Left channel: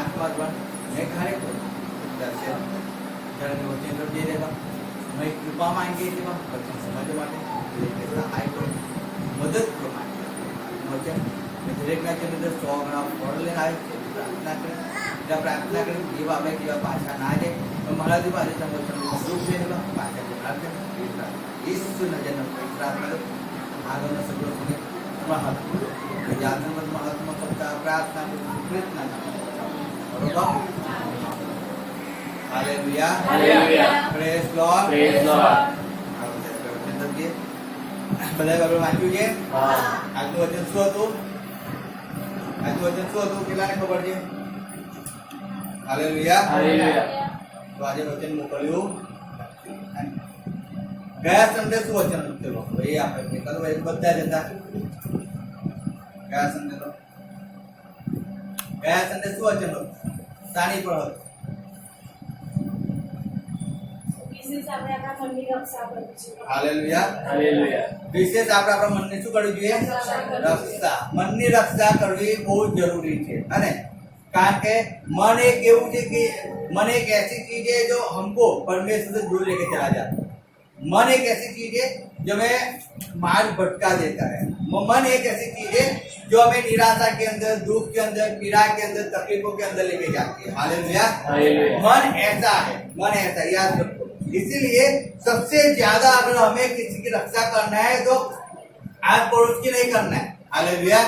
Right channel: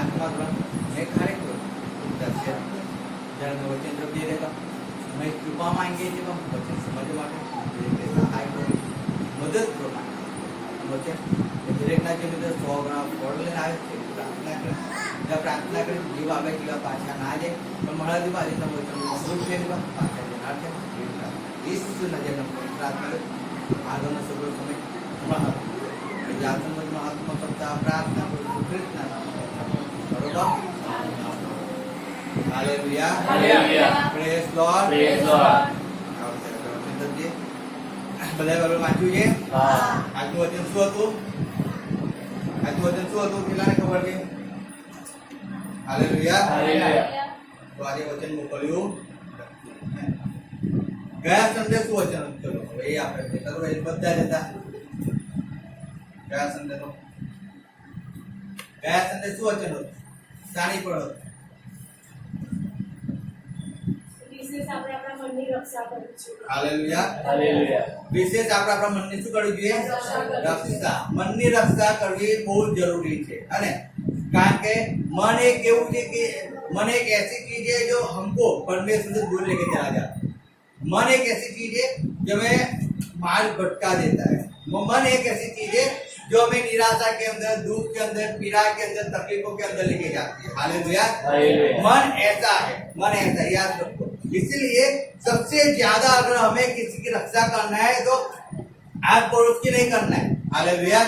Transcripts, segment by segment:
आत्मा मैं खड़े को दर्शन जन होते तो दे देगा मैं कृपा मांगे थे वचन समझ માટે સહાય કરો મદદ કરો વચન દરેકના જે અંદર 100 ગણા ફળ લઈને આવે છે પ્રાર્થના કરે જ્યાં પ્રાર્થના કરે જેવા આવે તેવા પાછા ના જાય તો મારા દી પાસે સમય ખૂબ છે ને પાછા જનાર છે ઈસુ નજર પ્રાર્થના કરો આગળનો સગળો તમે મહત્વ જાગૃત મહત્વ કરતા પ્રાર્થના કરું કૃતજ્ઞ બરોબર હાલેલુયા હાલેલુયા પ્રેઝ લોર્ડ બધા બાબત વાંચ્યું છે આજનું વચન શું હતું કેટલાને ખબર છે હાલેલુયા હાલેલુયા તો આજે વચન મોકલ્યું ગયા સંડે શું વચન હતું ચલો હવે એ આપણે ચાલો બધા જતા ગયા સંડે શું વચન હતું સાણી પર હતું હાલેલુયા હાલેલુયા વિશેષ આપણે આપણા મનને શું કરવું જોઈએ રક્ષા મનની રક્ષા કરવી બહુ જરૂરી છે અને કારણ કે मन एक એવું છે કે मन एक ऐसी चीज है जो हमको परमेश्वर से दूर लेके चला जाता है मन एक ऐसी चीज है जो हमें मार्ग भटका देता है मन एक ऐसी चीज है जो हमें निराशा के अंदर दुख के अंदर पीड़ा के अंदर तकलीफों के अंदर लेके जाती है हालेलुया मन ऐसा याद रखो इसीलिए सबसे ज्यादा अगर हमें किसी की रक्षा करना है तो आस पड़ोस की नहीं करना है हालेलुया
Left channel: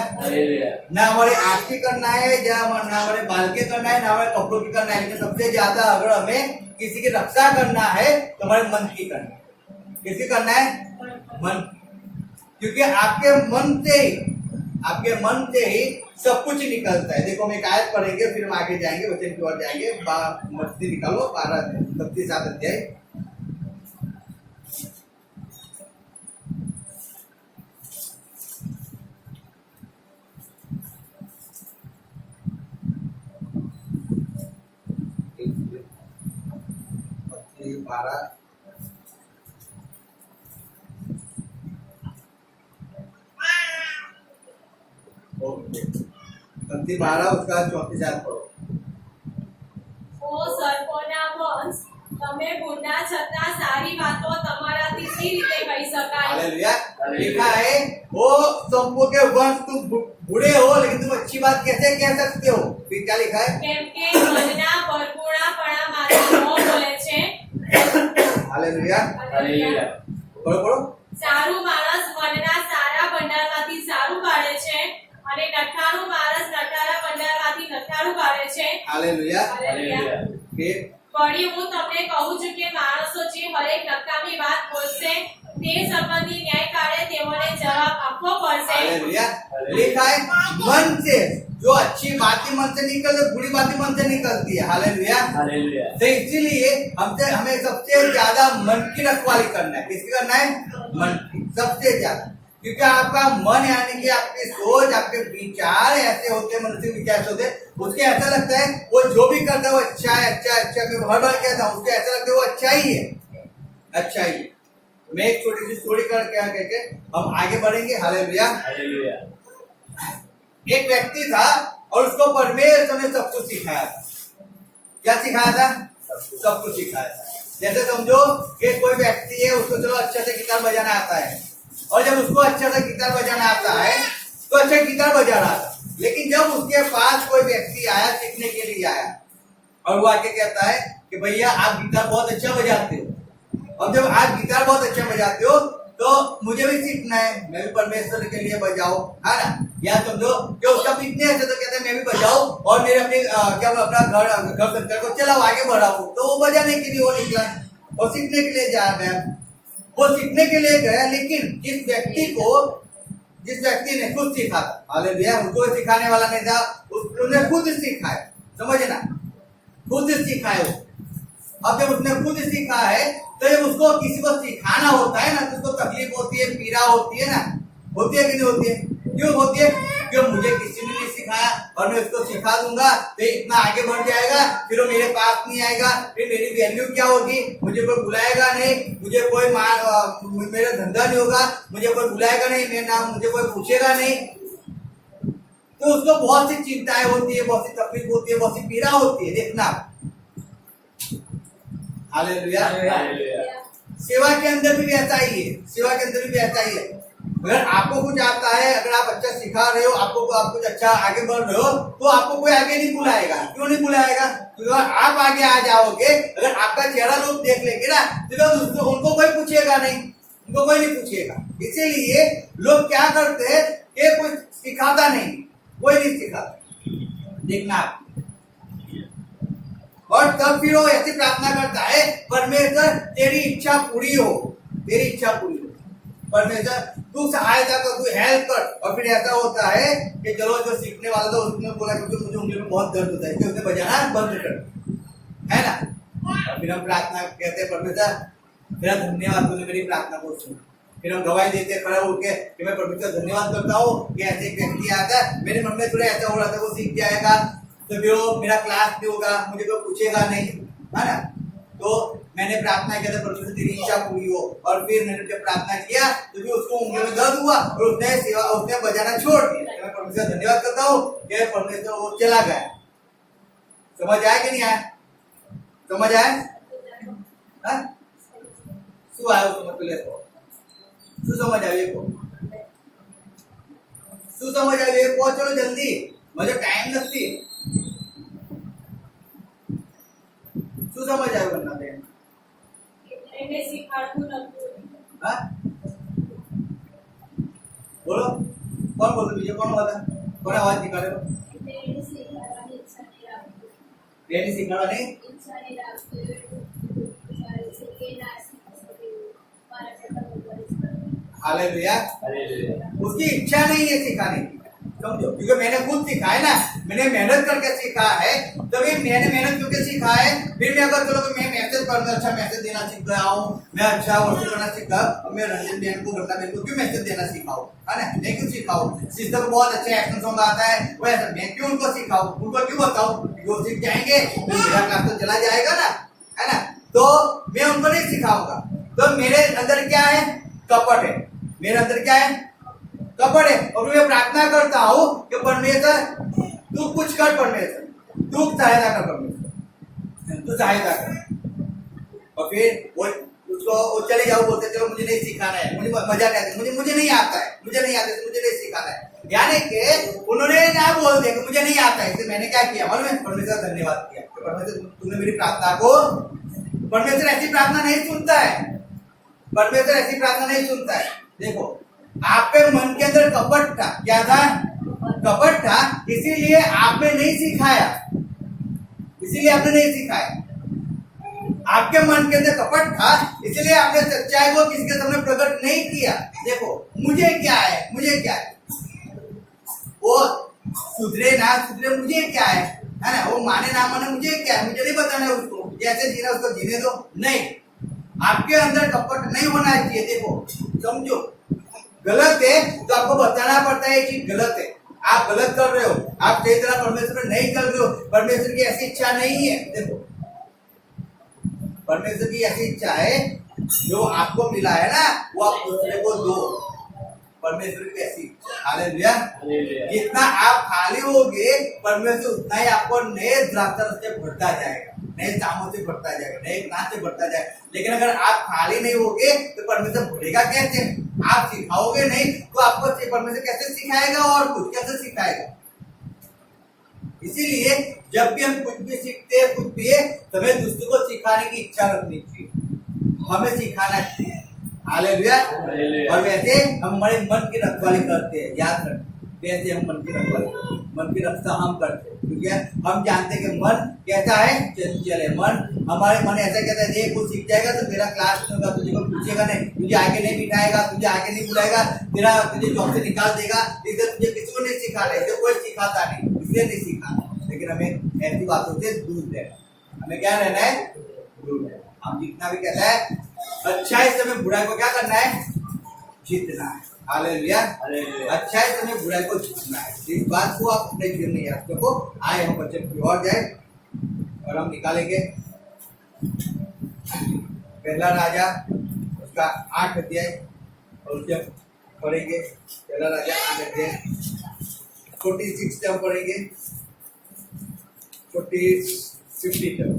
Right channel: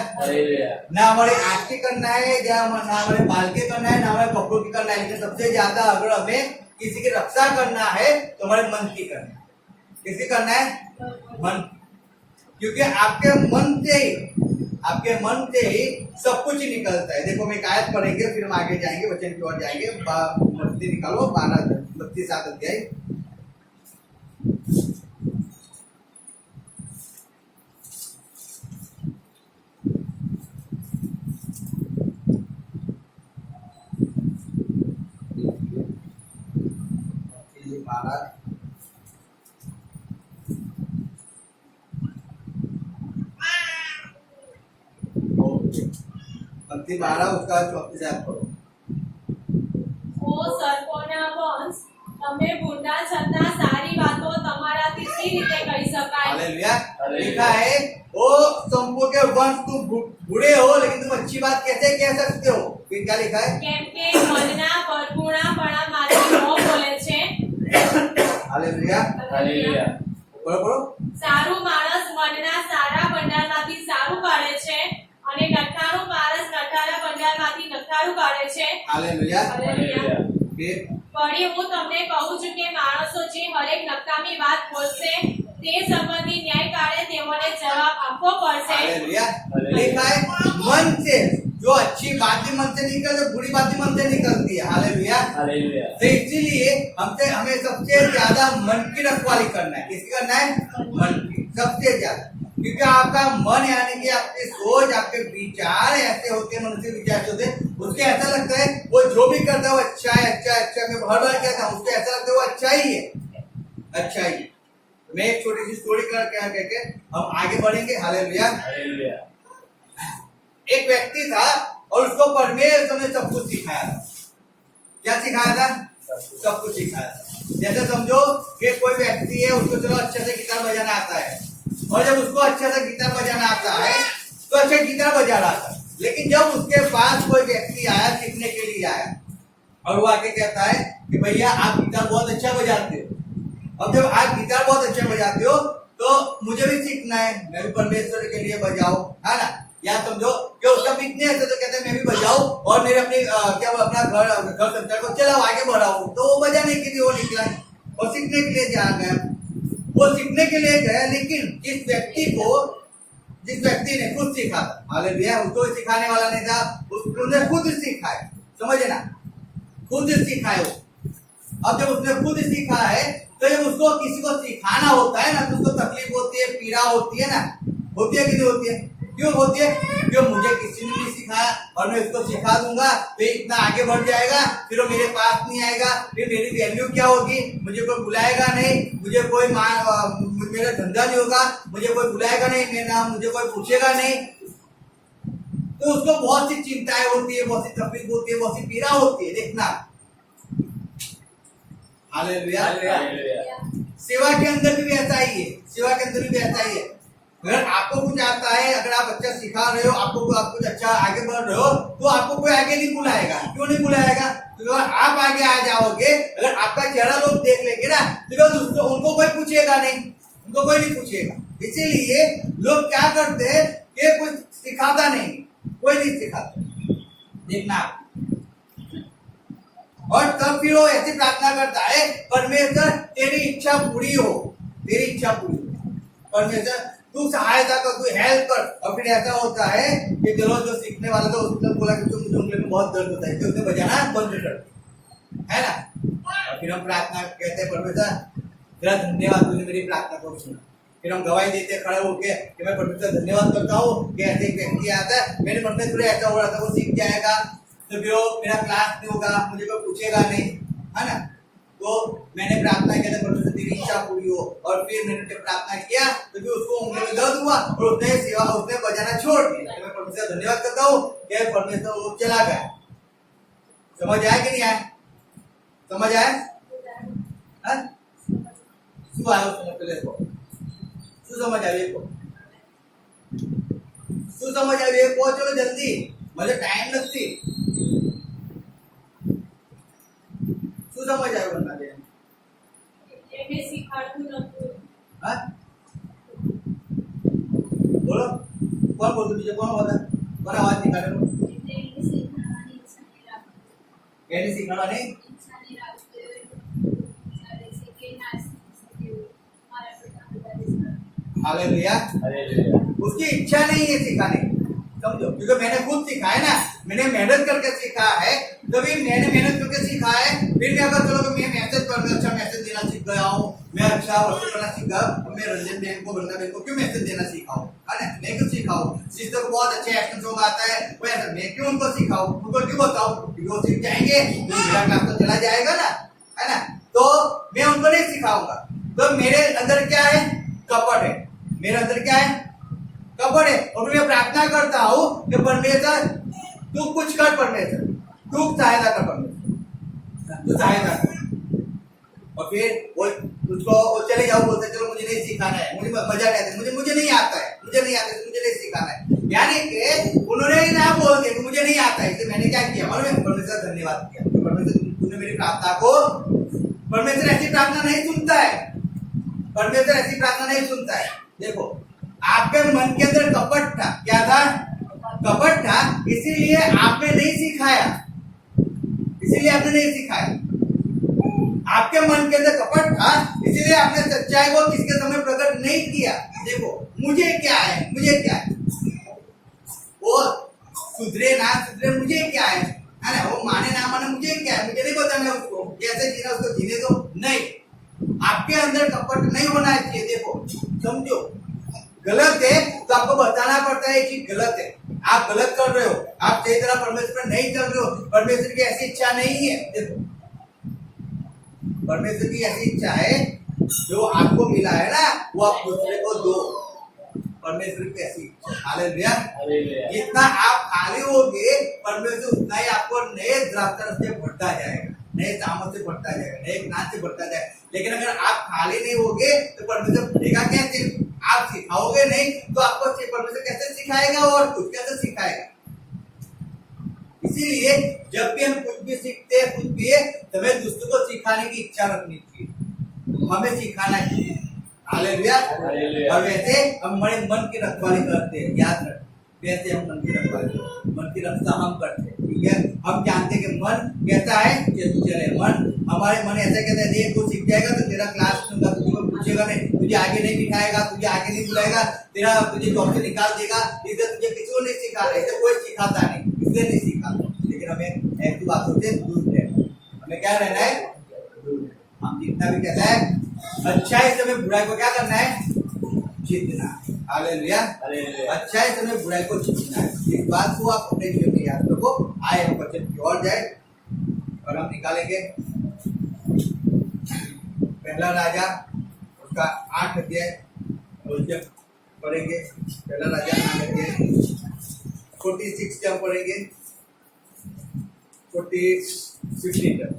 ना हमारे आँख की करना है या ना हमारे बाल की करना है ना हमारे कपड़ों की करना है लेकिन सबसे ज्यादा अगर हमें किसी की रक्षा करना है तो हमारे मन की करना है किसी करना है मन क्योंकि आपके मन से ही सब कुछ निकलता है देखो हम एक आयत पढ़ेंगे फिर हम आगे जाएंगे वचन की ओर जाएंगे मत्ती निकालो 32 अध्याय पंक्ति 12 उसका 34 पढ़ो ओ सर्पोना वंश તમે બુરા છતાં સારી વાતો તમારાથી સી રીતે કહી શકાય हालेलुया लिखा है वो संपो के वंश तुम बूढ़े हो लेकिन तुम अच्छी बात कैसे कह सकते हो फिर क्या लिखा है કેમ કે મનના પરપૂર્ણપણામાંથી નો બોલે છે हालेलुया હાલેલુયા पढ़ो સારું માણસ મનના સારા ભંડારમાંથી સારું કાઢે છે અને નઠારું માણસ નઠારા ભંડારમાંથી નઠારું કાઢે છે हालेलुया હાલેલુયા फिर વળી હું તમને કહું છું કે માણસો જે હરેક નકામી વાત બોલશે તે સંબંધી ન્યાય કાળે તેઓને જવાબ આપવો પડશે हालेलुया लिखा है मन से जो अच्छी बातें मन से निकलती बुरी बातें मन से निकलती है हालेलुया हालेलुया तो इसीलिए हमें सबसे ज्यादा मन की रखवाली करना है किसकी करना है मन की सबसे ज्यादा क्योंकि आपका मन यानी कि आपकी सोच आपके विचार ऐसे होते हैं मनुष्य विचार ऐसे होते हैं उसके ऐसा लगता है वो जो भी करता है वो अच्छा है मैं हर बार कहता हूँ उसको ऐसा लगता है वो अच्छा ही है मैं एक छोटी सी स्टोरी कहके हम आगे बढ़ेंगे हालेलुया हालेलुया एक व्यक्ति था और उसको परमेश्वर ने सब कुछ सिखाया था क्या सिखाया था सब कुछ सिखाया था जैसे समझो कि कोई व्यक्ति है उसको चलो अच्छे से गिटार बजाना आता है और जब उसको अच्छा से गिटार बजाना आता है तो अच्छा गिटार बजा रहा था लेकिन जब उसके पास कोई व्यक्ति आया सीखने के लिए आया और वो आके कहता है कि भैया आप गिटार बहुत अच्छा बजाते हो और जब आप गिटार बहुत अच्छा बजाते हो तो मुझे भी सीखना है मैं भी परमेश्वर के लिए बजाओ है ना या समझो कि उसका बिजनेस है तो कहते हैं मैं भी बजाओ और मेरे अपने अपना घर संसार को चलाओ आगे बढ़ाओ तो वो बजाने के लिए वो निकला और सीखने के लिए जा गया वो सीखने के लिए गया लेकिन जिस व्यक्ति ने खुद सीखा था हालेलुया उसको सिखाने वाला नहीं था उसने खुद सीखा है समझे ना खुद सीखा है अब जब उसने खुद सीखा है तो जब उसको किसी को सिखाना होता है ना तो उसको तकलीफ होती है पीड़ा होती है ना होती है कि नहीं होती है क्यों होती है क्यों मुझे किसी ने नहीं सिखाया और मैं उसको सिखा दूंगा तो इतना आगे बढ़ जाएगा फिर वो मेरे पास नहीं आएगा फिर मेरी वैल्यू क्या होगी मुझे कोई बुलाएगा नहीं मुझे कोई मेरा धंधा नहीं होगा मुझे कोई बुलाएगा नहीं मेरा नाम मुझे कोई पूछेगा नहीं तो उसको बहुत सी चिंताएं होती है, बहुत सी तकलीफ होती है, बहुत सी पीड़ा होती है। देखना, हालेलुया। सेवा के अंदर भी ऐसा ही है, सेवा के अंदर भी ऐसा ही है। अगर आपको कुछ आता है, अगर आप अच्छा सिखा रहे हो, आपको आप कुछ अच्छा आगे बढ़ रहे हो, तो आपको कोई आगे नहीं बुलाएगा। क्यों नहीं बुलाएगा? तो आप आगे आ जाओगे, अगर आपका चेहरा लोग देख लेंगे ना, तो उनको कोई पूछेगा नहीं, उनको कोई नहीं पूछेगा। इसीलिए लोग क्या करते हैं कि कोई सिखाता नहीं, कोई नहीं सिखाता। देखना, और तब फिर वो ऐसी प्रार्थना करता है, परमेश्वर तेरी इच्छा पूरी हो, तेरी इच्छा पूरी हो, परमेश्वर तू सहायता कर, तू हेल्प कर। और फिर ऐसा होता है कि चलो जो सीखने वाला था उसने बोला कि मुझे उंगली में बहुत दर्द होता है, तो उसने बजाना बंद कर, है ना। और फिर हम प्रार्थना कहते हैं, परमेश्वर तेरा धन्यवाद, तूने मेरी प्रार्थना को सुना। फिर हम गवाही देते खड़ा होके कि मैं परमेश्वर धन्यवाद करता हूँ कि ऐसे एक व्यक्ति आया था, मेरे मन में थोड़ा ऐसा हो रहा था, वो सीख जाएगा तो फिर वो मेरा क्लास नहीं होगा, मुझे कोई पूछेगा नहीं, है ना। तो मैंने प्रार्थना किया था, परमेश्वर तेरी इच्छा पूरी हो। और फिर मैंने जब प्रार्थना किया तो फिर उसको उंगली में दर्द हुआ और उसने बजाना छोड़ दिया। तो मैं परमेश्वर धन्यवाद करता हूँ कि परमेश्वर वो चला गया। समझ आया कि नहीं आया? समझ आया? शू आयो समझ पे लेको, शू समझ आयो को, शू समझ आयो को, चलो जल्दी, मुझे टाइम लगती, शू समझ आयो बनना दे। એને શીખવાડતું નતું। हाँ बोलो, कौन बोलते बीजे, कौन बोलता, कौन आवाज निकाले? એને શીખવાડવાની ઈચ્છા નહીં રાખતો, कहने सिखाना नहीं, ઈચ્છા नहीं રાખતો, વિચારે છે કે ના શીખી શકે, મારા કરતા વધારે જ કરે। हालेलुया। हालेलुया। उसकी इच्छा नहीं है सिखाने की, समझो, क्योंकि मैंने खुद सीखा है ना, मैंने मेहनत करके सीखा है, तभी मैंने मेहनत करके सीखा है। फिर मैं अगर चलो मैं मैसेज पढ़ना, अच्छा मैसेज देना सीख गया हूँ, मैं अच्छा वर्क करना सीख गया, अब मैं रंजन बहन को, वृंदा बहन को क्यों मैसेज देना सीखाऊं, है ना। मैं क्यों सिखाऊं? सिस्टर को बहुत अच्छे एक्शन सॉन्ग आता है, मैं क्यों उनको सिखाऊं, उनको क्यों बताऊं? वो सीख जाएंगे तो मेरा क्लास तो चला जाएगा ना, है ना। तो मैं उनको नहीं सिखाऊंगा। तो मेरे अंदर क्या है? कपट है, मेरे अंदर क्या है? कपट है। और मैं प्रार्थना करता हूँ कि परमेश्वर तू कुछ कर, परमेश्वर तू सहायता कर, परमेश्वर तू सहायता कर। और फिर वो उसको वो चले जाओ, बोलते चलो मुझे नहीं सिखाना है, मुझे मजा नहीं आता, मुझे नहीं आता है, मुझे नहीं आता है, मुझे नहीं सिखाना है। यानी कि उन्होंने ना बोल दिया कि मुझे नहीं आता है, तो मैंने क्या किया मालूम है? परमेश्वर धन्यवाद किया, तो परमेश्वर तूने मेरी प्रार्थना को, परमेश्वर ऐसी प्रार्थना नहीं सुनता है, परमेश्वर ऐसी प्रार्थना नहीं सुनता है। देखो, आपके मन के अंदर कपट था, क्या था? कपट था, इसीलिए आपने नहीं सिखाया, इसीलिए आपने नहीं सिखाया। आपके मन के अंदर कपट था, इसलिए आपने सच्चाई को किसके सामने प्रकट नहीं किया। देखो, मुझे क्या है, मुझे क्या है, वो सुधरे ना सुधरे मुझे क्या है ना, वो माने ना माने मुझे क्या है, मुझे नहीं बताना है उसको, जैसे जीना उसको जीने दो। नहीं, आपके अंदर कपट नहीं होना चाहिए। देखो, समझो, गलत है तो आपको बताना पड़ता है कि गलत है, आप गलत कर रहे हो, आप सही तरह परमेश्वर में नहीं चल रहे हो, परमेश्वर की ऐसी इच्छा नहीं है। देखो, परमेश्वर की ऐसी इच्छा है, जो आपको मिला है ना वो आप दूसरे को दो, परमेश्वर की ऐसी इच्छा। हालेलुया। जितना आप खाली होगे, परमेश्वर उतना ही आपको नए द्राक्षरस से भरता जाएगा, नए कामों से भरता जाएगा, नए ज्ञान से भरता जाएगा। लेकिन अगर आप खाली नहीं होगे तो परमेश्वर भरेगा कैसे? आप सिखाओगे नहीं तो आपको परमेश्वर कैसे सिखाएगा, और कुछ कैसे सिखाएगा? इसीलिए जब भी हम कुछ भी सीखते हैं, कुछ भी है, हमें दूसरों को सिखाने की इच्छा रखनी चाहिए, हमें सिखाना चाहिए। हालेलुया। और वैसे हम हमारे मन की रखवाली करते हैं, याद रखें, वैसे हम मन की रखवाली, मन की रक्षा हम करते हैं, ठीक है। हम जानते हैं कि मन कैसा है, चंचल है मन, हमारे मन ऐसा कहता है, ये कुछ सीख जाएगा तो तेरा क्लास में होगा, तुझे कोई पूछेगा नहीं, तुझे आगे नहीं बिठाएगा, तुझे आगे नहीं बुलाएगा, तेरा तुझे जॉब से निकाल देगा, इसलिए तुझे किसी को नहीं सिखा रहा है, इसे कोई सिखाता नहीं, इसलिए नहीं सिखा। लेकिन हमें ऐसी बातों से दूर रहना, हमें क्या रहना है? दूर रहना। हम जितना भी कहता है अच्छाई से हमें बुराई को क्या करना है? जीतना है। हालेलुया। अच्छाई से हमें बुराई को जीतना है। इस बात को आप अपने जीवन में याद रखो। आए हम वचन की ओर जाए और हम निकालेंगे पहला राजा उसका 8 अध्याय, और जब पढ़ेंगे पहला राजा 8 अध्याय 46 टर्म पढ़ेंगे, 50 टर्म।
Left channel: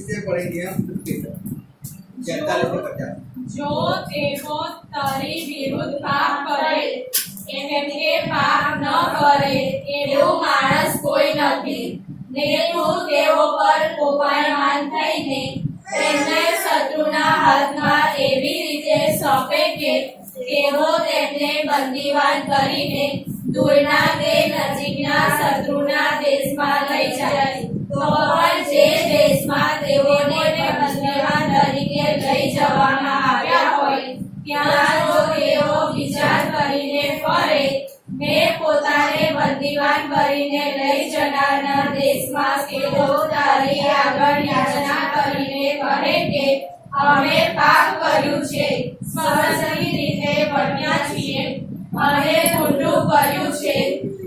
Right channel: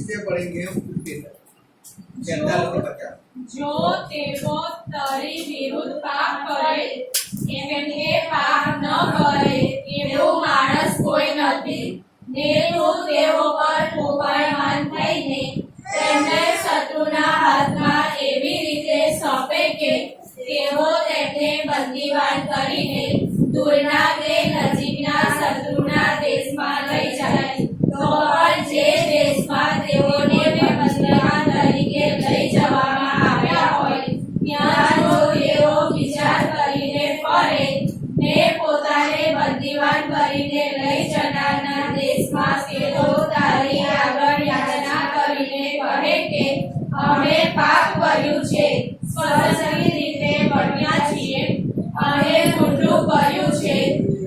से पढ़ेंगे हम 50 तक, 46 से 50। જો તેઓ તારી વિરુદ્ધ પાપ કરે કેમ કે પાપ ન કરે એવું માણસ કોઈ નથી ને તું તેઓ પર કોપાયમાન થઈને તેમને શત્રુના હાથમાં એવી રીતે સોંપે કે તેઓ તેમને બંદીવાન કરીને દૂરના કે નજીકના શત્રુના દેશમાં લઈ જાય તો પણ જે દેશમાં તેઓને બંદીવાન તરીકે લઈ જવામાં આવ્યા હોય ત્યાં જો તેઓ વિચાર કરીને ફરે ને પોતાને બંદીવાન કરીને લઈ જનારના દેશમાં તેઓ તારી આગળ યાચના કરીને કહે કે અમે પાપ કર્યું છે, સ્વતંત્રી રીતે બન્યા છીએ અને ખોટું કર્યું છે,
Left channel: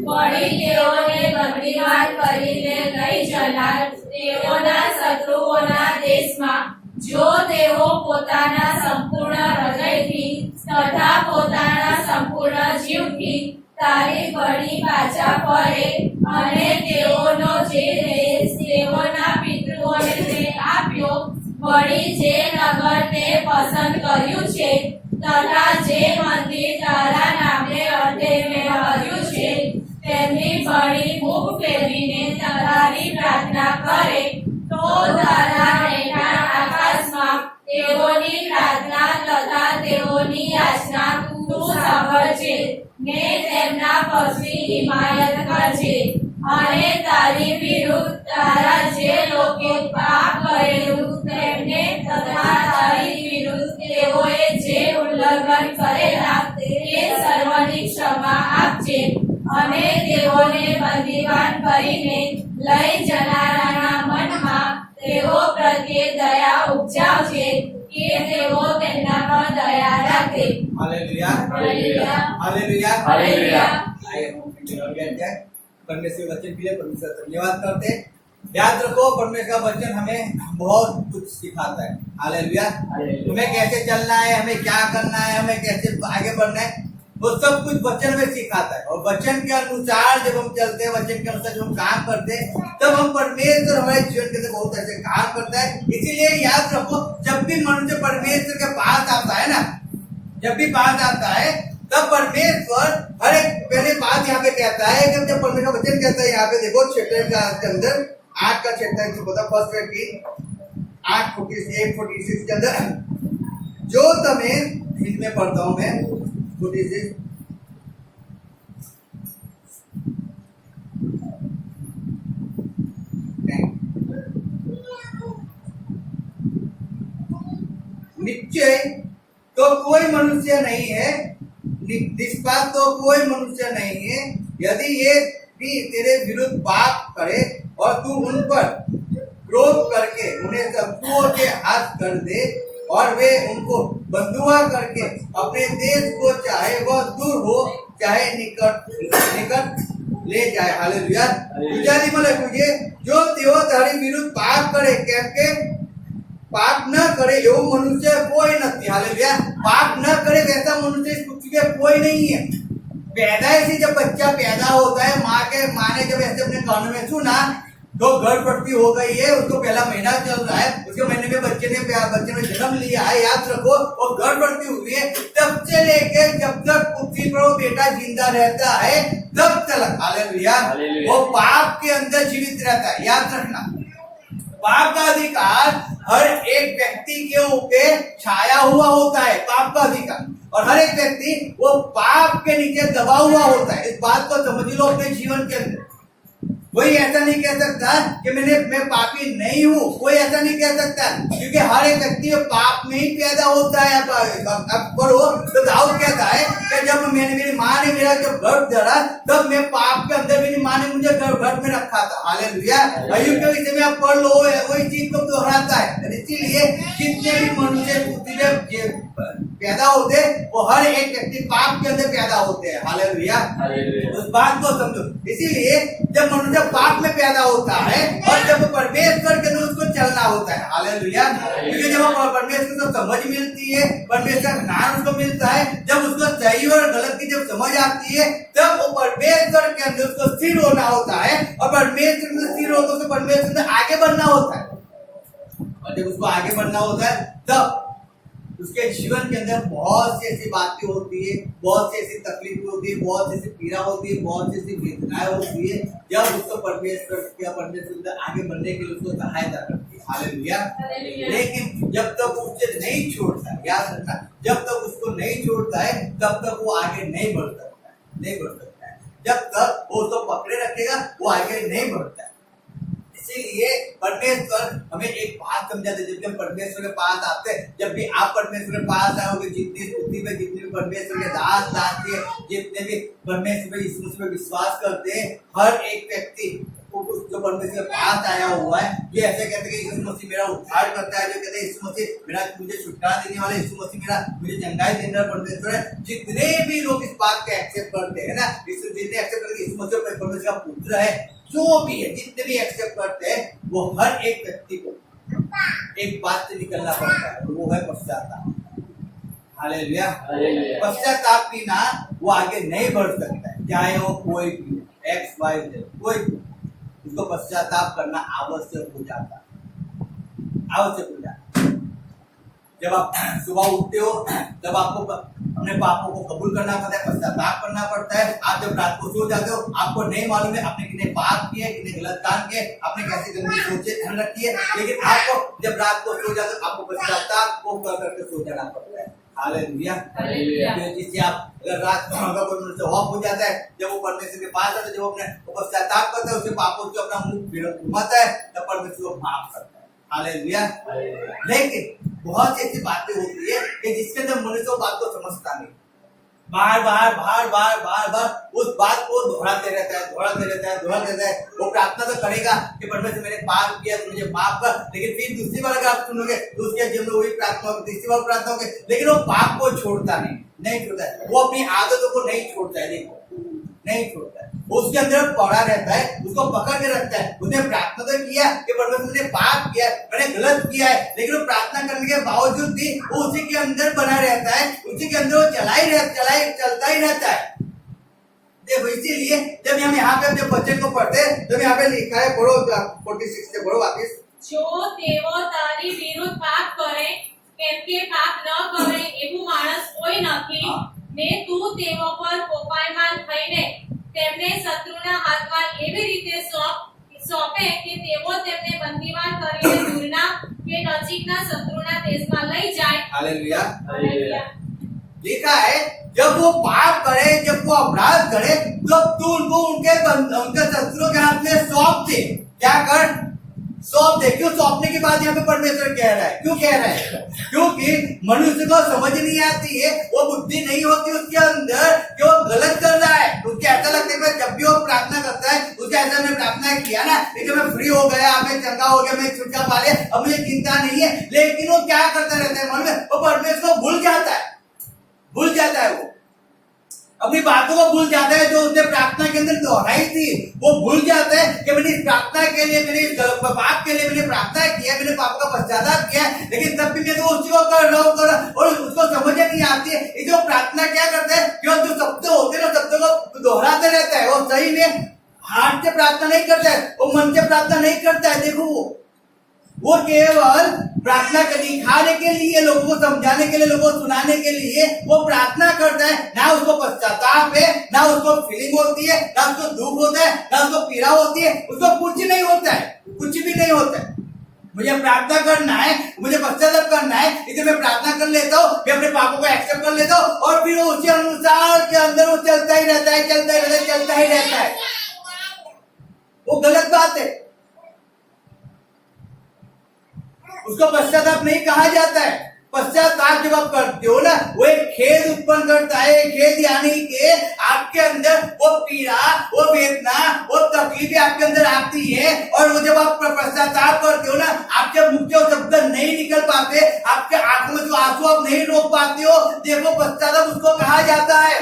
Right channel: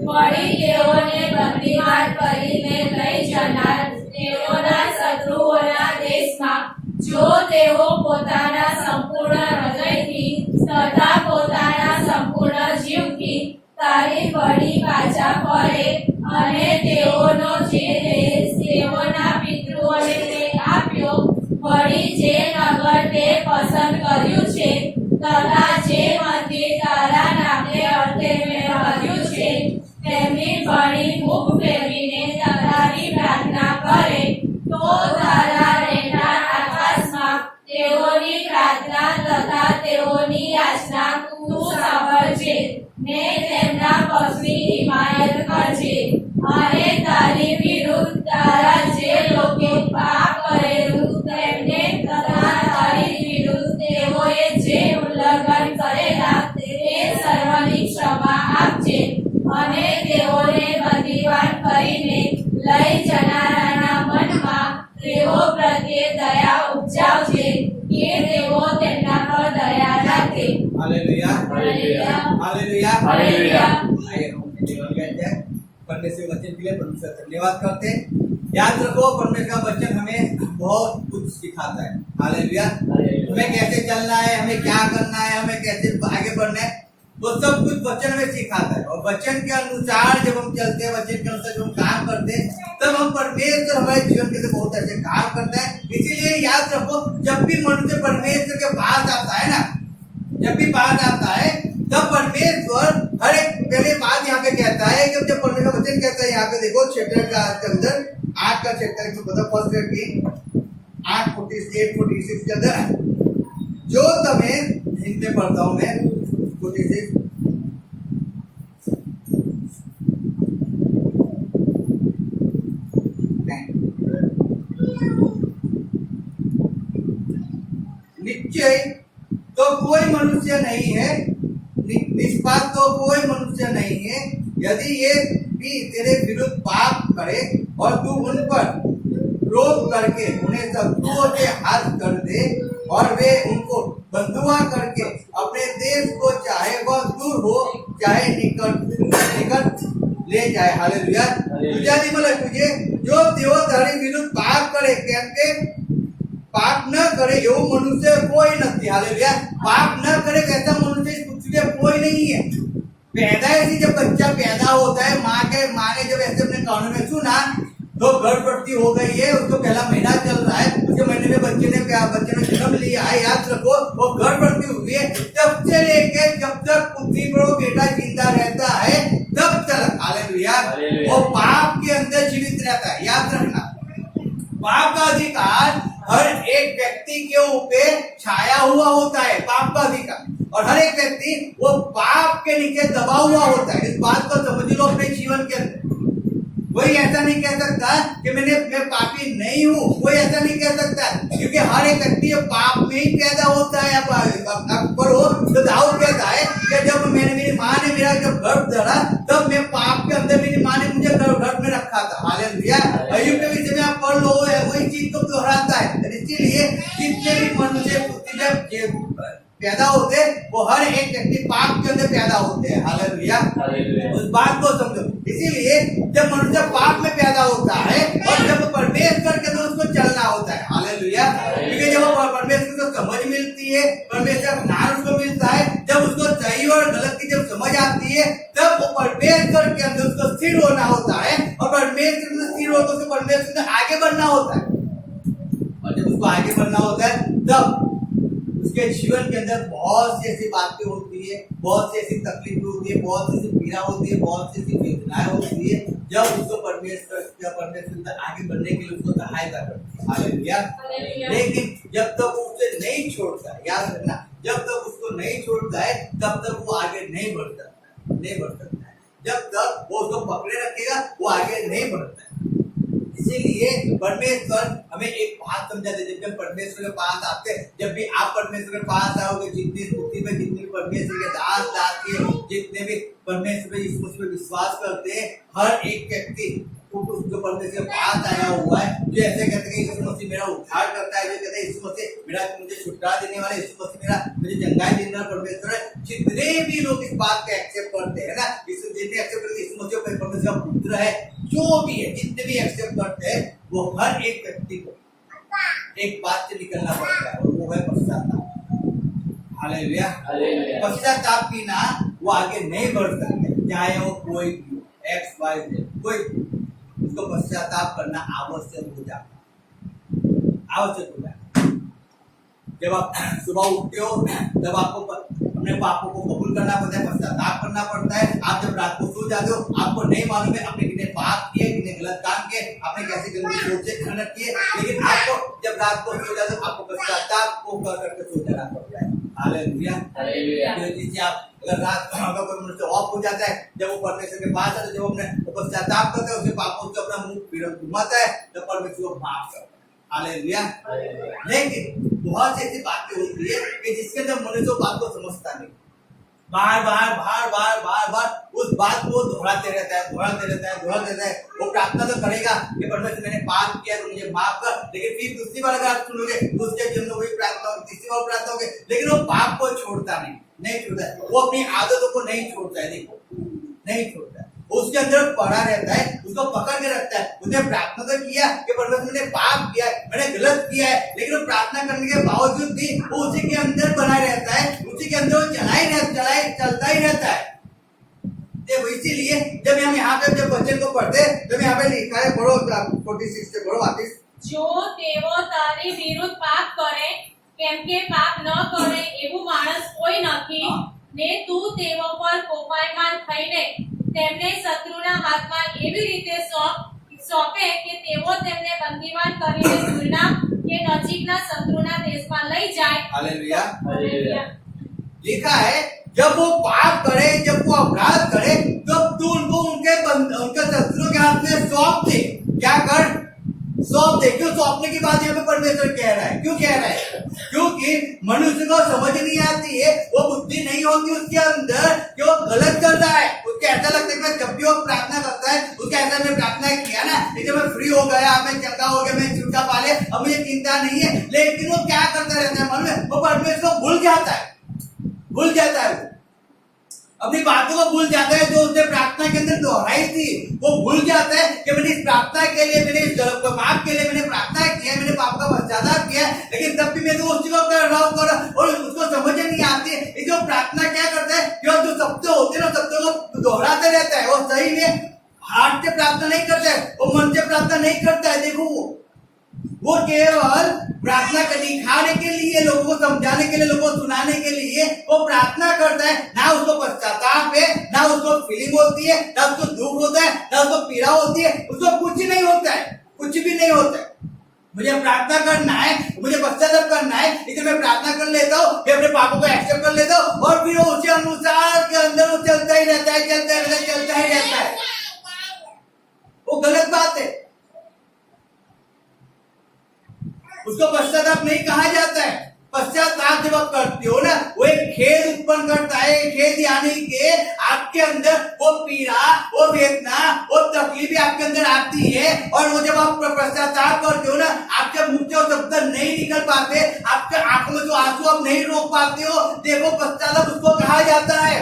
વળી તેઓને બંદીવાન કરીને લઈ જનાર તેઓના શત્રુઓના દેશમાં જો તેઓ પોતાના સંપૂર્ણ હૃદયથી તથા પોતાના સંપૂર્ણ જીવથી તારી વળી પાછા ફરે અને તેઓનો જે દેશ તેઓના પિતૃઓને તે આપ્યો વળી જે નગર તે પસંદ કર્યું છે તથા જે મંદિર તારા નામને અર્થે મેળવ્યું છે તેમની વળી મુખ ફેરવીને તારી પ્રાર્થના કરે તો તારા રહેનાર આકાશમાં તેઓની પ્રાર્થના તથા તેઓની યાચના તું સાંભળજે ને તેમના પગની હિમાયત કરજે અને તારી વિરુદ્ધ તારા જે લોકે પાપ કરેલું તેમને તથા તારી વિરુદ્ધ તેઓએ જે ઉલ્લંઘન કરેલા તે સર્વની ક્ષમા આપજે અને તેઓને બંદીવાન કરીને લઈ જનારાના મનમાં તેઓ પ્રત્યે દયા ઉપજાવજે કે તેઓ તેમના પર દયા રાખે। Hallelujah, hallelujah, hallelujah, hallelujah. आइए हम परमेश्वर वचन के लिए परमेश्वर धन्यवाद करते हैं। याद रखो परमेश्वर का वचन हमें बहुत कुछ सिखाता है। हालेलुया, हमें कैसे चलना है, हमें क्या करना है, हमें कैसे आगे बढ़ना है, वो सब कुछ वचन में सिखाता है। और वचन के अनुसार जब हम चलते हैं, वचन के अनुसार जब हम काम करते हैं, तब हम परमेश्वर हमारे जीवन के अंदर बहुत ऐसे काम करता है। इसीलिए याद रखो जब भी मनुष्य परमेश्वर के पास आता है ना, जब भी पास आता है तब परमेश्वर हर एक पहले बात यहाँ पे कहता है कि जब परमेश्वर वचन कहता है, यहाँ पे देखो चैप्टर के अंदर 8 का चैप्टर जो पता फर्स्ट की 8:46 के अंदर जो तमें हिंदी में पढ़ता हूँ मैं 46 निश्चय तो कोई मनुष्य नहीं है, निष्पाप तो कोई मनुष्य नहीं है, यदि ये भी तेरे विरुद्ध पाप करे और तू उन पर क्रोध करके उन्हें शत्रुओं के हाथ कर दे और वे उनको बंधुआ करके अपने देश को चाहे वह दूर हो चाहे निकट ले जाए। हालेलुया, गुजारी मतलब तुझे जो तेओ तारी विरुद्ध पाप करे केम के पाप न करे એવું મનુષ્ય કોઈ નથી। हालेलुया, पाप न करे ऐसा मनुष्य इस पृथ्वी पे कोई नहीं है। पैदाइशी जब बच्चा पैदा होता है, माँ ने जब ऐसे अपने कानों में सुना तो गर्भवती हो गई है, उसको पहला महीना चल रहा है, उसके महीने में बच्चे ने जन्म लिया है, याद रखो वो गर्भवती हुई है, तब से लेके जब तक पृथ्वी पर वो बेटा जिंदा रहता है तब तक हालेलुया वो पाप के अंदर जीवित रहता है। याद रखना पाप का अधिकार हर एक व्यक्ति के ऊपर छाया हुआ होता है, पाप का अधिकार, और हर एक व्यक्ति वो पाप के नीचे दबा हुआ होता है। इस बात को समझ लो अपने जीवन के अंदर। कोई ऐसा नहीं कह सकता कि मैं पापी नहीं हूँ, कोई ऐसा नहीं कह सकता, क्योंकि हर एक व्यक्ति पाप में ही पैदा होता है। अब पढ़ो तो दाऊद कहता है कि जब मेरी माँ ने मेरा जब गर्भ धरा तब मैं पाप के अंदर मेरी माँ ने मुझे गर्भ में रखा था। हालेलुया, अय्यूब के विषय में आप पढ़ लो, वही चीज को दोहराता है। इसीलिए जितने भी मनुष्य पैदा होते वो हर एक व्यक्ति पाप के अंदर पैदा होते हैं। हालेलुया, उस बात को समझो। इसीलिए जब मनुष्य पाप में पैदा होता है और जब परमेश्वर के अंदर उसको चलना होता है। हालेलुया। हालेलुया। क्योंकि जब वो परमेश्वर को समझ मिलती है, परमेश्वर का ज्ञान उसको मिलता है, जब उसको सही और गलत की जब समझ आती है, तब वो परमेश्वर के अंदर उसको स्थिर होना होता है, और परमेश्वर में स्थिर होकर उसको परमेश्वर में आगे बढ़ना होता है। और जब उसको आगे बढ़ना होता है, तब उसके जीवन के अंदर बहुत सी ऐसी बातें होती है, बहुत सी ऐसी तकलीफ होती है, बहुत सी ऐसी पीड़ा होती है, बहुत सी ऐसी वेदनाएं होती है, जब उसको परमेश्वर आगे बढ़ने के लिए उसको सहायता करती है। हालेलुया। लेकिन जब तक उसे नहीं छोड़ता, याद रखना, जब तक उसको नहीं छोड़ता है, तब तक वो आगे नहीं बढ़ सकता है। जब तक वो उसको पकड़े रखेगा, वो आगे नहीं बढ़ता है। इसीलिए परमेश्वर हमें एक बात समझाते, जब भी हम परमेश्वर के पास आते हैं, जब भी आप परमेश्वर के पास आओगे, जितनी स्तुति में जितने भी परमेश्वर के दास दासी है, जितने भी परमेश्वर पे यीशु मसीह पे विश्वास करते हैं, हर एक व्यक्ति जो परमेश्वर के पास आया हुआ है, जो ऐसे कहते हैं यीशु मसीह मेरा उद्धार करता है, जो कहते हैं यीशु मसीह मेरा मुझे छुटकारा देने वाला, यीशु मसीह मेरा मुझे चंगाई देने वाला परमेश्वर है, जितने भी लोग इस बात को एक्सेप्ट करते हैं ना, जितने एक्सेप्ट करके यीशु मसीह परमेश्वर का पुत्र है, जो भी है, जितने भी एक्सेप्ट करते हैं, वो हर एक व्यक्ति को एक बात से निकलना पड़ता है, और वो है पश्चाताप। हालेलुया। पश्चाताप बिना वो आगे नहीं बढ़ सकता है, चाहे वो कोई भी एक्स वाई जेड कोई भी, उसको पश्चाताप करना आवश्यक हो जाता है। जब आप सुबह उठते हो, तब आपको अपने पापों को कबूल करना पड़ता है, पश्चाताप करना पड़ता है। आप जब रात को सो जाते हो, आपको नहीं मालूम है आपने कितने पाप किए, कितने गलत काम किए, आपने कैसी गंदी सोचें रखी है, लेकिन आपको जब रात को सो जाते हो, आपको पश्चाताप को करके सो जाना पड़ता है। हालेलुया। जिससे आप अगर रात को ऑफ हो जाता है, जब वो परमेश्वर के पास आता है, जब वो अपने पश्चाताप करता है, उसके पापों से अपना मुंह घुमाता है, तब परमेश्वर को माफ करता है। हालेलुया। लेकिन बहुत सी ऐसी बातें होती है कि जिसके अंदर मनुष्य बात को समझता नहीं, बार बार उस बात को दोहराते रहता है। वो प्रार्थना तो करेगा कि परमेश्वर मैंने पाप किया तो मुझे माफ कर, लेकिन फिर दूसरी बार अगर आप सुनोगे तो उसके जीवन में वही प्रार्थना होगी, तीसरी बार प्रार्थना होगी, लेकिन वो पाप को छोड़ता नहीं छोड़ता है, वो अपनी आदतों को नहीं छोड़ता है। देखो, नहीं छोड़ता है, उसके अंदर पड़ा रहता है, उसको पकड़ के रखता है। उसने प्रार्थना तो किया कि परमेश्वर मैंने पाप किया है, मैंने गलत किया है, लेकिन वो प्रार्थना करने के बावजूद भी वो उसी के अंदर बना रहता है, उसी के अंदर वो चलता ही रहता है। देखो, इसीलिए जब हम यहाँ पे जब बच्चे को पढ़ते, जब यहाँ पे लिखा है, पढ़ो 46 से पढ़ो वापिस। जो તેઓ તારી વિરુદ્ધ પાપ કરે, કેમ કે પાપ ન કરે એવું માણસ કોઈ નથી, ને તું તેઓ પર કોપાયમાન થઈને તેમને શત્રુના હાથમાં એવી રીતે સોંપે કે તેઓ તેમને બંદીવાન કરીને દૂરના કે નજીકના શત્રુના દેશમાં લઈ જાય। हालेलुया। लिखा है, जब वो पाप करे, जब वो अपराध करे, तो तू उनको उनके शत्रुओं के हाथ में सौंप दे। क्या कर? सौंप दे। क्यों सौंपने की बात यहाँ पे परमेश्वर कह रहा है? क्यों कह रहा है? क्योंकि मनुष्य को समझ नहीं आती है, वो बुद्धि नहीं होती उसके अंदर कि वो गलत कर रहा है। उसको ऐसा लगता है कि जब भी वो प्रार्थना करता है, उसको ऐसा मैं प्रार्थना किया ना, लेकिन मैं फ्री हो गया, मैं चंगा हो गया, मैं छुटकारा पा लिया, अब मुझे चिंता नहीं है। लेकिन वो क्या करता रहता है मन में? वो परमेश्वर को भूल जाता है, वो अपनी बातों को भूल जाता है, जो उसने प्रार्थना के अंदर दोहराई थी, वो भूल जाता है कि मैंने इस प्रार्थना के लिए, मैंने इस पाप के लिए मैंने प्रार्थना किया, मैंने पाप का पश्चाताप किया, लेकिन तब भी मैं तो उसी को कर रहा हूँ, और उसको समझ नहीं आती है। इसलिए वो प्रार्थना क्या करता है कि वो जो शब्द होते हैं, शब्दों को दोहराते रहता है। वो सही में हाथ से प्रार्थना नहीं करता है, वो मन से प्रार्थना नहीं करता है। देखो, वो केवल प्रार्थना दिखाने के लिए, लोगों को समझाने के लिए, लोगों को सुनाने के लिए वो प्रार्थना करता है। ना उसको पश्चाताप है, ना उसको फीलिंग होती है, ना उसको दुख होता है, ना उसको पीड़ा होती है, उसको कुछ नहीं होता है, कुछ भी नहीं होता है। मुझे प्रार्थना करना है, मुझे पश्चाताप करना है, इसलिए मैं प्रार्थना कर लेता हूँ, मैं अपने पापों को एक्सेप्ट कर लेता हूँ, और फिर उसी अनुसार के अंदर वो चलता ही रहता है। वो गलत बात है, उसको पश्चाताप नहीं कहा जाता है। पश्चाताप जब आप करते हो ना, वो एक खेद उत्पन्न करता है। खेद यानी कि आपके अंदर वो पीड़ा, वो वेदना, वो तकलीफें आपके अंदर आती है, और वो जब आप पश्चाताप करते हो ना, आपके मुंह से शब्द नहीं निकल पाते, आपके आंखों में जो आंसू आप नहीं रोक पाते हो, देखो पश्चाताप उसको कहा जाता है।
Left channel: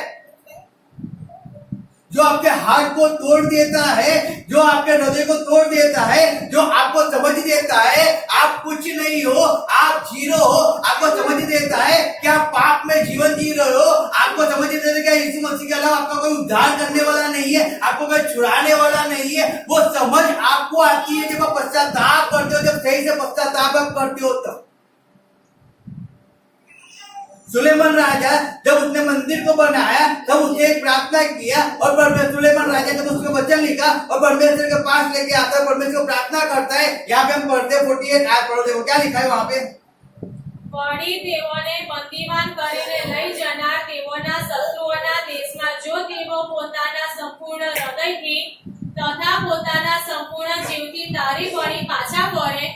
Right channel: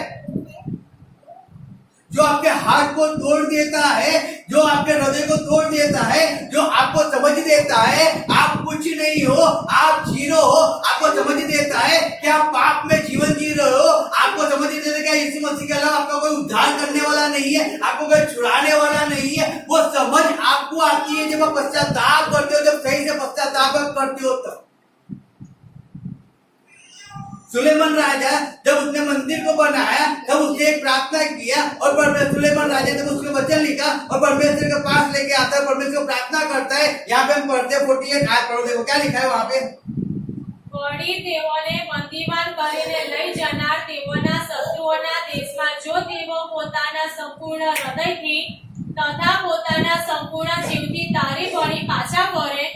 जो आपके हाथ को तोड़ देता है, जो आपके हृदय को तोड़ देता है, जो आपको समझ देता है आप कुछ नहीं हो, आप जीरो हो, आपको समझ देता है कि आप पाप में जीवन जी रहे हो, आपको समझ देता है कि यीशु मसीह के अलावा आपका कोई उद्धार करने वाला नहीं है, आपको कोई छुड़ाने वाला नहीं है। वो समझ आपको आती है जब आप पश्चाताप करते हो, जब सही से पश्चाताप आप करते हो तब। सुलेमान राजा जब उसने मंदिर को बनाया तब उसने एक प्रार्थना किया और सुलेमान राजा जब उसको वचन लिखा और परमेश्वर के पास लेके आता है, परमेश्वर को प्रार्थना करता है। यहाँ पे हम पढ़ते 48 आयत पढ़ो, देखो क्या लिखा है वहाँ पे। વળી તેઓને બંદીવાન કરીને લઈ જનાર તેઓના શત્રુઓના દેશમાં જો તેઓ પોતાના સંપૂર્ણ હૃદયથી તથા પોતાના સંપૂર્ણ જીવથી તારી વળી પાછા ફરે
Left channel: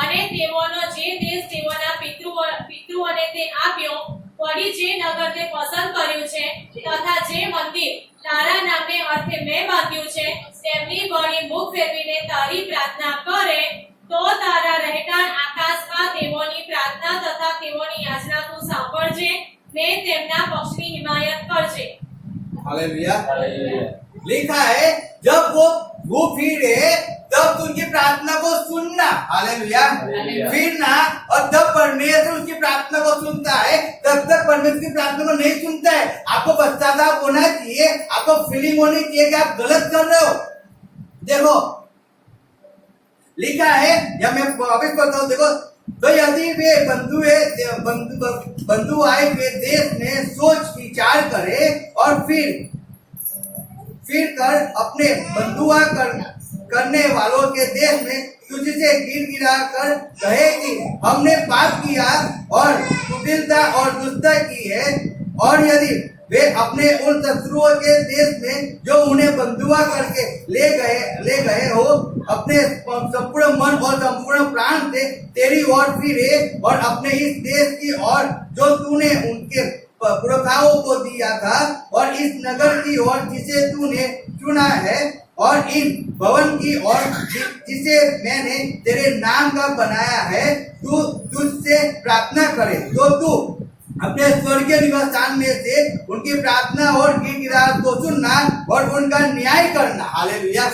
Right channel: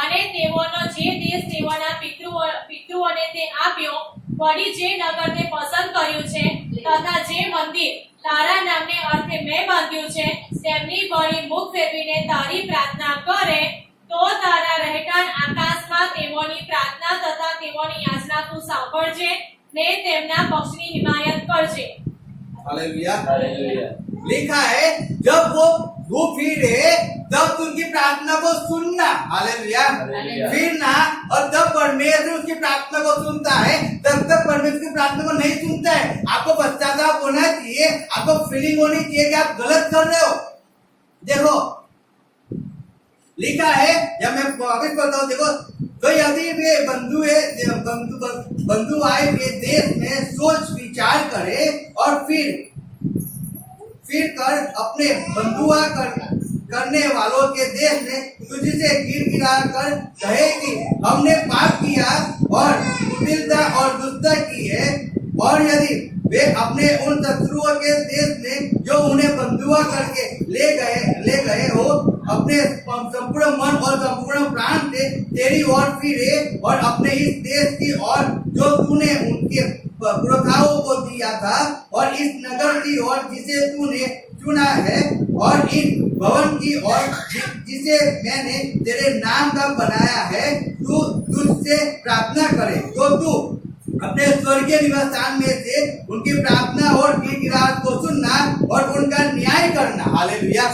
અને તેઓનો જે દેશ તેઓના પિતૃઓને તે આપ્યો, વળી જે નગર તે પસંદ કર્યું છે તથા જે મંદિર તારા નામને અર્થે મેં બાંધ્યું છે તેમની વળી મુખ ફેરવીને તારી પ્રાર્થના કરે, તો તારા રહેઠાણ આકાશમાં તેઓની પ્રાર્થના તથા તેઓની યાચના તું સાંભળજે ને તેમના પક્ષની હિમાયત કરજે। Hallelujah, hallelujah. लिखा है जब वो फिरे तब उनकी प्रार्थना को सुनना, हालेलुया, फिरना, और जब परमेश्वर उसकी प्रार्थना को सुनता है तब तक परमेश्वर की प्रार्थना को नहीं सुनता है। आपको पश्चाताप होना चाहिए, आपको फीलिंग होनी चाहिए कि आप गलत कर रहे हो। देखो लिखा है, जब मैं वापिस पढ़ता हूँ, देखो तो यदि वे बंधु आए के देश में सोच विचार करे और फिर कर अपने बंधुआ करने वालों के देश में तुझसे गिरा कर कहे कि हमने पाप किया और कुटिलता और दुष्टता की है, और यदि वे अपने उन शत्रुओं के देश में जो उन्हें बंधुआ करके ले गए हो अपने संपूर्ण मन और संपूर्ण प्राण से तेरी ओर फिरे और अपने इस देश की ओर जो तूने उनके पुरखाओं को दिया था और इस नगर की ओर जिसे तूने चुना है और इन भवन की ओर जिसे मैंने तेरे नाम का बनाया है, तू तुझसे प्रार्थना करे तो तू अपने स्वर्गीय निवास स्थान में से उनकी प्रार्थना और गिड़गिड़ाहट को सुनना और उनका न्याय करना। हालेलुया।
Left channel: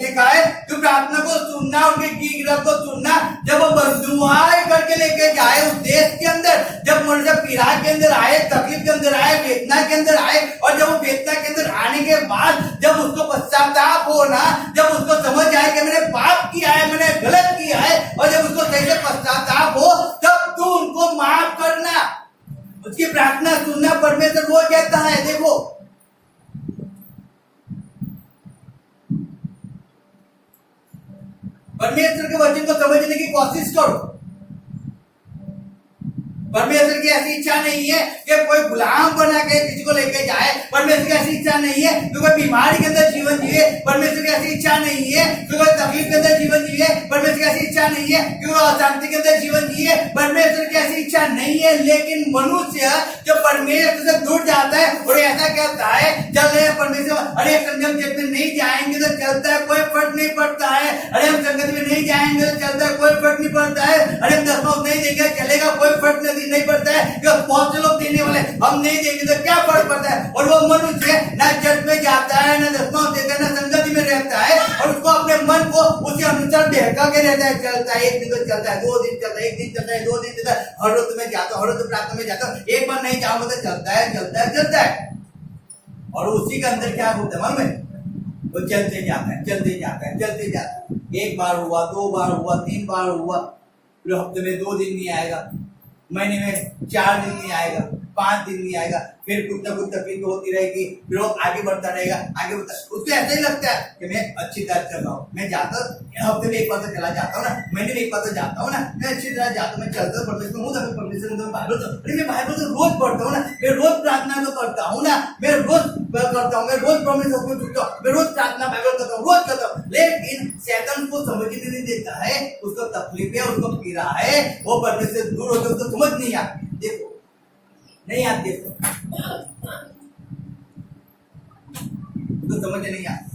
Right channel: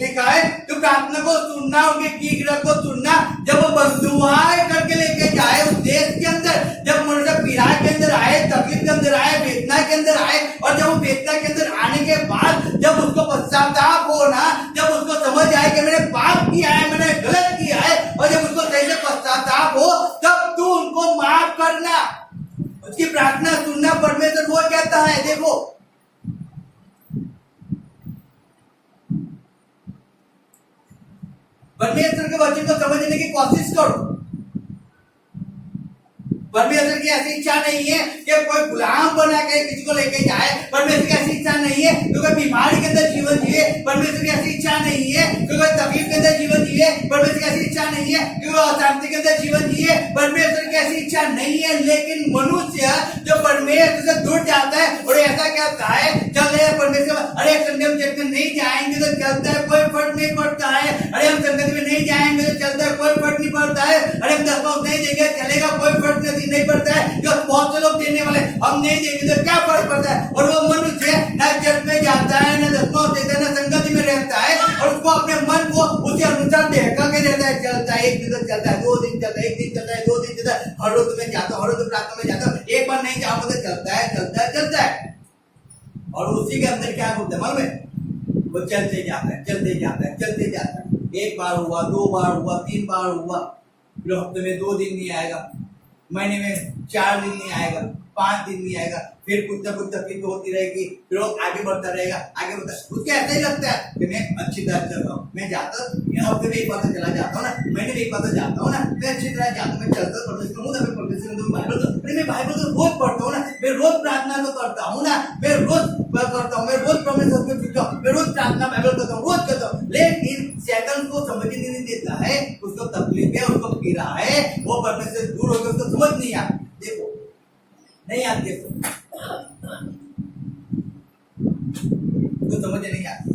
लिखा है तू प्रार्थना को सुनना, उनकी गिड़गिड़ाहट को सुनना। जब वो बंधुआई करके लेके जाए उस देश के अंदर, जब मनुष्य पीड़ा के अंदर आए, तकलीफ के अंदर आए, वेदना के अंदर आए, और जब वो वेदना के अंदर आने के बाद जब उसको पश्चाताप हो ना, जब उसको समझ आए कि मैंने पाप किया है, मैंने गलत किया है, और जब उसको सही से पश्चाताप हो तब तू उनको माफ करना, उसकी प्रार्थना सुनना। परमेश्वर वो कहता है, देखो परमेश्वर के वचन को समझने की कोशिश करो। परमेश्वर की ऐसी इच्छा नहीं है कि कोई गुलाम बना के किसी को लेके जाए। परमेश्वर की ऐसी इच्छा नहीं है कि कोई बीमारी के अंदर जीवन जिए। परमेश्वर की ऐसी इच्छा नहीं है कि कोई तकलीफ के अंदर जीवन जिए। परमेश्वर की ऐसी इच्छा नहीं है कि कोई अशांति के अंदर जीवन जिए। परमेश्वर की ऐसी इच्छा नहीं है। लेकिन मनुष्य जो परमेश्वर से दूर जाता है और ऐसा कहता है चल परमेश्वर, अरे संगम में नहीं जाएंगे तो चलता है, कोई फर्क नहीं पड़ता है। अरे हम संगत में नहीं जाएंगे तो चलता है, कोई फर्क नहीं पड़ता है। अरे हम दशमांश नहीं देंगे चलेगा, कोई फर्क नहीं पड़ता है। जो बहुत से लोग देने वाले हम नहीं देंगे तो क्या फर्क पड़ता है। और वो मनुष्य न चर्च में जाता है, न दशमांश देता है, न संगति में रहता है, और उसको अपने मन को उसके अनुसार बहका के रहता है। चलता है, एक दिन तो चलता है, 2 दिन चलता है, 1 दिन चलता है, 2 दिन चलता है, हर रोज में जाता हूँ, हर रोज प्रार्थना में जाता हूँ, एक बार नहीं जाऊंगा तो चलता है चलता है चलता है। और उसी के अंदर क्या होता है मालूम है, वो चलते जाता है चलते जाता है चलते जाता है। 1 बार हुआ, 2 बार हुआ, 3 बार हुआ, फिर हफ्ते में 2 दिन नहीं आएगा, महीने में 4 दिन नहीं आएगा, 5 दिन नहीं आएगा, फिर कुछ ना कुछ तकलीफ होती रहेगी, फिर वो आगे बढ़ता रहेगा, आगे बढ़ता। उसको ऐसा ही लगता है कि मैं अच्छी तरह चल रहा हूँ, मैं जाता हूँ हफ्ते में 1 बार तो चला जाता हूँ ना, महीने में 1 बार तो जाता हूँ ना, मैं अच्छी तरह जाता हूँ, मैं चलता हूँ, परमेश्वर हूँ, परमेश्वर हूँ, बाइबल तो मैं बाइबल तो रोज पढ़ता हूँ ना, मैं रोज प्रार्थना तो करता हूँ ना, मैं रोज करता हूँ, मैं रोज परमेश्वर को छूता हूँ, मैं रोज प्रार्थना बाइबल करता हूँ, रोज करता हूँ। लेकिन शैतान को समझने नहीं देता है, उसको तकलीफ है, उसको पीड़ा है, वो परमेश्वर से दूर होकर उसको समझ नहीं आती। देखो नहीं आती, तो समझ नहीं आती,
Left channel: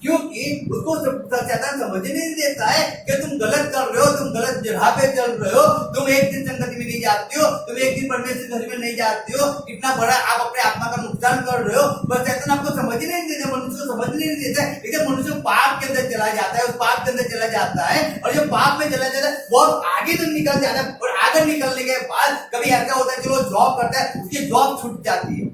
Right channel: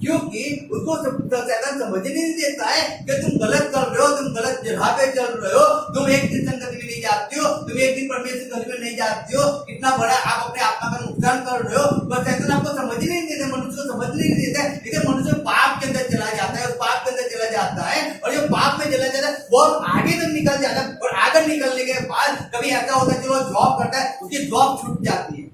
क्योंकि उसको शैतान समझने नहीं देता है कि तुम गलत कर रहे हो, तुम गलत जगह पे चल रहे हो, तुम एक दिन संगति में नहीं जाते हो, तुम एक दिन परमेश्वर घर में नहीं जाते हो, कि कितना बड़ा आप अपने आत्मा का नुकसान कर रहे हो, बस शैतान आपको समझ ही नहीं देते, मनुष्य को समझ नहीं देता है। लेकिन मनुष्य पाप के अंदर चला जाता है, उस पाप के अंदर चला जाता है, और जब पाप में चला जाता है बहुत आगे तक निकल जाता है, और आगे निकलने के बाद कभी ऐसा होता है चलो जॉब करता है, उसकी जॉब छूट जाती है,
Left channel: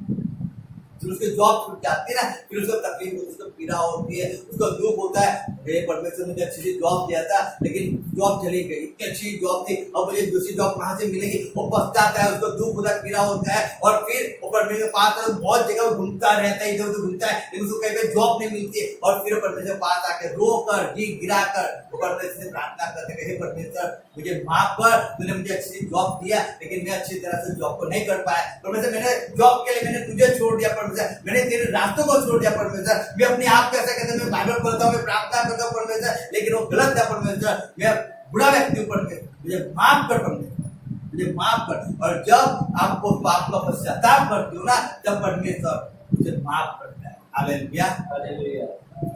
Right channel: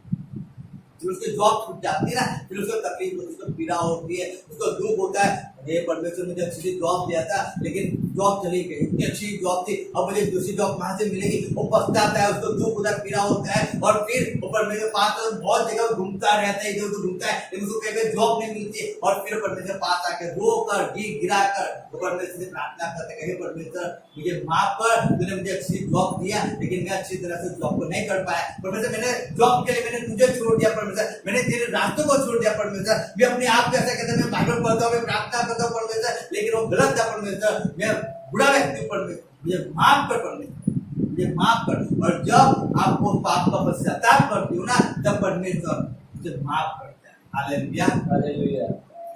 फिर उसकी जॉब छूट जाती है ना, फिर उसको तकलीफ होती है, उसको पीड़ा होती है, उसको दुख होता है, हे परमेश्वर मुझे अच्छी सी जॉब दिया था लेकिन जॉब चली गई, इतनी अच्छी जॉब थी, अब मुझे दूसरी जॉब कहाँ से मिलेगी, वो पछताता है, उसको दुख होता है, पीड़ा होता है, और फिर वो परमेश्वर पास बहुत जगह घूमता रहता है, इधर उधर घूमता है, लेकिन उसको कहीं पे जॉब नहीं मिलती है, और फिर परमेश्वर पास आके रो कर गिरा कर वो परमेश्वर से प्रार्थना करते हैं, हे परमेश्वर मुझे माफ कर, तूने मुझे अच्छी जॉब दिया लेकिन मैं अच्छी तरह से जॉब को नहीं कर पाया, परमेश्वर मैंने जॉब के लिए मैंने तुझे छोड़ दिया, परमेश्वर मैंने तेरे रास्तों को छोड़ दिया, परमेश्वर मैं अपने आप को ऐसा कहते हैं मैं बाइबल पढ़ता हूँ, मैं प्रार्थना करता हूँ परमेश्वर, लेकिन वो गलत था परमेश्वर, मैं बुरा व्यक्ति हूँ परमेश्वर, मुझे माफ कर परमेश्वर, मुझे माफ कर। और जब आपको पाप का पश्चाताप करती हो ना, तब परमेश्वर मुझे माफ करता है। Hallelujah hallelujah.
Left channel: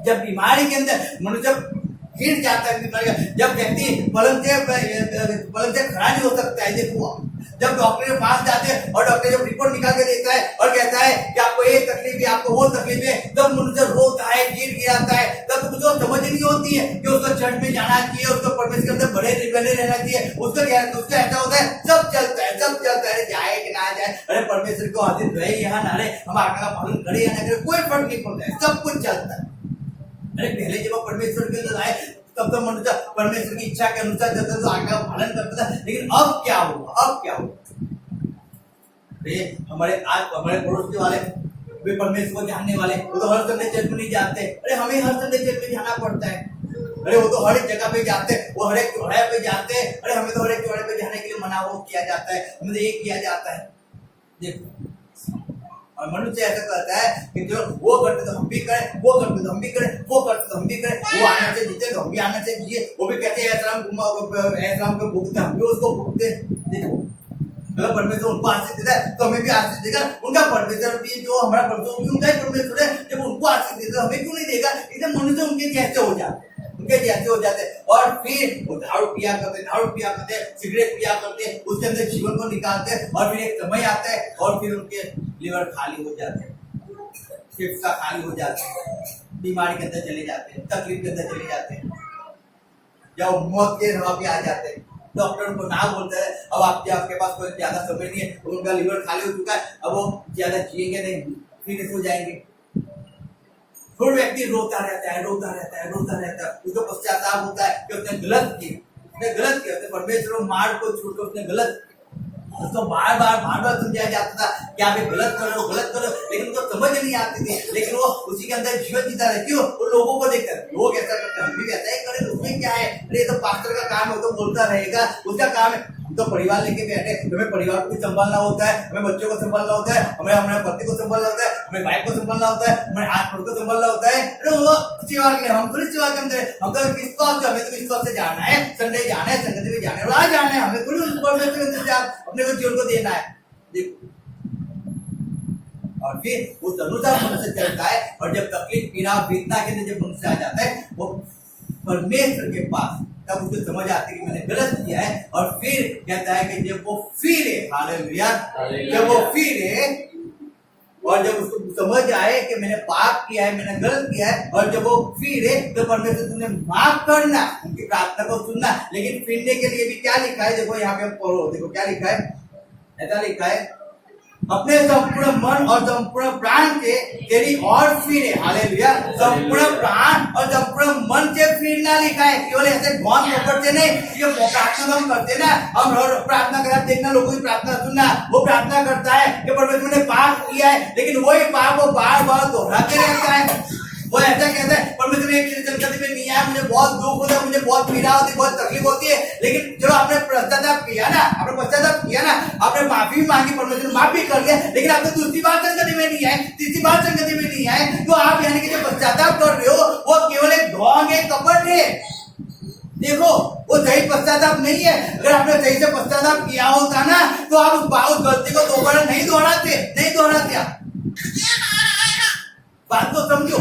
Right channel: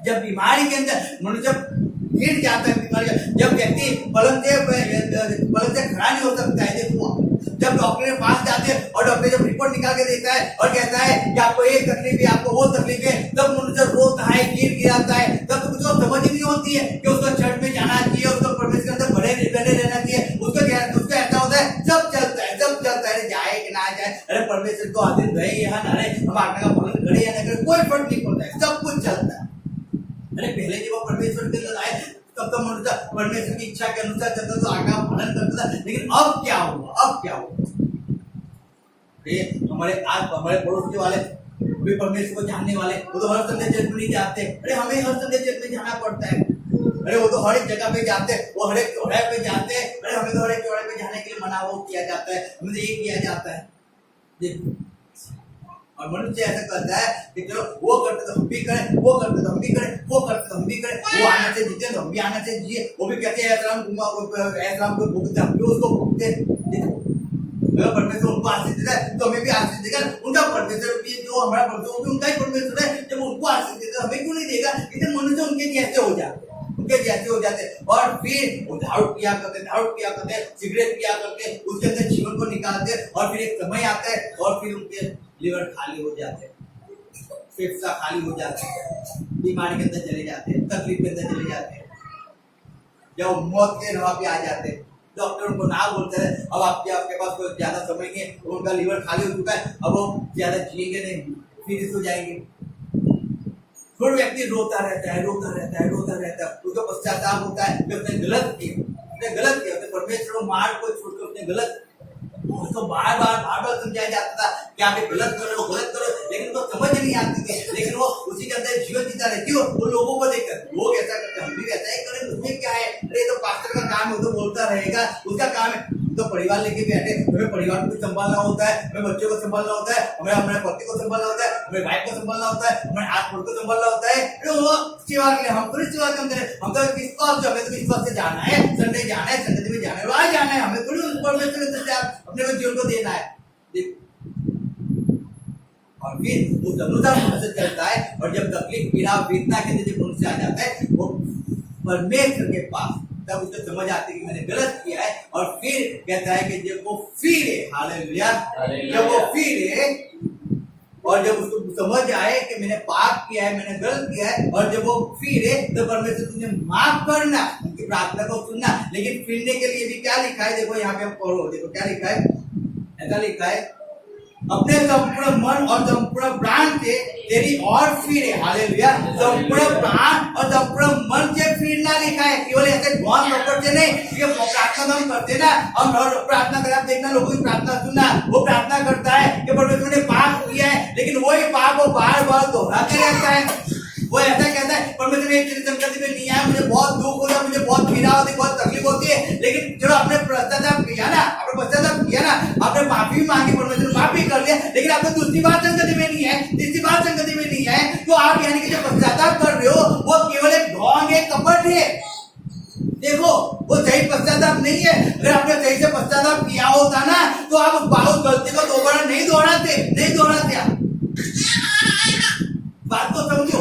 जब बीमारी के अंदर मनुष्य गिर जाता है, बीमारी जब व्यक्ति पलंग से खड़ा नहीं हो सकता है, देखो जब डॉक्टर के पास जाते हैं और डॉक्टर जब रिपोर्ट निकाल के देता है और कहता है कि आपको ये तकलीफ है, आपको वो तकलीफ है, तब मनुष्य रोता है, गिराता है, तब उसको समझ नहीं होती है कि उसको चर्च में जाना चाहिए, उसको परमेश्वर के अंदर बने रहना चाहिए, उसको ऐसा होता है सब चलता है, जाए कि ना जाए, अरे परमेश्वर को आदिन रहे यहाँ ना रहे, हम आज्ञा का पालन करे या ना करे, कोई फर्क नहीं पड़ता है, सब कुछ चलता है। अरे पहले जब परमेश्वर के अंदर आए तब तो मनुष्य परमेश्वर की इच्छा के अनुसार चलता तो आज्ञा का पालन करता था, लेकिन अब क्या हुआ? हमारे पड़ोस के वाले वे परमेश्वर को जानने वाले, वो तो हर संडे चर्च में नहीं जाते, अरे हमें हर संडे चर्च में जाना पड़ता है, अरे वो तो हर एक जगह पे जाते, वो हर एक चौराहे पे जाते, अरे हमें तो हर एक चौराहे पे जाने के लिए मना वो किया जाता है, हमें ये किया जाता है। देखो, और मनुष्य ऐसा करता है कि चलो वो करते तो हम भी करें, वो करते तो हम भी करें, वो करते तो हम भी करें, वो आने से जीते तो हम भी आने से जिए, वो भी कहते हैं ऐसा को भुगते, हम भी उसको भुगते। देखो अगर परमेश्वर उनको आशीष देता है तो हमें भी आशीष देगा, उनका परमेश्वर भी जो हमारा परमेश्वर भी उनका ही परमेश्वर है, जब उनको आशीष देता हमें क्यों नहीं देगा? इसलिए मनुष्य उनके जैसे हो जाते और फिर वो दारू पिया करते, सिगरेट पिया करते, उसके अंदर जीवन को निकालते, और फिर एक समय आता है और फिर उनके लिवर खाली हो जाते हैं, फेफड़ा खाली हो जाते हैं, बीमारी के अंदर चले जाते हैं, तकलीफ के अंदर चले जाते हैं, जब मौत के राह पे आ जाते हैं, डॉक्टर उनको ना बोलता है अब आपके पास कोई ज्यादा समय नहीं है, उनका लिवर खाली हो चुका है, अब वो ज्यादा जिएंगे नहीं, फिनिश हो जाएंगे। फिर व्यक्ति रोता रहता है, उसको पश्चाताप होता है कि उसने गलत किया, परमेश्वर मार्ग को छोड़कर उसने गलत, उसको बार बार समझाया जाता था कि आप ये गलत करो, लेकिन उसको समझ नहीं आती थी, लेकिन वो उसी के अंदर जीवन जीता रहती हो, वो लोगों को देखकर लोग ऐसा करते हम भी वैसा ही करें, उसमें क्या है, अरे तो पास्टर का काम है, तो बोलता रहेगा, उसका काम है, तो परिवार लेके बैठे, हमें परिवार को भी संभालना होता है, हमें बच्चों को संभालना होता है, हमें अपने पति को संभालना होता है, हमें वाइफ को संभालना होता है, हमें आस पड़ोस को संभालना होता है, हम थोड़ी सेवा के अंदर, हम तो किस बात हमें तो विश्वास से जाना है, संडे जाना है, संगति में जाना है, आज जाना है, हमें थोड़ी अपने को जीवन को देना है। और फिर उस अनुसार मनुष्य चलता है, और जब तकलीफ पीड़ा वेदना के अंदर जब मनुष्य आ जाता है वो परमेश्वर के पास, तब उसे समझ आती है कि मैंने गलत किया है, और फिर कहता है कि जब वो फिरे, हालेलुया, जब वो फिरे और जब उसको समझ आए कि मैंने पाप किया है, मैंने गलत किया है, और जब वो फिरे तो परमेश्वर तुमने माफ करना, उनकी प्रार्थना को सुनना। लेकिन फिरने के लिए भी क्या लिखा है, देखो यहाँ पे हम पढ़ो, देखो क्या लिखा है, ऐसा लिखा है अपने संपूर्ण मन और संपूर्ण प्राण से तेरी और फिरे, हालेलुया, संपूर्ण प्राण और संपूर्ण मन से फिरना लिखा है, केवल ऐसे गौन रोपड़ से नहीं। ये प्रार्थना हम करते ना, हम प्रार्थना कर देखना, लोगों की प्रार्थना सुनना, वो प्रार्थना करता है कि परमेश्वर ने पाप किया है, लेकिन वही पाप वो बार बार दोहराते रहता है। वो ऐसा कहता है परमेश्वर एक संगति में नहीं आया, मुझे बहुत दुख होता है, मुझे बहुत पीड़ा होती है, बहुत तकलीफ होती है, लेकिन चलो आपने पश्चाताप किया ना, आपने माफी मांगी, परमेश्वर ने माफी कर लिया, लेकिन आपने दूसरी बार संगति में नहीं आए, तीसरी बार संगति में नहीं आए, तो आप यानी कि जो पश्चाताप कर रहे हो वो केवल एक ढोंग है, कपट है। देखो वो सही पश्चाताप नहीं है। अगर आपने सही से पश्चाताप किया होता ना तो आप उस गलती को दोबारा नहीं दोहराते आप। बात को समझो,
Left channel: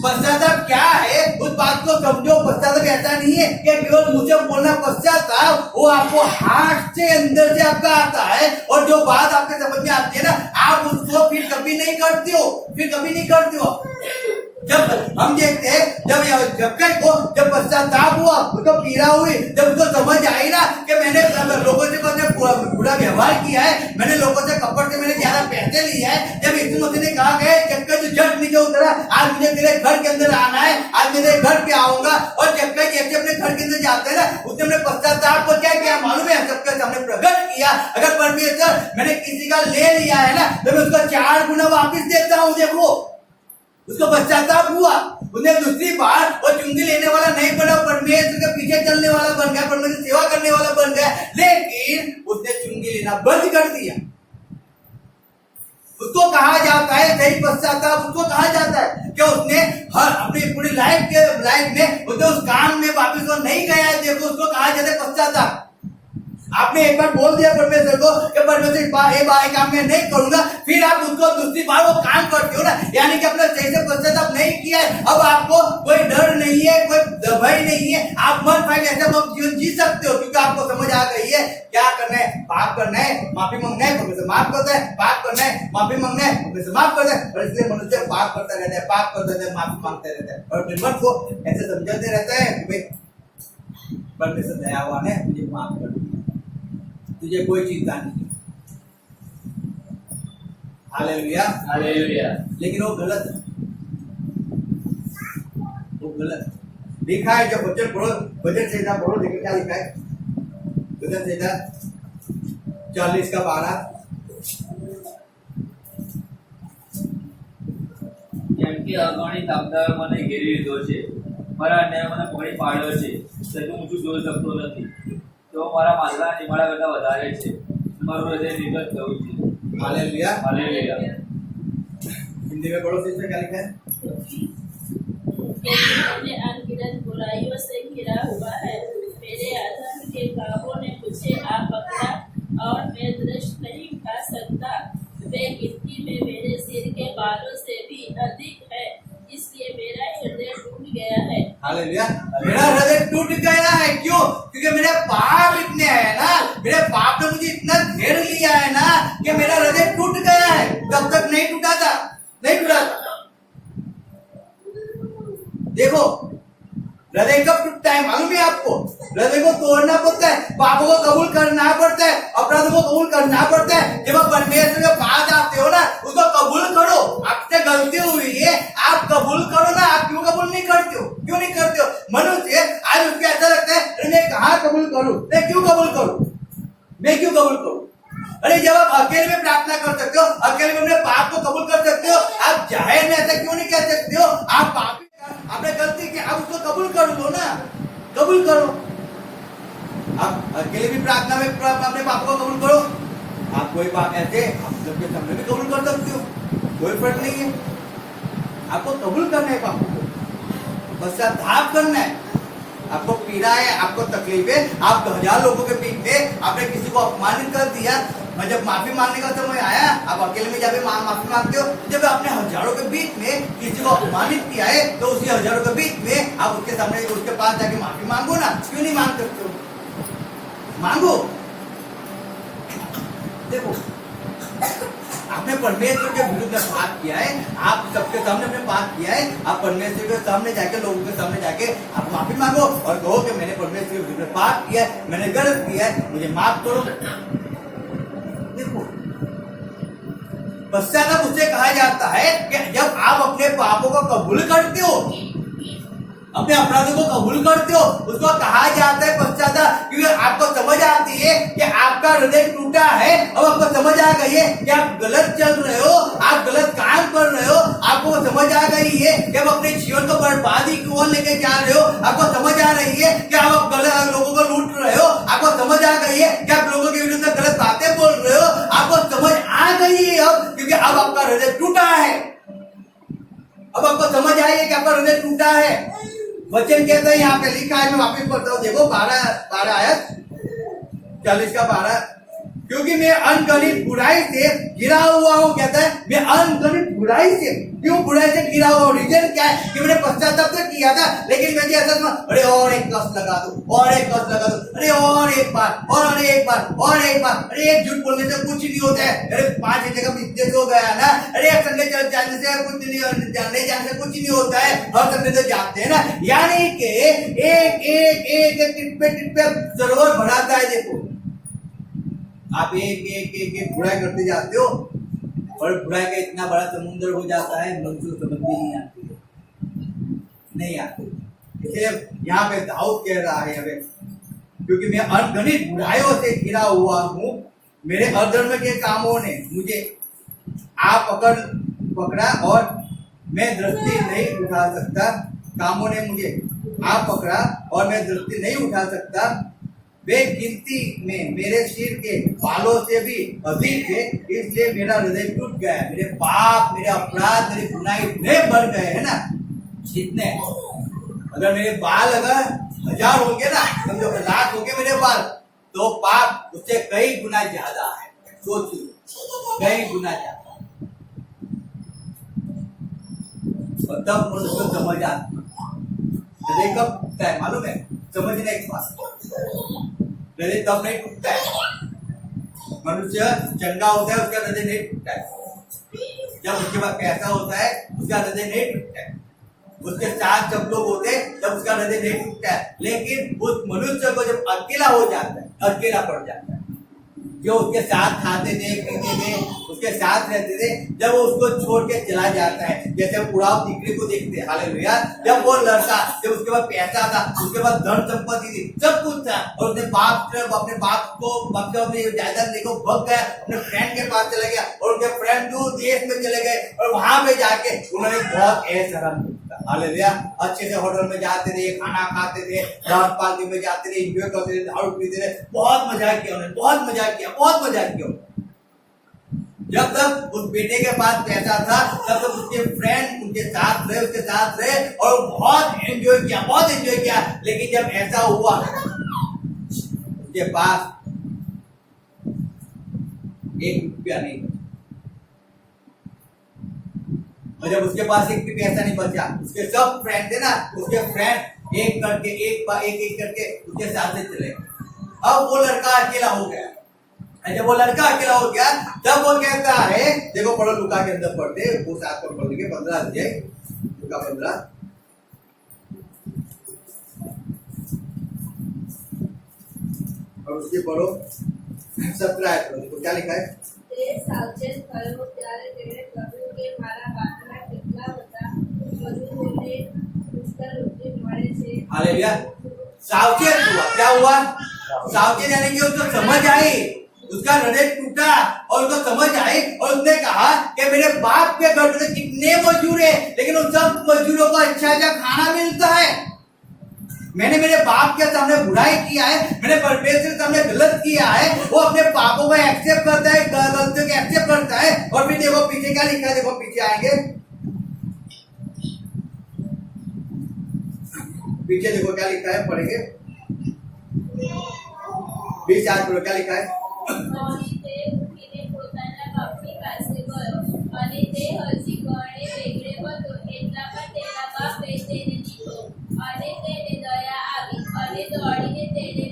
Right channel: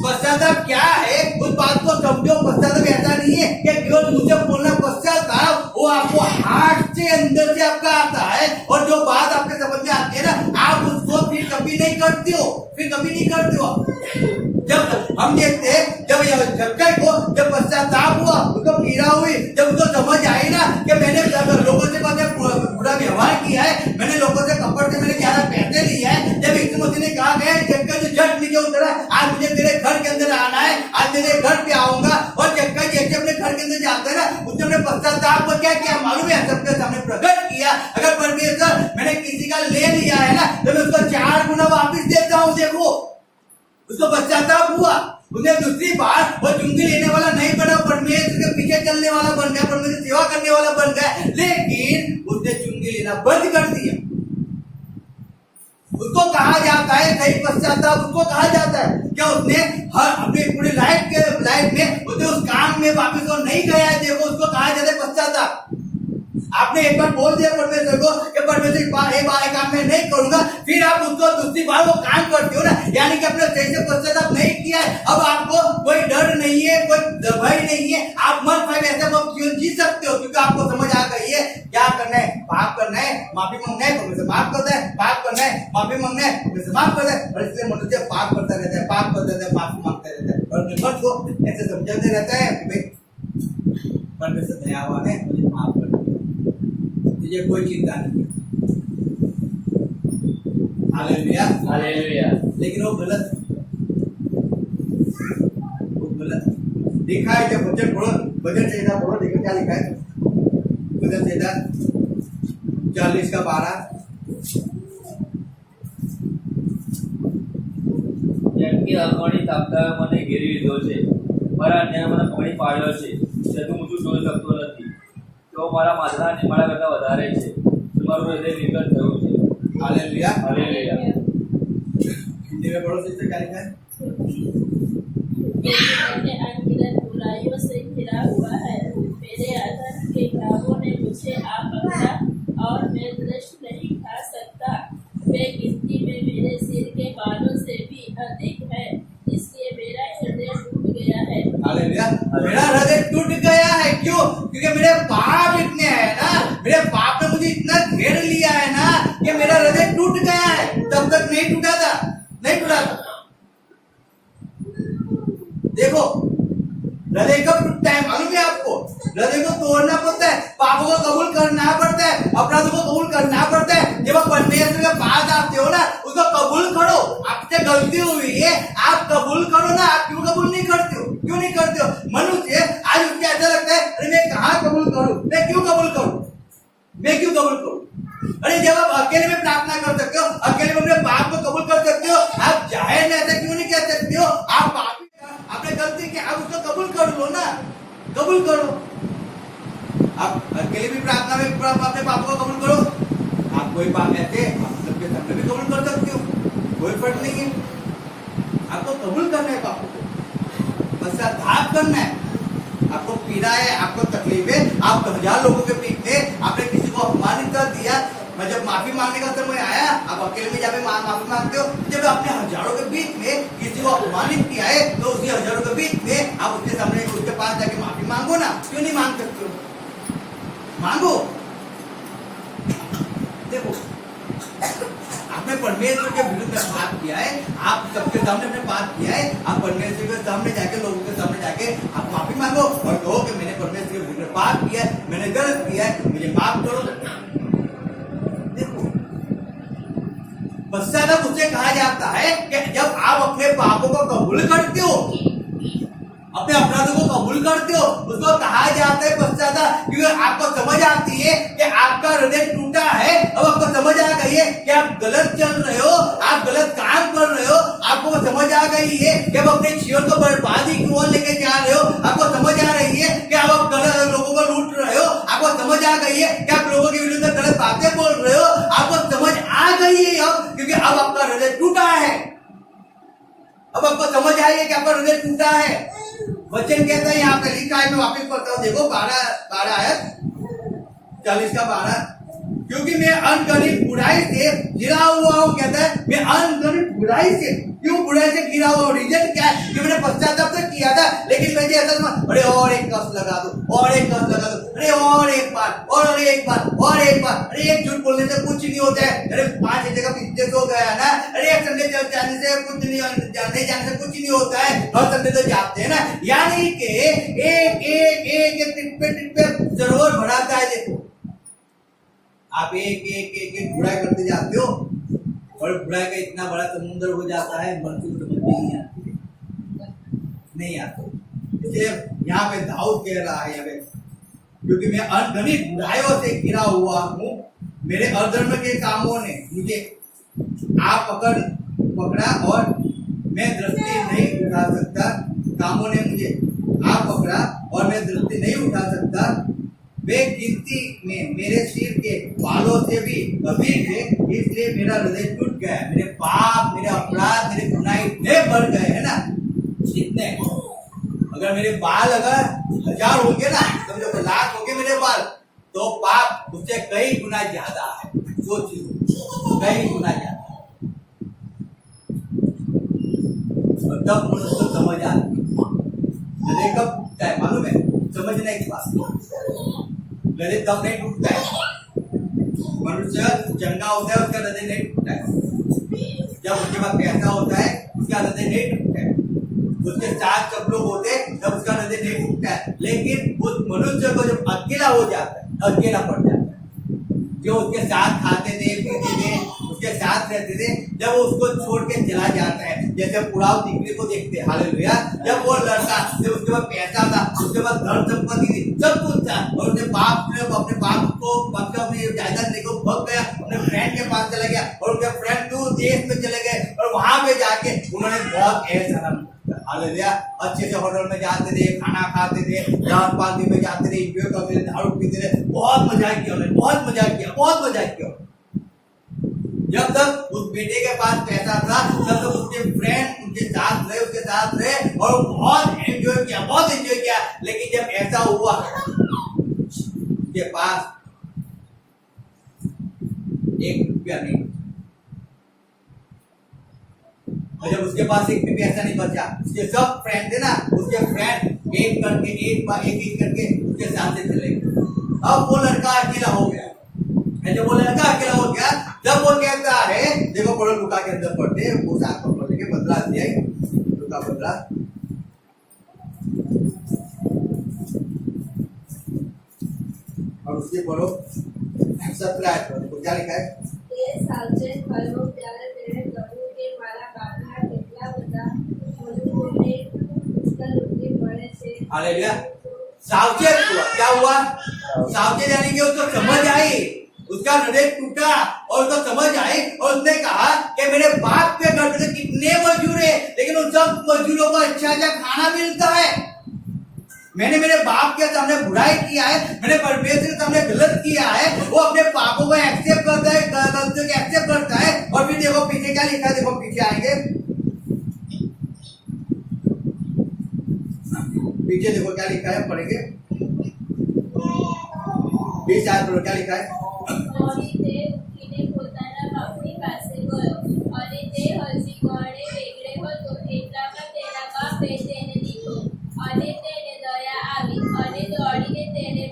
पश्चाताप क्या है उस बात को समझो। पश्चाताप ऐसा नहीं है कि केवल मुझे बोलना पश्चाताप, वो आपको हाथ सच्चे अंदर से आपका आता है और जो बात आपके समझ में आती है ना, आप उसको फिर कभी नहीं करते हो, फिर कभी नहीं करते हो। जब हम देखते हैं, जब कई को जब पश्चाताप हुआ, उसको पीड़ा हुई, जब उसको समझ आई ना कि मैंने लोगों से बुरा व्यवहार किया है, मैंने लोगों से कपड़ से मैंने ज्यादा पैसे लिया है, जब यीशु मसीह ने कहा गया जब तू झट नीचे उतरा, आज मुझे तेरे घर के अंदर आना है, आज मेरे घर पे आऊंगा, और जब कई जैसे अपने घर के अंदर जाते हैं ना, उसने अपने पश्चाताप को क्या किया मालूम है, सबके सामने प्रकट किया। अगर परमेश्वर मैंने किसी का ले लिया है ना, तो मैं उसको 4 गुना वापिस देता हूँ। देखो उसको पश्चाताप हुआ, उसने दूसरी बार वो चुंगी लेने वाला नहीं बना, परमेश्वर के पीछे चलने वाला बन गया, परमेश्वर सेवा करने वाला बन गया, लेकिन उसने चुंगी लेना बंद कर दिया। उसको कहा जाता है सही पश्चाताप, उसको कहा जाता है कि उसने हर अपनी पूरी लाइफ में उसने उस काम में वापिस वो नहीं गया है। देखो उसको कहा जाता है पश्चाताप। आपने एक बार बोल दिया परमेश्वर को कि परमेश्वर एक बार काम में नहीं करूंगा, फिर आप उसको दूसरी बार वो काम करते हो ना, यानी कि अपने सही से पश्चाताप नहीं किया है। अब आपको कोई डर नहीं है, कोई भय नहीं है, आप मन भाई ऐसा वो जीवन जी सकते हो, क्योंकि आपको समझ आ गई है क्या करना है, पाप करना है, माफी मांगना है, परमेश्वर माफ करता है, पाप करना है, माफी मांगना है, परमेश्वर माफ करता है। और इसलिए मनुष्य पाप करता रहता है, पाप करता रहता है, माफी मांगता रहता है, और अपने मन को ऐसे समझाते रहता है कि भाई परमेश्वर दयावान है, मुझे माफ कर दिया, तुझे कोई चिंता नहीं है। Hallelujah, hallelujah. लेकिन वो गलत है, वो गलत है। लिखा है जब वचन पढ़ो, वचन संहिता पढ़ो, देखो क्या लिखा है, वचन संहिता 40:12। જેમ કે અગણી તાપતાએ મને ઘેરી લીધો છે, મારા અન્યાય મને પકડી પાડ્યો છે, તેથી હું શું જોઈ શકતો નથી। તેઓ મારા માથાના નિમાડા કરતા વધારે છે, મારું હૃદય નિર્ગત થયું છે। Hallelujah, hallelujah. हिंदी में पढ़ो सिस्टर, क्या लिखा है? मैंने अनगिनत बुराइयों से घिरा हुआ है, मेरे अधर्म के पापों ने मुझे आ पकड़ा और मैं दृष्ट नहीं खा सकता। वे गिनती में मेरे सिर के बालों से भी अधिक है, इसलिए मेरा हृदय टूट गया है। हालेलुया, मेरा हृदय टूट गया है। क्यों? क्योंकि मेरे पाप इतने हैं ना, मेरे पाप ने मुझे इतना घेर लिया है ना कि मेरा हृदय टूट गया है। तब तक नहीं टूटा था, नहीं टूटा था। देखो हृदय कब टूटता है मालूम है आपको? हृदय को तोड़ना पड़ता है, पापों को कबूल करना पड़ता है, अपराधों को कबूल करना पड़ता है। जब आप परमेश्वर के पास आते हो ना, उसको कबूल करो। आपसे गलती हुई है, आप कबूल करो ना। आप क्यों कबूल नहीं करते हो? क्यों नहीं करते हो? मनुष्य आज उसको ऐसा लगता है, अरे मैं कहाँ कबूल करूं, मैं क्यों कबूल करूं, मैं क्यों कबूल करूं? अरे जब आप अकेले में प्रार्थना कर सकते हो, अकेले में अपने पाप को कबूल कर सकते हो, आप जाहिर में ऐसा क्यों नहीं कह सकते हो? आप पापी, आपने गलती की, आप उसको कबूल कर लो ना, कबूल करो। आप अकेले भी प्रार्थना में अपने पाप को कबूल करो। आप कोई पाप ऐसे आप सबके सामने भी कबूल कर सकते हो, कोई फर्क नहीं है। आपको कबूल करना है पापों को, पश्चाताप करना है। आपको पीड़ा है, आपको तकलीफ है, आप 1000 लोगों के बीच में आपने किसी को अपमानित कर दिया, मैं जब माफी मांगने का समय आया, आप अकेले में जाके माफी मांगते हो। जब आपने हजारों के बीच में किसी को अपमानित किया है, तो उसी हजारों के बीच में आप उसके सामने उसके पास जाके माफी मांगो ना। क्यों नहीं मांग सकते हो? मांगो। देखो आपने परमेश्वर के विरुद्ध पाप किया है, आप सबके सामने अपने पाप किया है, आप परमेश्वर के सामने जाके, लोगों के सामने जाके आप माफी मांगो और कहो कि मैंने परमेश्वर के विरुद्ध पाप किया है, मैंने गलत किया है, मुझे माफ करो। देखो पश्चाताप उससे कहा जाता है कि जब आप अपने पापों को कबूल करते हो, अपने अपराधों को कबूल करते हो, उसको कहा जाता है पश्चाताप। क्योंकि आपको समझ आती है कि आपका हृदय टूटा है, अब आपको समझ आ गई है कि आप गलत चल रहे हो, आप गलत काम कर रहे हो, आपको समझ आ गई है कि आप अपने जीवन को बर्बादी की ओर लेके जा रहे हो, आपको समझ आ रही है कि आप गलत लोगों को लूट रहे हो, आपको समझ आ गई है कि आप लोगों के विरुद्ध गलत बातें बोल रहे हो, आपको समझ आ गई है अब, क्योंकि अब आपका हृदय टूटा है। अब आपको समझ आई है कि आपका हृदय टूटा है। वचन कहता है, यहाँ पे लिखा है, मैं वापिस पढ़ता हूँ, देखो 12 आयत 40:12 क्योंकि मैं अनगणित बुराई से घिरा हुआ हूँ। कहता है मैं अनगणित बुराई से, क्यों बुराई से घिरा हुआ हूँ? रीजन क्या है कि मैंने पश्चाताप तो किया था, लेकिन मुझे ऐसा समझ, अरे और एक कस लगा दो, और एक कस लगा दो, अरे और एक बार, और एक बार, और एक बार, अरे एक झूठ बोलने से कुछ नहीं होता है, अरे 5 जगह बिजनेस हो गया ना, अरे एक संडे जाने से कुछ नहीं, जाने से कुछ नहीं होता है, हर संडे तो जाते हैं ना। यानी कि एक टिप पे सरोवर बढ़ाता है। देखो आप एक बुराई करते जाते हो और बुराई का इतना बड़ा समुद्र हो जाता है, मंजूर समझ में नहीं आती है, नहीं आती। इसलिए यहाँ पे दाऊद कह रहा है हमें, क्योंकि मैं अनगणित बुराइयों से घिरा हुआ हूँ, मेरे अधर्म के कामों ने मुझे आप पकड़ा और मैं दृष्टि नहीं उठा सकता। कामों ने मुझे आप पकड़ा और मैं दृष्टि नहीं उठा सकता। वे गिनती में मेरे सिर के बालों से भी अधिक है, इसलिए मेरा हृदय टूट गया है। मेरे पाप, मेरे अपराध, मेरे गुनाह इतने बढ़ गए हैं ना, कितने, अगर मेरे बाल अगर 1000 होंगे ना, समझो 1,00,000 होंगे मेरे बाल, तो पाप उससे कई गुना ज्यादा है। सोचिए, कई गुना ज्यादा। और तब मनुष्य को समझ आती है, कब टूटता है मालूम है? समझना एक बात, हृदय तब नहीं टूटता है, मनुष्य चंगा होता है उसका हृदय नहीं टूटता है। जब उसके पास पैसा होता है उसका हृदय नहीं टूटता है, उसके साथ जब लोग होते हैं तब उसका हृदय नहीं टूटता है। लेकिन उस मनुष्य को जब अकेला हो जाता है, अकेला पड़ जाता है, जो उसके साथ खाते थे, पीते थे, उसके साथ रहते थे, जब वो उसको छोड़ के चला जाता है, जैसे उड़ाव दीकरी को देखते हैं, हालेलुया। जब वो लड़का, जब उसके पास पैसा था, उसके पास धन संपत्ति थी, सब कुछ था, और अपने बाप को मतलब अपनी जायदाद लेकर भग गया, अपने फ्रेंड के पास चला गया, और उनके फ्रेंड दूर देश में चले गए, और वहां पे जाके उन्होंने बहुत ऐसा आराम किया, हालेलुया। अच्छे से होटल में जाते थे, खाना खाते थे, रात पार्टी में जाते थे, एंजॉय करते थे, दारू पीते थे, बहुत मजाक किया उन्होंने, बहुत मजाक किया। जब तक उस बेटे के पास पैसा था तब तक उसके फ्रेंड उनके साथ रहे और बहुत एंजॉय किया। लेकिन जब ऐसा हुआ उसके पास 1 रुपया नहीं, और जब उसके पास 1 भी पैसा नहीं बचा, उसके सब फ्रेंड थे ना, उसके फ्रेंड एक करके उसके साथ से चले गए। अब वो लड़का अकेला हो गया। जब वो लड़का अकेला हो गया तब वो कहता है, देखो पढ़ो लुका के अंदर पढ़ते, वो साथ पर पढ़ लेंगे 15 अध्याय, लुका 15 और उसके पढ़ो 17 आयत। देखो क्या लिखा है, सावचेत થયો ત્યારે તેણે કહ્યું કે મારા બાપના કેટલા બધા મજૂરોને પુષ્કળ મળે છે। हालेलुया। सावचेत हुआ, क्या हुआ? सावचेत यानी कि उसको समझ आई, उसका हृदय टूटा और उसको समझ आई, और उसने कहा कि मेरे बाप के घर में कितने मजदूर है, लेकिन उन सब मजदूरों को अच्छा खाना मिलता है। मैंने मेरे बाप के सामने बुराई किया है, मैंने परमेश्वर के सामने गलत किया है। वो अपने पापों को एक्सेप्ट करता है, गलतियों को एक्सेप्ट करता है, और फिर देखो पीछे क्या लिखा है, देखो पीछे आएंगे, पीछे देखो क्या लिखा है, पढ़ेंगे 20 आयत पर क्या लिखा है। અને તે ઉઠીને પોતાના બાપની પાસે ગયો, અને તે હજી ઘણે વેગળે હતો, એટલામાં તેના બાપે તેને દીધો, અને તેને દયા આવી, અને દોડીને તેને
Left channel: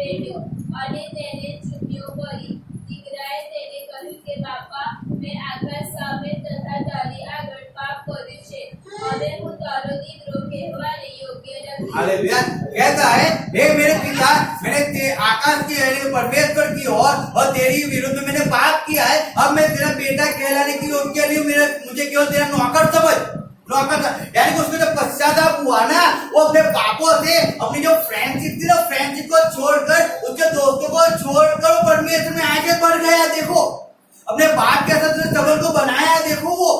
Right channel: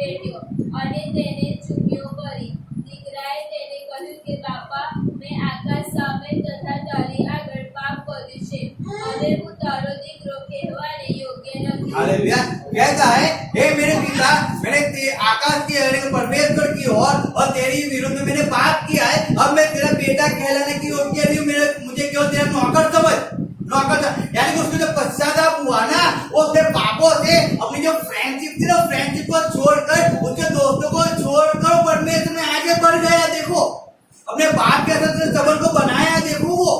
પેટ્યો, અને તેને ચૂમ્યો કરી। દીકરાએ તેને કહ્યું કે બાપા, મેં આકાશ સામે તથા તારી આગળ પાપ કર્યું છે, હવે હું તારો દીકરો કહેવાને યોગ્ય નથી। हालेलुया। कहता है, हे मेरे पिता, मैंने आकाश की परमेश्वर की और तेरी विरुद्ध में मैंने पाप किया है, अब मैं तेरा बेटा कहलाने की योग्य नहीं हूँ, मुझे क्यों तेरा नौकर समझ। यानी कि उसको जब पश्चाताप हुआ ना, वो अपने पापों से, अपनी जो फ्रेंडशिप थी ना, फ्रेंडशिप को छोड़कर, उसके दोस्तों को छोड़कर परमेश्वर में आगे बढ़ गया। देखो अपने बाप के साथ संबंध को बनाया। देखो वो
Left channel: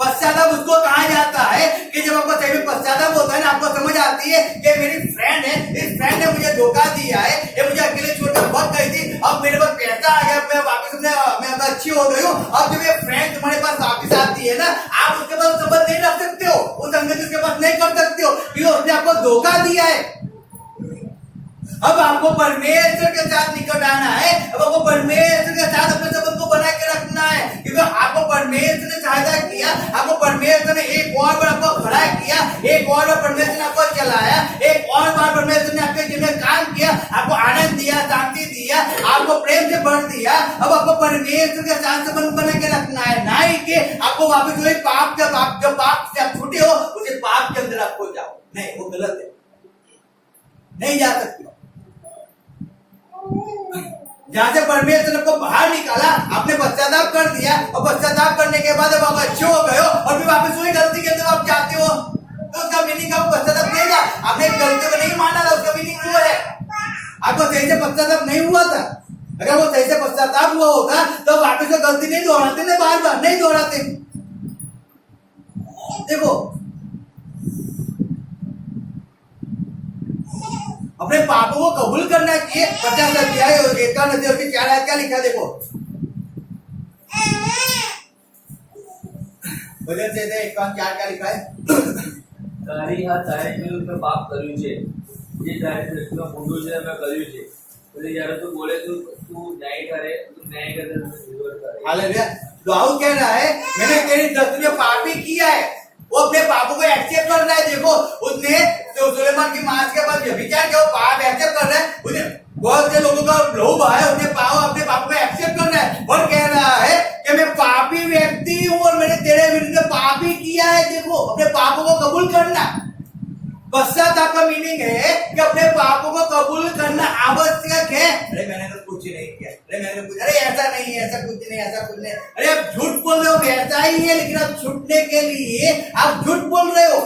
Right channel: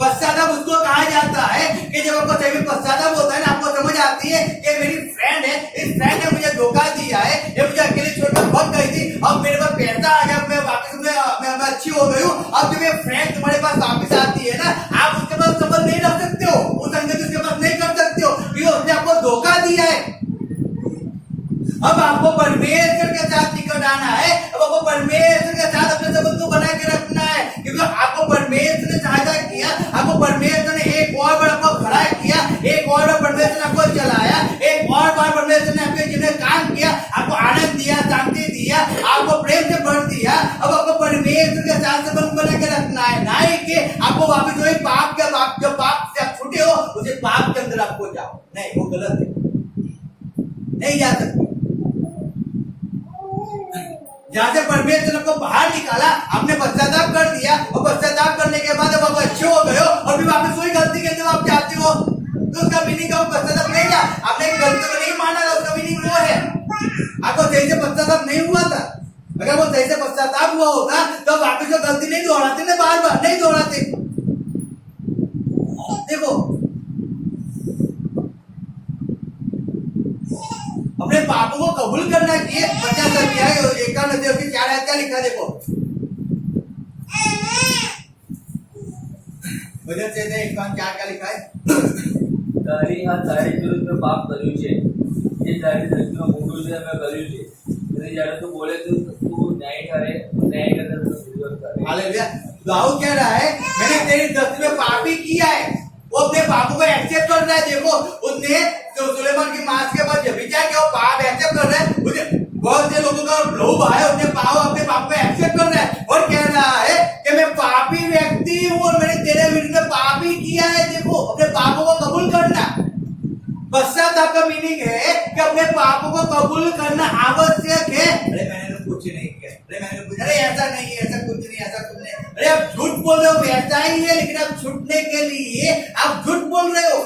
पश्चाताप उसको कहा जाता है कि जब आपको सही में पश्चाताप होता है ना, आपको समझ आती है कि मेरी फ्रेंड है, इस फ्रेंड ने मुझे धोखा दिया है, ये मुझे अकेले छोड़कर भाग गई थी, अब मेरे पास पैसा आ गया, मैं वापस मैं अच्छी हो गई हूँ, अब जब ये फ्रेंड तुम्हारे पास वापस आती है ना, आप उसके पास संबंध नहीं रख सकते हो, उस संगति उसके पास नहीं कर सकते हो, क्योंकि उसने आपको धोखा दिया है। अब आपको परमेश्वर के साथ निकट आना है। अब आपको परमेश्वर के साथ अपने संबंध को बना के रखना है, क्योंकि आपको परमेश्वर ने सहायता किया, आपको परमेश्वर ने एक और बार आपको खड़ा किया, एक और बार परमेश्वर ने आपको चलाया, एक और बार परमेश्वर ने आपके जीवन में काम किया, आपको आनंद दिया, शांति दिया, आपको प्रेम से भर दिया। अब आपको परमेश्वर के साथ संबंध बना के रखना है, ना ही कि आपको वापस वही पाप जो पाप से आप छूटे हो उसे पाप के अंदर आपको जाओ। नहीं, वो गलत है, नहीं जा सकते। जहां से परमेश्वर ने आपको बाहर निकाला, आपने पश्चाताप कर दिया, और पश्चाताप करने के बाद अब आप अच्छे हो गए हो और फिर वापस वही गलती के अंदर आप जाते हो, तो उसका मीनिंग का पश्चाताप नहीं था। आपने गलती को नहीं माना था, उसका मीनिंग वो है आपको सही से पश्चाताप नहीं हुआ था। अगर वो सही से पश्चाताप हुआ होता तो वापस वो गलती नहीं दोहराते, ना बार बार नहीं दोहराते। देखो, अपने पापों को कबूल करना चाहिए। 50 अध्याय 4 आयत क्या लिखा है, देखो। भजन से 51:4 क्या लिखा है? તારી આ તારી વિરુદ્ધ પાપ કર્યું છે, જે તારી દ્રષ્ટિમાં મોટું છે મેં કર્યું છે। એટલે જ્યારે તું બોલે તું ન્યાય કરે, તું ન્યાય કરે તો વિરોધ કરે। हालेलुया। दाऊद कह रहा है मैंने तेरी दृष्टि में पाप ही किया है। वो अपने पापों को एक्सेप्ट कर रहा है। देखो, उसने तो सुलेमान की मांस के बाद विचार किया, वो पाप एक्सेप्ट कर रहा है। उसे बहुत से लोगों का लोभ है, अपने पापों को एक्सेप्ट कर रहा है और कह रहा है कि मैं पापी व्यक्ति हूँ और मैंने तेरे विरुद्ध पाप ही किया है। देखो, अपने पापों को कबूल करना। पश्चाताप का मीनिंग है कि अपने पापों को कबूल करना आवश्यक है। अरे मैंने तो कुछ नहीं किया, अरे मैंने कुछ, अरे ऐसा नहीं, ऐसा कुछ नहीं, ऐसा कुछ नहीं। अरे आप झूठ बोल रहे हो, वैसा ही है, लेकिन आप छूटने के लिए आप झूठ बोल रहे हो।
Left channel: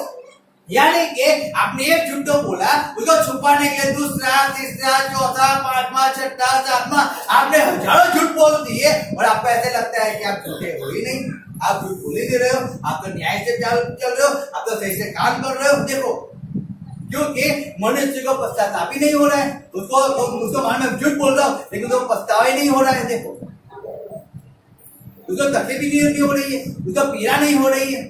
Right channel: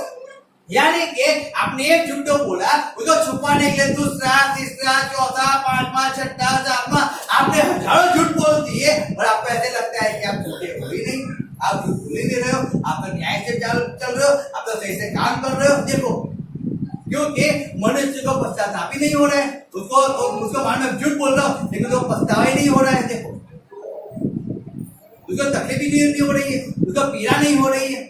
यानी कि आपने एक झूठ तो बोला, उसको छुपाने के लिए दूसरा, तीसरा, चौथा, पांचवा, छठा, सातवां आपने हजारों झूठ बोल दिए और आपको ऐसे लगता है कि आप झूठे हो ही नहीं, आप झूठ बोल ही नहीं रहे हो, आप तो न्याय से चल रहे हो, आप तो सही से काम कर रहे हो। देखो, क्योंकि मनुष्य को पश्चाताप ही नहीं हो रहा है, उसको मान में झूठ बोल रहा हूं लेकिन उसको पछतावा ही नहीं हो रहा है। देखो, उसको तकलीफ ही नहीं हो रही है, उसको पीड़ा नहीं हो रही है,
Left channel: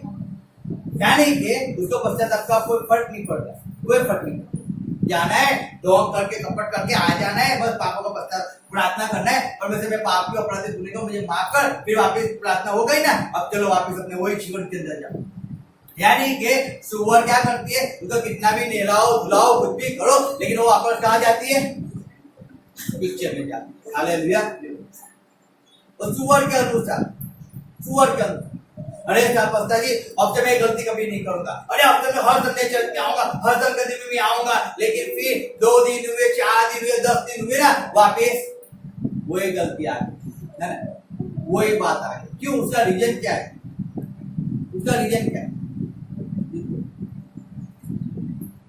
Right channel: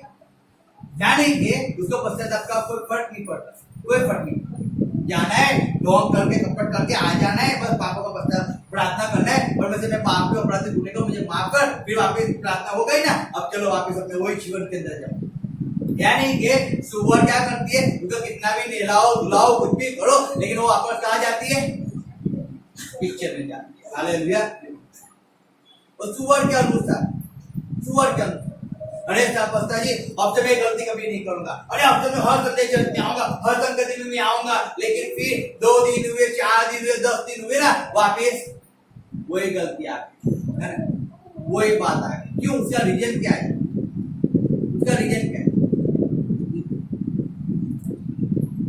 यानी कि उसको पश्चाताप का कोई फर्क नहीं पड़ता, कोई फर्क नहीं। जाना है, ढोंग करके कपट करके आ जाना है, बस पापों का पश्चाताप प्रार्थना करना है, और वैसे मैं पाप के अपराधी तूने को मुझे माफ कर, फिर वापस प्रार्थना हो गई ना, अब चलो वापस अपने वही जीवन के अंदर जाओ। यानी कि सुअर क्या करती है, उसको कितना भी नहलाओ धुलाओ कुछ भी करो, लेकिन वो वापस कहाँ जाती है? पिक्चर में जाती है। हालेलुया। और सुअर के अनुसार अरे पास्टर जी अब से मैं गलती कभी नहीं करूंगा, अरे अब से मैं हर संडे चर्च में आऊंगा, हर संगति में भी आऊंगा, लेकिन फिर 2 दिन हुए, 4 दिन हुए, 10 दिन हुए ना, वापिस वही गलती आ गई, है ना, वही बात आ गई। क्यों? उसका रीजन क्या है?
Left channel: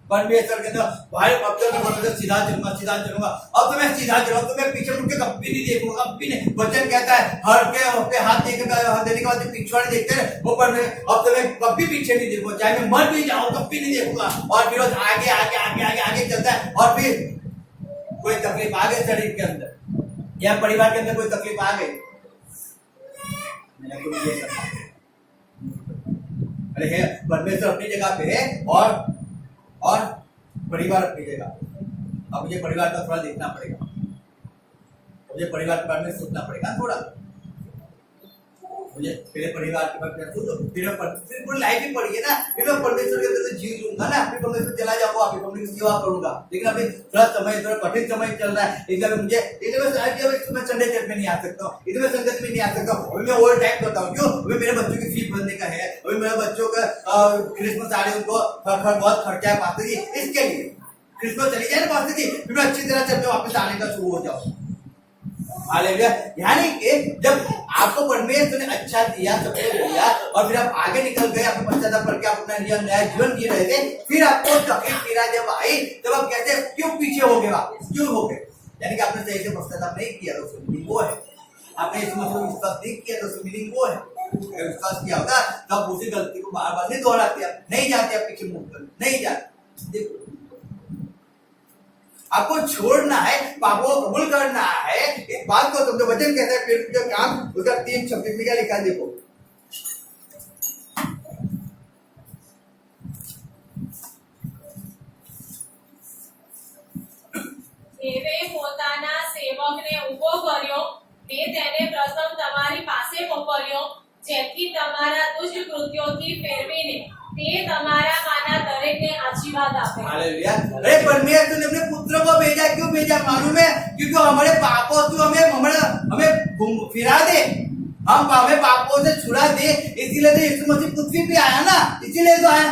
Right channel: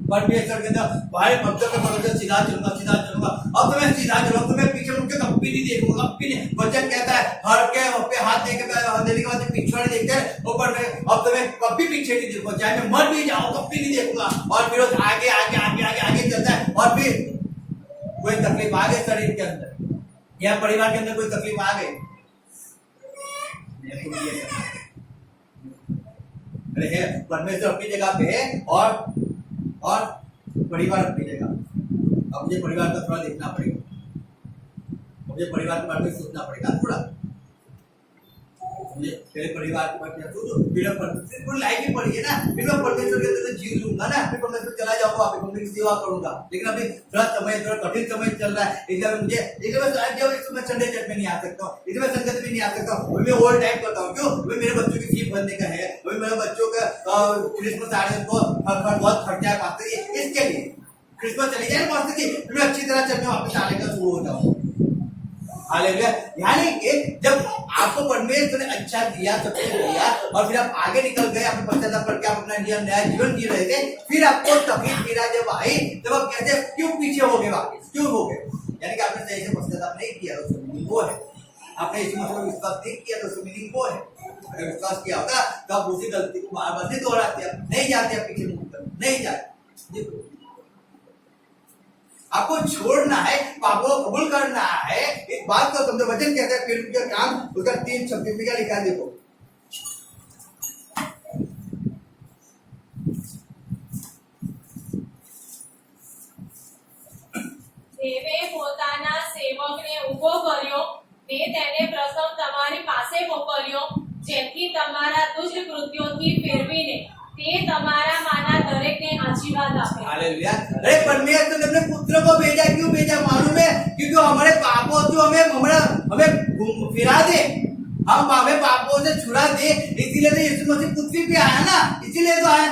परमेश्वर के अंदर भाई अब तो मैं सीधा चलूंगा, अब तो मैं सीधा चलूंगा, तो मैं पीछे मुड़ के कभी नहीं देखूंगा, कभी नहीं। वचन कहता है हर के हाथ देने के बाद पिछवाड़े देखते हैं ऊपर में, अब तो मैं कभी पीछे नहीं देखूंगा, चाहे मैं मर भी जाऊं कभी नहीं देखूंगा। और फिर आगे आगे आगे आगे आगे चलता है, और फिर कोई तकलीफ आ गई शरीर के अंदर या परिवार के अंदर कोई तकलीफ आ गई, नहीं ये करना। अरे है परमेश्वर अपनी जगह पे है और परिवार अपनी जगह। अब मुझे परिवार का थोड़ा देखना पड़ेगा, मुझे परिवार के बारे में सोचना पड़ेगा थोड़ा, मुझे मेरे परिवार के बारे में सोचो, फिर लाइफ ही पड़ी है ना, फिर मैं परमेश्वर के अंदर जी लूंगा ना, फिर परमेश्वर चला जाऊंगा, फिर परमेश्वर की सेवा करूंगा। लेकिन अभी थोड़ा कठिन समय चल रहा है, इसलिए मैं संडे चर्च में नहीं आ सकता हूँ, इसलिए मैं संगत में नहीं आ सकता हूँ, मैं ओल्ड टाइम करता हूँ। क्यों? अभी मेरे बच्चों की फीस भरने का है, अभी मेरे बच्चों का क्रिसमस आ रहे हैं, उनको बहुत खर्चा है पास्टर जी, इसके लिए क्रिसमस चले जाए ना पास्टर जी, फिर मैं अच्छी तरह चर्च में वापस आने का शुरू हो जाऊँ। हालेलुया। यानी कि जब आपको परमेश्वर ने अच्छा दिया, सब कुछ दिया, और फिर आप आगे निकल गए, आपको पश्चाताप करके आप अपना नया जीवन जी रहे थे, फिर आपको तकलीफ पीड़ा जब आई, तब आप कहते क्यों पीछे हो गए, वापस क्यों हो गए? यानी कि आपने सही से पश्चाताप नहीं किया, तो उसकी मीनिंग वो है। आपने इस मसले में विश्वास नहीं किया, तो उसकी मीनिंग वो है। अगर विश्वास किया होता तो आप उसी गलती को बार बार नहीं दोहराते, आप नहीं जाते, आप पीछे मुड़ कर नहीं जाते। देखो, आपको छोड़ना है, पापों को कबूल करना है, इस बात को समझो। वचन कहता है फिर का काम, उसका 3:26 में क्या लिखा है, देखो। સેવકને ઊભો કર્યો, મેં તેને પ્રથમ તમારી પાસે મોકલ્યો, જેથી તમારા દુષ્ટ કૃત્યોથી ફેરવીને તે તમારામાંના દરેકને આશીર્વાદ આપે. हालेलुया। अरे परमेश्वर ने अपने पुत्र को भेजा, क्यों भेजा मालूम है? क्योंकि हमारे पापों से हमें फिरा दे, हमें पापों से छुड़ा दे, इसीलिए तो यीशु मसीह पृथ्वी पे आया ना, इसीलिए तो आया।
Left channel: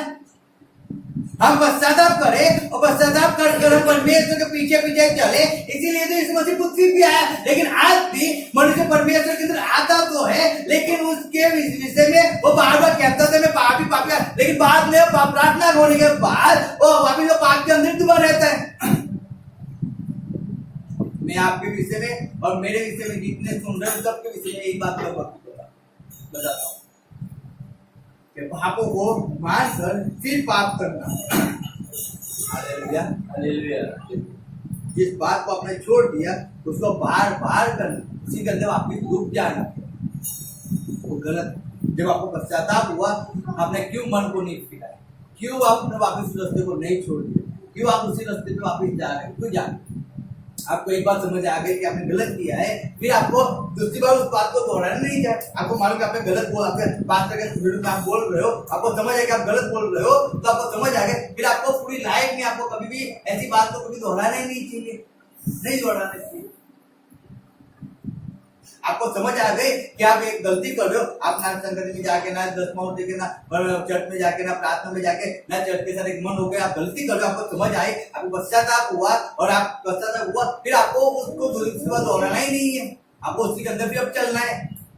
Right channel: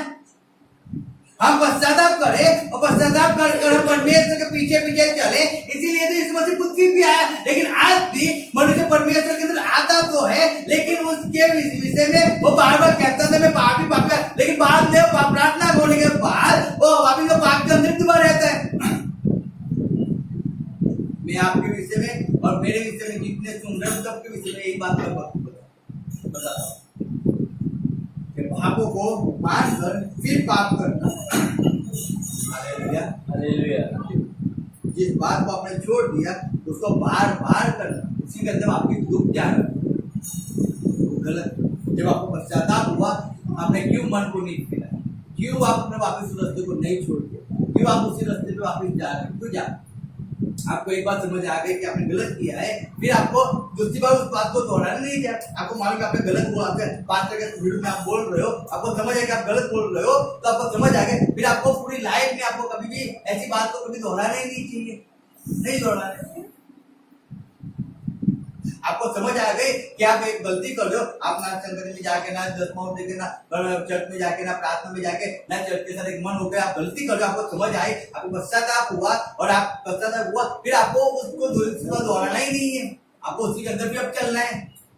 हम पश्चाताप करें और पश्चाताप कर परमेश्वर के पीछे पीछे चले, इसीलिए तो यीशु मसीह पृथ्वी पे आया। लेकिन आज भी मनुष्य परमेश्वर के अंदर आता तो है, लेकिन उसके विषय में वो बार बार कहता था मैं पापी पापी, लेकिन बाद में प्रार्थना होने के बाद वो वापिस वो पाप के अंदर दोबारा रहता है। मैं आपके विषय में और मेरे विषय में जितने सुन रहे हैं सबके विषय में एक बात बताता हूँ कि पापों को मानकर फिर पाप करना। Hallelujah, hallelujah. जिस बात को आपने छोड़ दिया उसको बार बार करना, उसी के अंदर आपकी डूब जाना, वो गलत। जब आपको पश्चाताप हुआ, आपने क्यों मन को नहीं फिराया, क्यों आपने वापस उस रास्ते को नहीं छोड़ दिया, क्यों आप उसी रास्ते पे वापस जा रहे हैं, क्यों जा रहे हैं? आपको एक बात समझ आ गई कि आपने गलत किया है, फिर आपको दूसरी बार उस बात को दोहराना नहीं है। आपको मालूम कि आपने गलत बोला, आपके पास्टर के वीडियो में आप बोल रहे हो, आपको समझ आया कि आप गलत बोल रहे हो, तो आपको समझ आ गया। फिर आपको पूरी लाइफ में आपको कभी भी ऐसी बात को कभी दोहराना ही नहीं चाहिए, नहीं दोहराना चाहिए। आपको समझ आ गई कि आप एक गलती कर रहे हो, आप ना संगत में जाके, ना दसमाओं देके, ना चर्च में जाके, ना प्रार्थना में जाके, ना चर्च के साथ एक मन हो गया, आप गलती कर रहे हो, आपको समझ आई, आपको पश्चाताप हुआ और आप पश्चाताप हुआ, फिर आपको उसको दोहराना ही नहीं है, आपको उसी के अंदर भी अब चलना है।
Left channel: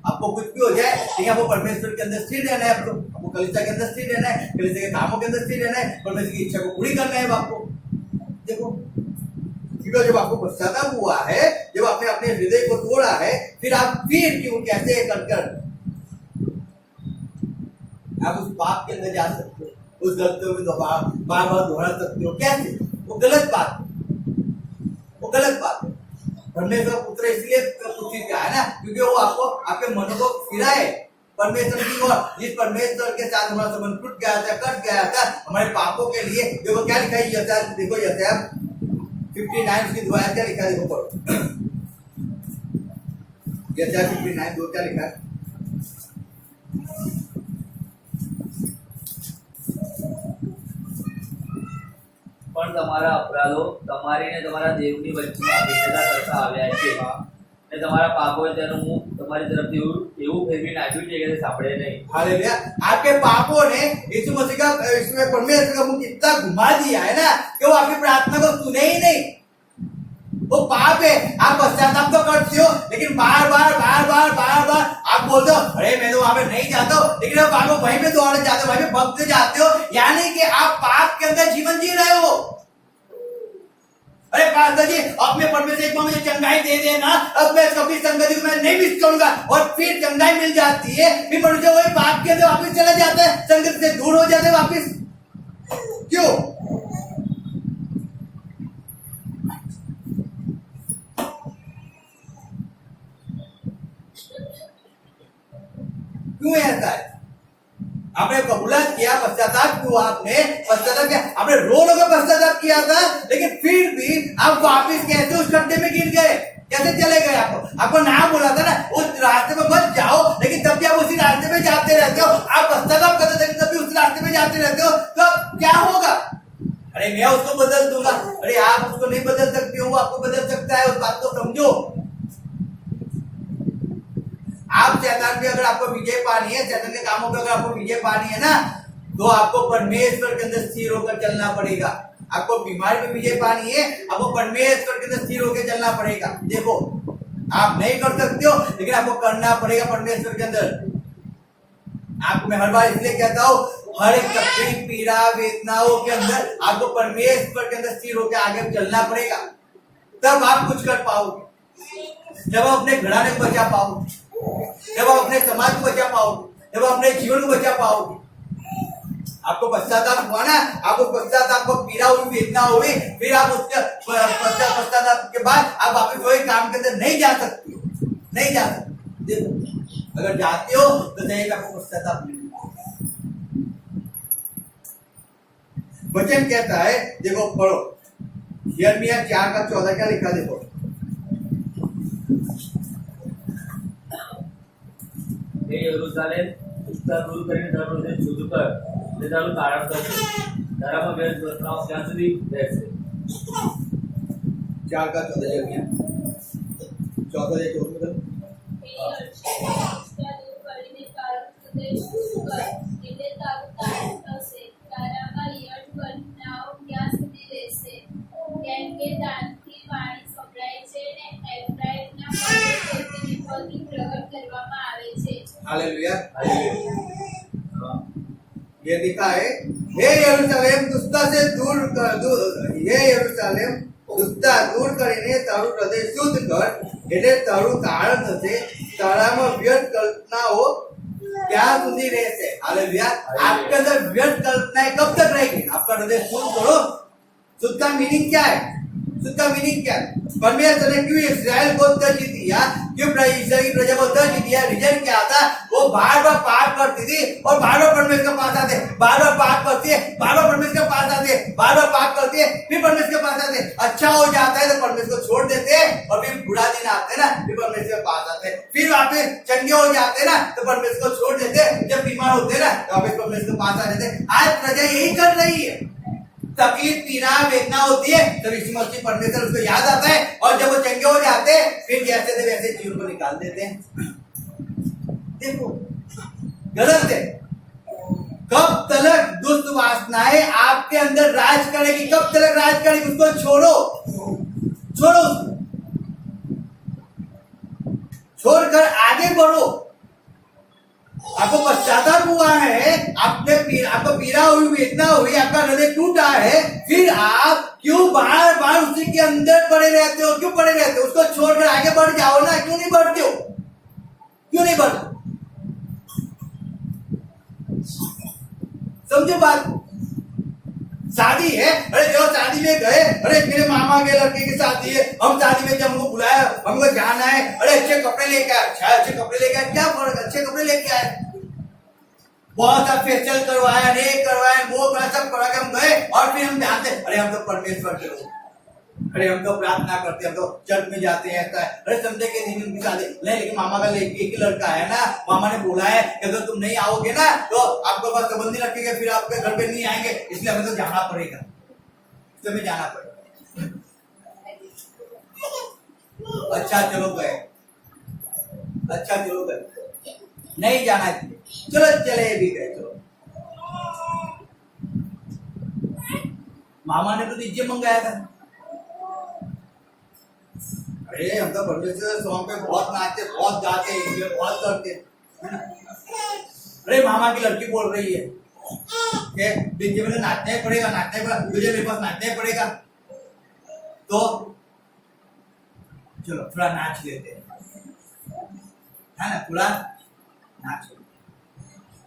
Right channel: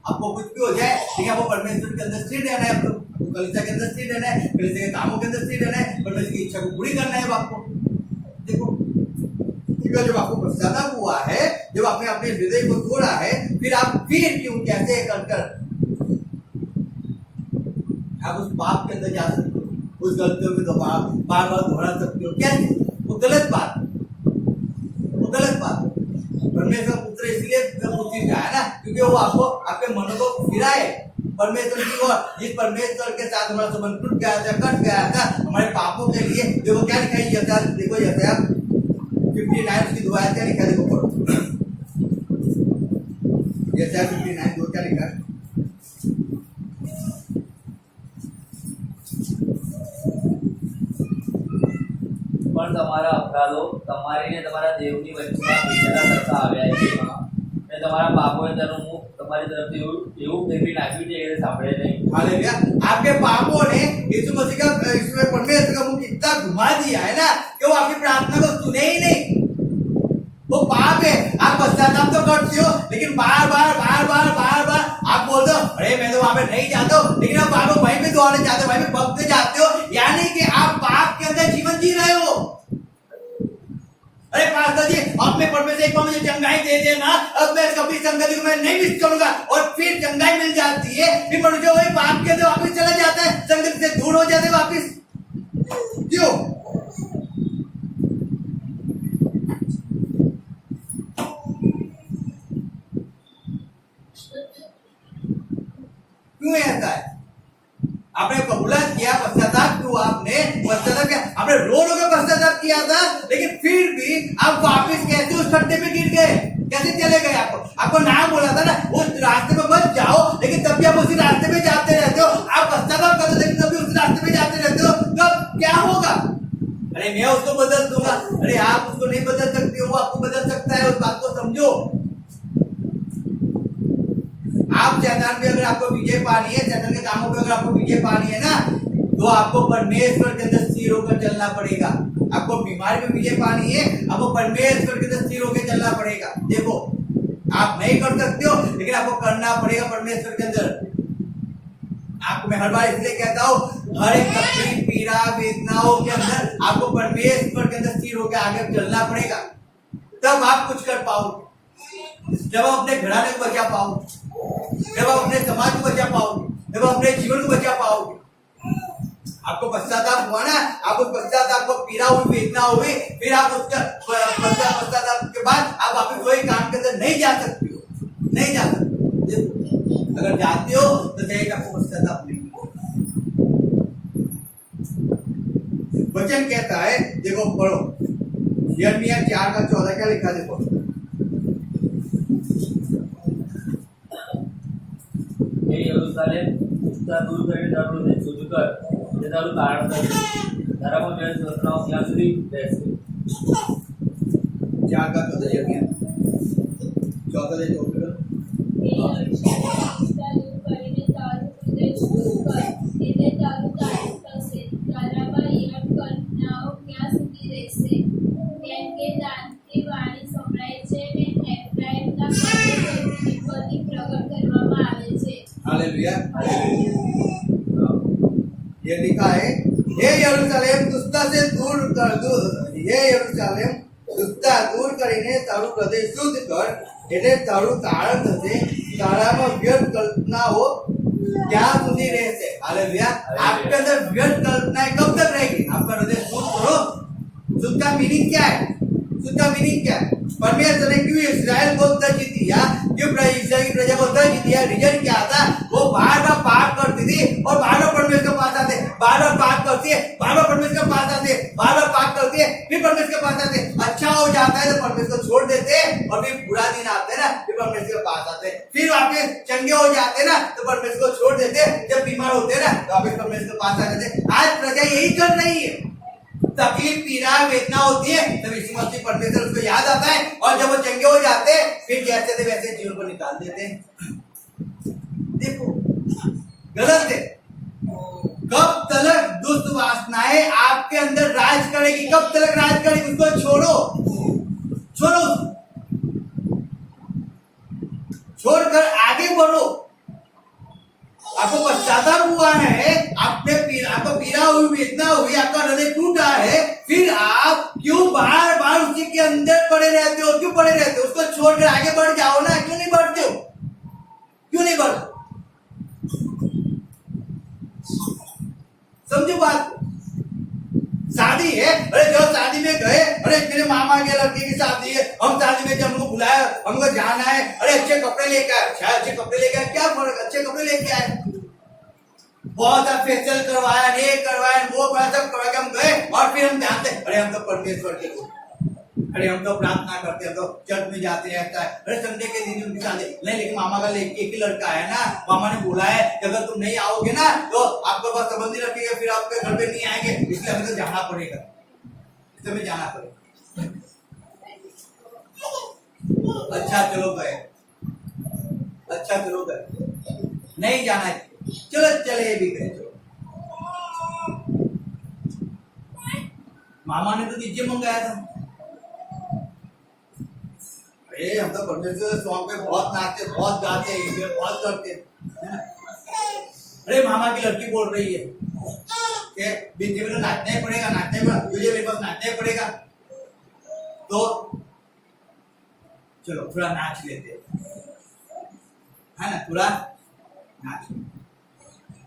आपको कुछ भी हो जाए, लेकिन आपको परमेश्वर के अंदर स्थिर रहना है, आपको कलीसिया के अंदर स्थिर रहना है, कलीसिया के कामों के अंदर स्थिर रहना है, परमेश्वर की इच्छा को पूरी करना है आपको। देखो, जब आपको पश्चाताप हुआ है, जब आपने अपने हृदय को तोड़ा है, फिर आप फिर क्यों कैसे कर आप उस पाप के अंदर जा सकते हो, उस गलतियों में बार बार दोहरा सकते हो? कैसे? वो गलत बात है, वो गलत बात है। परमेश्वर पुत्र इसलिए पृथ्वी पे आया ना, क्योंकि वो आपको आपके मनों को फिराए परमेश्वर की ओर। जिस परमेश्वर के साथ हमारा संबंध टूट गया था, कट गया था हमारे पापों के लिए, देखो क्या लिखा है यशायाह, देखो यशायाह 59 की दुआ क्या लिखा है, देखो पढ़ो यशायाह 59 दो क्या लिखा है। પણ તમારા અપરાધો તમારી ને તમારા દેવની વચ્ચેમાં ભેદેલા કરતા આવ્યા છે અને તમારા પાપોએ તેનું મુખ તમારી તરફથી એવું ફેરવી નાખ્યું છે કે તે સાંભળે નહીં. हालेलुया। आपके पापों ने यीशु मसीह का परमेश्वर का मुख इतना घुमा दिया है ना कि वो आपकी प्रार्थना को सुने ही नहीं। वो पाप है, आप पश्चाताप तो करते हो, लेकिन बार बार आप बोलते हो अरे मैं तो वहां पे नहीं जाता हूँ, लेकिन आप बार बार वहीं पे दोहराने जाते हो, वहीं पे भक्त जाते हो, यानी कि आप पाप के अंदर जीवन जी रहे हो। अरे पास्टर जी, अब मैं परमेश्वर एक बार मुझे चंगाई दे देना, अब मैं कभी संगति को मैं नहीं मिस करूंगा, और फिर चंगाई मिल जाती है, फिर मनुष्य वही पाप के अंदर वापिस चला जाता है, संगत से दूर हो जाते हैं वापिस। क्यों? क्यों ऐसा है? आपने कबूलात किया, पश्चाताप हुआ, आपने पश्चाताप किया, आपने रो के पश्चाताप किया था, लेकिन फिर भी आप वापिस कैसे उस खड्डे में गिर गए, कैसे चले गए? आपको नाम बोला था ना उस रास्ते पे मत जाओ, लेकिन तब भी आप उसी रास्ते में जाते रहते हो। आप पश्चाताप करते थे, तब भी उस रास्ते में जाते रहते हो, तो क्या होगा? अरे मैं उसको बदल दूंगा, अरे आप उसको नहीं बदल सकते हो, वो आपको बदल सकता है, उस बात को समझो। आप शैतान पे अगर आपको विजय पानी है, शैतान के कामों पे अगर आपको विजय पानी है ना, तो आपको परमेश्वर के अंदर स्थिर होकर चलना पड़ेगा। आपको बीमारी पे विजय पानी है, आपको परमेश्वर के अंदर स्थिर होकर चलना पड़ेगा। देखो, आप नहीं कर सकते हो, लेकिन आपको करना पड़ेगा परमेश्वर के अंदर। आपको मैं हर बार इसलिए कहता हूँ, हर एक तकलीफ, पीड़ा, वेदनाओं के अंदर आपको परमेश्वर के अंदर स्थिर होकर आगे चलना पड़ेगा, तब आप कुछ कर पाओगे। जब आप अपने घराने को बचा पाओगे, जब आप अपने समाज को बचा पाओगे, जब आप अपने जीवन को बचा पाओगे। आपको पश्चाताप हुआ ना, आप उस पश्चाताप को पीड़ा हुई, वेदना हुई, फिर आप उसका पश्चाताप के बाद आप वापस वही काम के अंदर नहीं जा सकते हो, नहीं जा सकते। अगर जाते हो तो सही आपको पश्चाताप नहीं। वचन कहता है, देखो पढ़ो यिर्मयाह 4 का 14 क्या लिखा, देखो યરુશલેમ ઉત્તર દૂર કરીને તારું હૃદય શુદ્ધ કર, તે તારું તારણ થશે. તારામાં વ્યર્થ કલ્પનાઓ ક્યાં સુધી રહેશે? 4 का 14 अध्याय 14 जो हे यरूशलेम, નિષ્ઠા દૂર કરીને તારું હૃદય શુદ્ધ કર, એટલે તારું તારણ થશે. તારામાં વ્યર્થ કલ્પનાઓ ક્યાં સુધી રહેશે? કેમ કે દાનથી વાણી સંભળાય છે ને એફ્રાઈમના પર્વતોથી વિપત્તિ પ્રગટ કરવામાં આવે છે. हालेलुया। હાલેલુયા. ये लिखा है, हे यरूशलेम दुष्टता से दूर कर दूर, हे यरूशलेम दुष्टता दूर કરીને તારું હૃદય શુદ્ધ કર, એટલે તારું તારણ થશે. તારામાં વ્યર્થ કલ્પનાઓ क्या સુધી રહેશે? हालेलुया। आपके अंदर व्यर्थ कल्पनाएं कब तक रहेगी? आपका हृदय शुद्ध करो। शुद्ध का मीनिंग क्या है? शुद्ध का मीनिंग क्या है? परमेश्वर ने क्यों इस्राएल को दर्ज दिया? क्यों इस्राएल की प्रजा को दर्ज दिया? रीजन क्या था? वो बार बार पाप करती थी और बार बार परमेश्वर के पास आते, बार बार पाप करती है, बार बार परमेश्वर के पास आते, बार बार पाप करती है, फिर परमेश्वर के पास आते, अच्छा हो जाता है तो परमेश्वर को छोड़ देते हैं, और फिर बुरा दिन आते हैं ना, फिर परमेश्वर के पास आते हैं, फिर वापस चंगे हो जाते हैं ना तो परमेश्वर को छोड़ देते हैं, जब बीमार होते हैं ना तो वापस परमेश्वर के पास आ जाते हैं. आज प्रजा यही कर रही है. तकलीफ पीड़ा वेदना होती है तब यीशु मसीह परमेश्वर उसको याद आता है, और जब वो चंगे हो जाते हैं फिर जैसे थे वैसे जीवन को निकाल देते हैं. देखो गलत है. कब तक दुष्ट वासनाएं आपके अंदर राज करेगी? कब तक राज करेगी? उसको छोड़ो, छोड़ो, छोड़कर आगे बढ़ो. आपको पश्चाताप हुआ है, आपको पीड़ा हुई, वेदना हुई, आपका हृदय टूटा है, फिर आप क्यों बार बार उसी के अंदर पड़े रहते हो? क्यों पड़े रहते हो? उसको छोड़कर आगे बढ़ जाओ ना. क्यों नहीं बढ़ते हो? क्यों नहीं बढ़ते? समझो बात. शादी है, अरे चलो शादी में गए, अरे मेरे मामा के लड़के की शादी है, हम शादी में जब हमको बुलाया, हमको जाना है, अरे अच्छे कपड़े लेके आए. अच्छा अच्छे कपड़े लेके आए, क्या फर्क? अच्छे कपड़े लेके आए, बहुत सारा फेशियल करवाया, ये करवाया, वो सब करा के हम गए, और फिर हम जानते अरे हम तो परमेश्वर के लोग, अरे हम तो प्रार्थना करते, हम तो चर्च में जाते हैं, ऐसा है. अरे संडे के दिन उनकी शादी नहीं, लेकिन मामा का एक ही लड़का है ना, मामा ने बोला है कि अगर तुम नहीं आओगे ना तो आपके पास संबंध नहीं रखेगा, फिर आपके घर पे नहीं आएंगे, इसलिए हमें तो जाना पड़ेगा, इसलिए जाना पड़ेगा. अच्छा चलो गए, अच्छा चलो गए, नहीं जाना है, चलो चले भी गए. चलो मामा ने तो डीजे मंगाया था. अरे हम तो परमेश्वर सॉन्ग पे बहुत नाचते, बहुत गाते, एंजॉय बहुत करते. अरे मामा की लड़की बोल रही है कि डीजे में नाचना ही पड़ेगा, नाचना ही पड़ेगा, तुझे मेरे पास नाचना ही पड़ेगा, तो चलो थोड़ा नाच लेते हैं, है ना, थोड़ा नाच.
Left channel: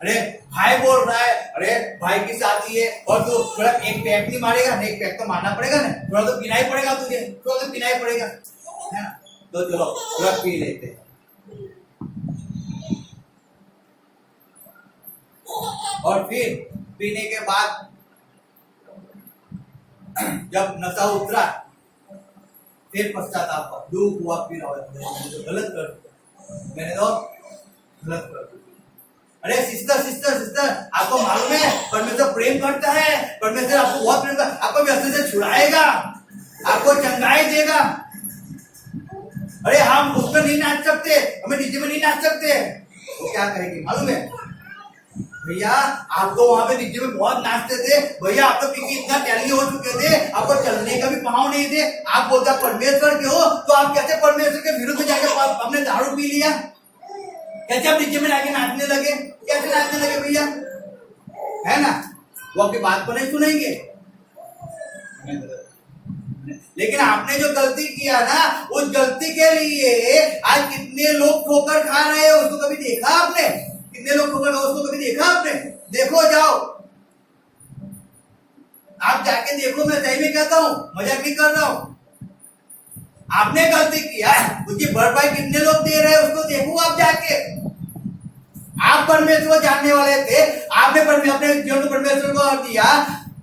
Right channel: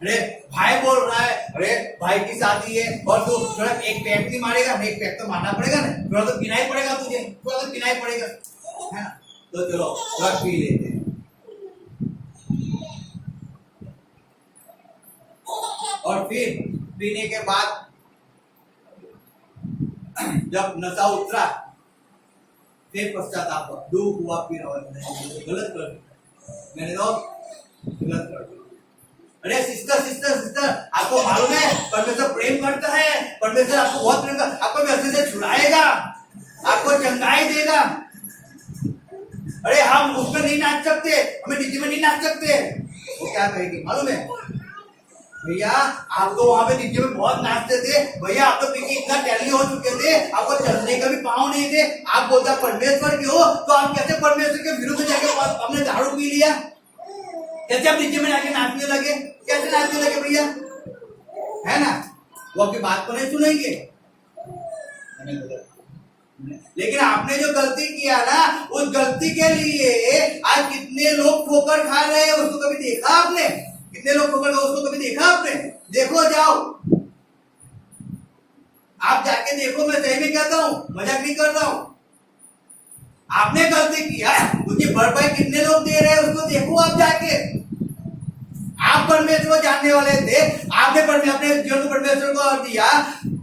अरे भाई बोल रहा है, अरे भाई की शादी है और तू थोड़ा एक पैक नहीं मारेगा? एक पैक तो मारना पड़ेगा ना, थोड़ा तो पीना ही पड़ेगा तुझे, थोड़ा तो पीना ही पड़ेगा, है ना. तो चलो थोड़ा पी लेते हैं. और फिर पीने के बाद जब नशा उतरा फिर पश्चाताप हुआ, दुख हुआ, फिर गलत कर दिया, मैंने तो गलत कर दिया. अरे सिस्टर सिस्टर सिस्टर, आपको मालूम है परमेश्वर प्रेम करता है, परमेश्वर आपको बहुत प्रेम करता है, आपको व्यसन से छुड़ाएगा, आपको चंगाई देगा. अरे हम उसमें नहीं नाच सकते, हमें डीजे में नहीं नाच सकते. वो क्या कहेगी मालूम है? भैया आप तो वहां पे डीजे में बहुत नाचते थे, भैया आप तो पी के इतना टैली हो चुके थे, आपको चलने का भी पाँव नहीं थे. आप बोलते परमेश्वर के हो, तो आप कैसे परमेश्वर के विरुद्ध जाके हमने दारू पी लिया? कैसे आप डीजे में जाके नाचने लगे? कैसे नाचने लगे भैया? है ना, वो आपकी बात को नहीं सुनेंगे. लेकिन आपने जो गलती किया ना, उस गलती के लिए आज कितने लोग ठोकर खा रहे हैं, उसको कभी देखा आपने? कितने लोग ठोकर खा, उसको कभी देखा आपने? देखो जाओ, आप जाके देखो. मैं सही में कहता हूँ, मजाक नहीं कर रहा हूँ. आपने गलती किया, उसकी भरपाई कितने लोग दे रहे हैं उसको देखो आप जाके. आप परमेश्वर को जानने वाले थे, आपने अपने जीवन को परमेश्वर को दिया,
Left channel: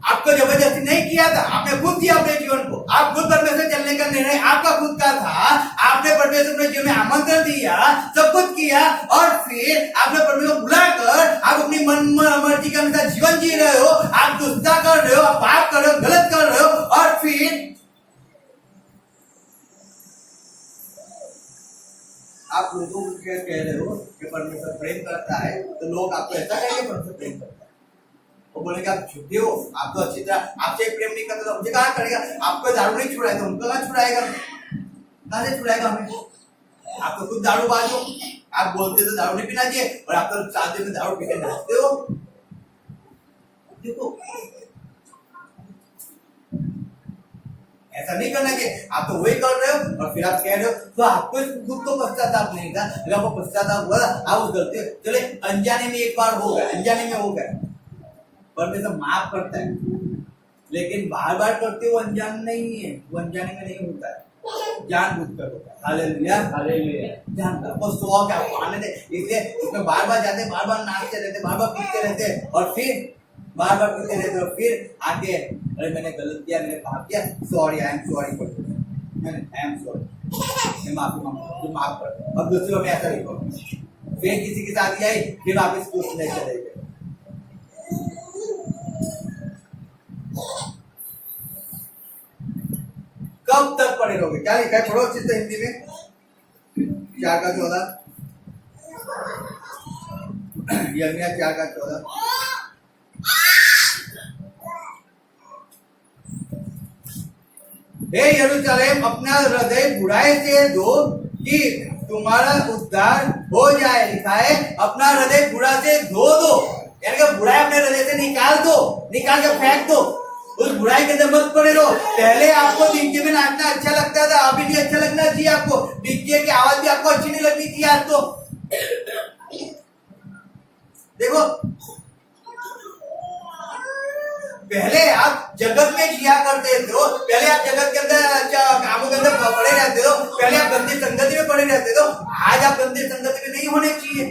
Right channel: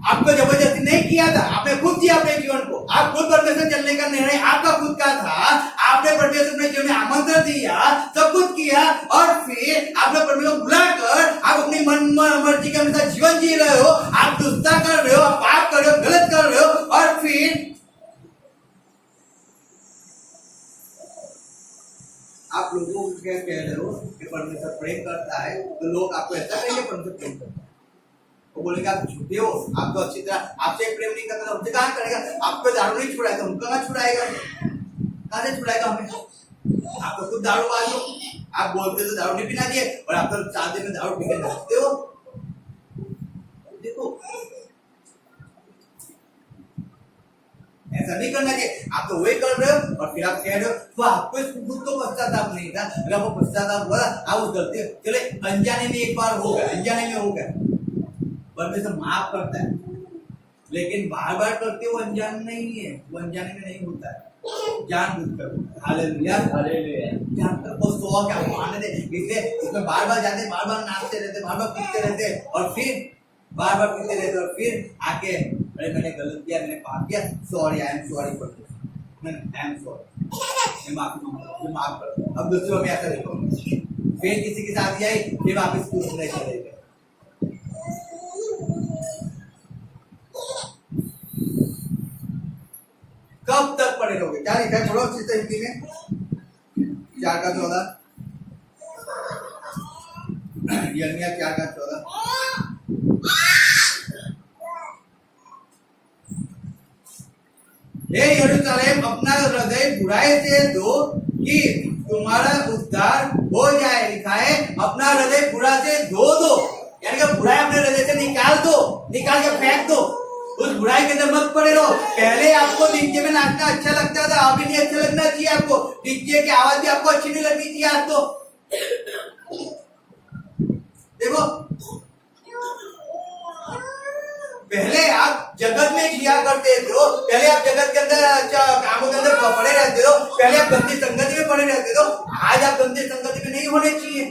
आपको जबरदस्ती नहीं किया था, आपने खुद किया अपने जीवन को। आप खुद परमेश्वर चलने का निर्णय आपका खुद का था। आपने परमेश्वर अपने जीवन में आमंत्रण दिया, सब कुछ किया, और फिर आपने परमेश्वर को बुलाकर आप अपनी मन मर्जी के अनुसार जीवन जी रहे हो। आप दुष्टता कर रहे हो, आप पाप कर रहे हो, गलत कर रहे हो, और फिर आप लोगों को क्या कह रहे हो कि परमेश्वर प्रेम करता है, तो लोग आपको ऐसा कहेंगे परमेश्वर प्रेम करता है। वो बोलेंगे आप झूठे हो, आप तो अच्छी तरह आपसे प्रेम नहीं करता, तो हमसे कहाँ करेगा? आपको दारू नहीं छुड़ाएगा, उनको कहाँ छुड़ाएगा? कहाँ से छुड़ाएगा हमें? आप तो खुद दारूबाज हो। आप बोलते तो दारू नहीं पीना चाहिए, और आप तो 4 दिन में दारू पी के नाचते हो। देखो, ऐसा नहीं करना चाहिए। आप तो वही कर रहे हो, और फिर आप कह रहे हो तो आपको दुख तो पश्चाताप नहीं था। अगर वो पश्चाताप हुआ था, आप उस गलती चले अनजाने में एक बार हो गया, अनजाने में हो गया, परमेश्वर माफ करता है, लेकिन बार बार करते वो अनजान नहीं है, वो अनजाने में नहीं होता है, जानबूझकर होता है। Hallelujah, hallelujah. जानकर वो शौक है, वो आने दे, इसलिए उसमें बार बार जाते, बार बार नाचते रहते, बार बार पीते रहते, और फिर बार बार पीते रहते, और फिर आके अरे मैंने गलत किया, मैंने पाप किया, sorry, I am sorry for this, I am sorry, मैं माफी मांगता हूँ, माफ कर दो। अब दूसरों में ऐसा नहीं करूँगा। फिर किसी के साथ जाए, फिर वापस कुछ नहीं चलेगा। कब तक पड़े रहोगे? क्या लिखा है? पढ़ो चित्त हिंदी में 4:14, यिर्मयाह 4:14। हे यरूशलेम, अपना हृदय बुराई से धो कि तुम्हारा उद्धार हो जाए। लिखा है अपना हृदय बुरा से धो दो, यानी कि बुराई अपने हृदय से निकाल दो, निकाल के फेंक दो। उस बुराई के अंदर मत पड़े रहो। पहले आपको डीजे में नाचना अच्छा लगता था, अभी नहीं अच्छा लगना चाहिए आपको। डीजे की आवाज भी आपको अच्छी नहीं लगनी चाहिए आपको। देखो, पहले आप जगत में जिया करते थे, पहले आप जगत के अंदर अच्छा कामों के अंदर पड़े रहते हो, पहले आप गंदी संगति में पड़े रहते हो। आज आप गंदी संगति में नहीं होने चाहिए।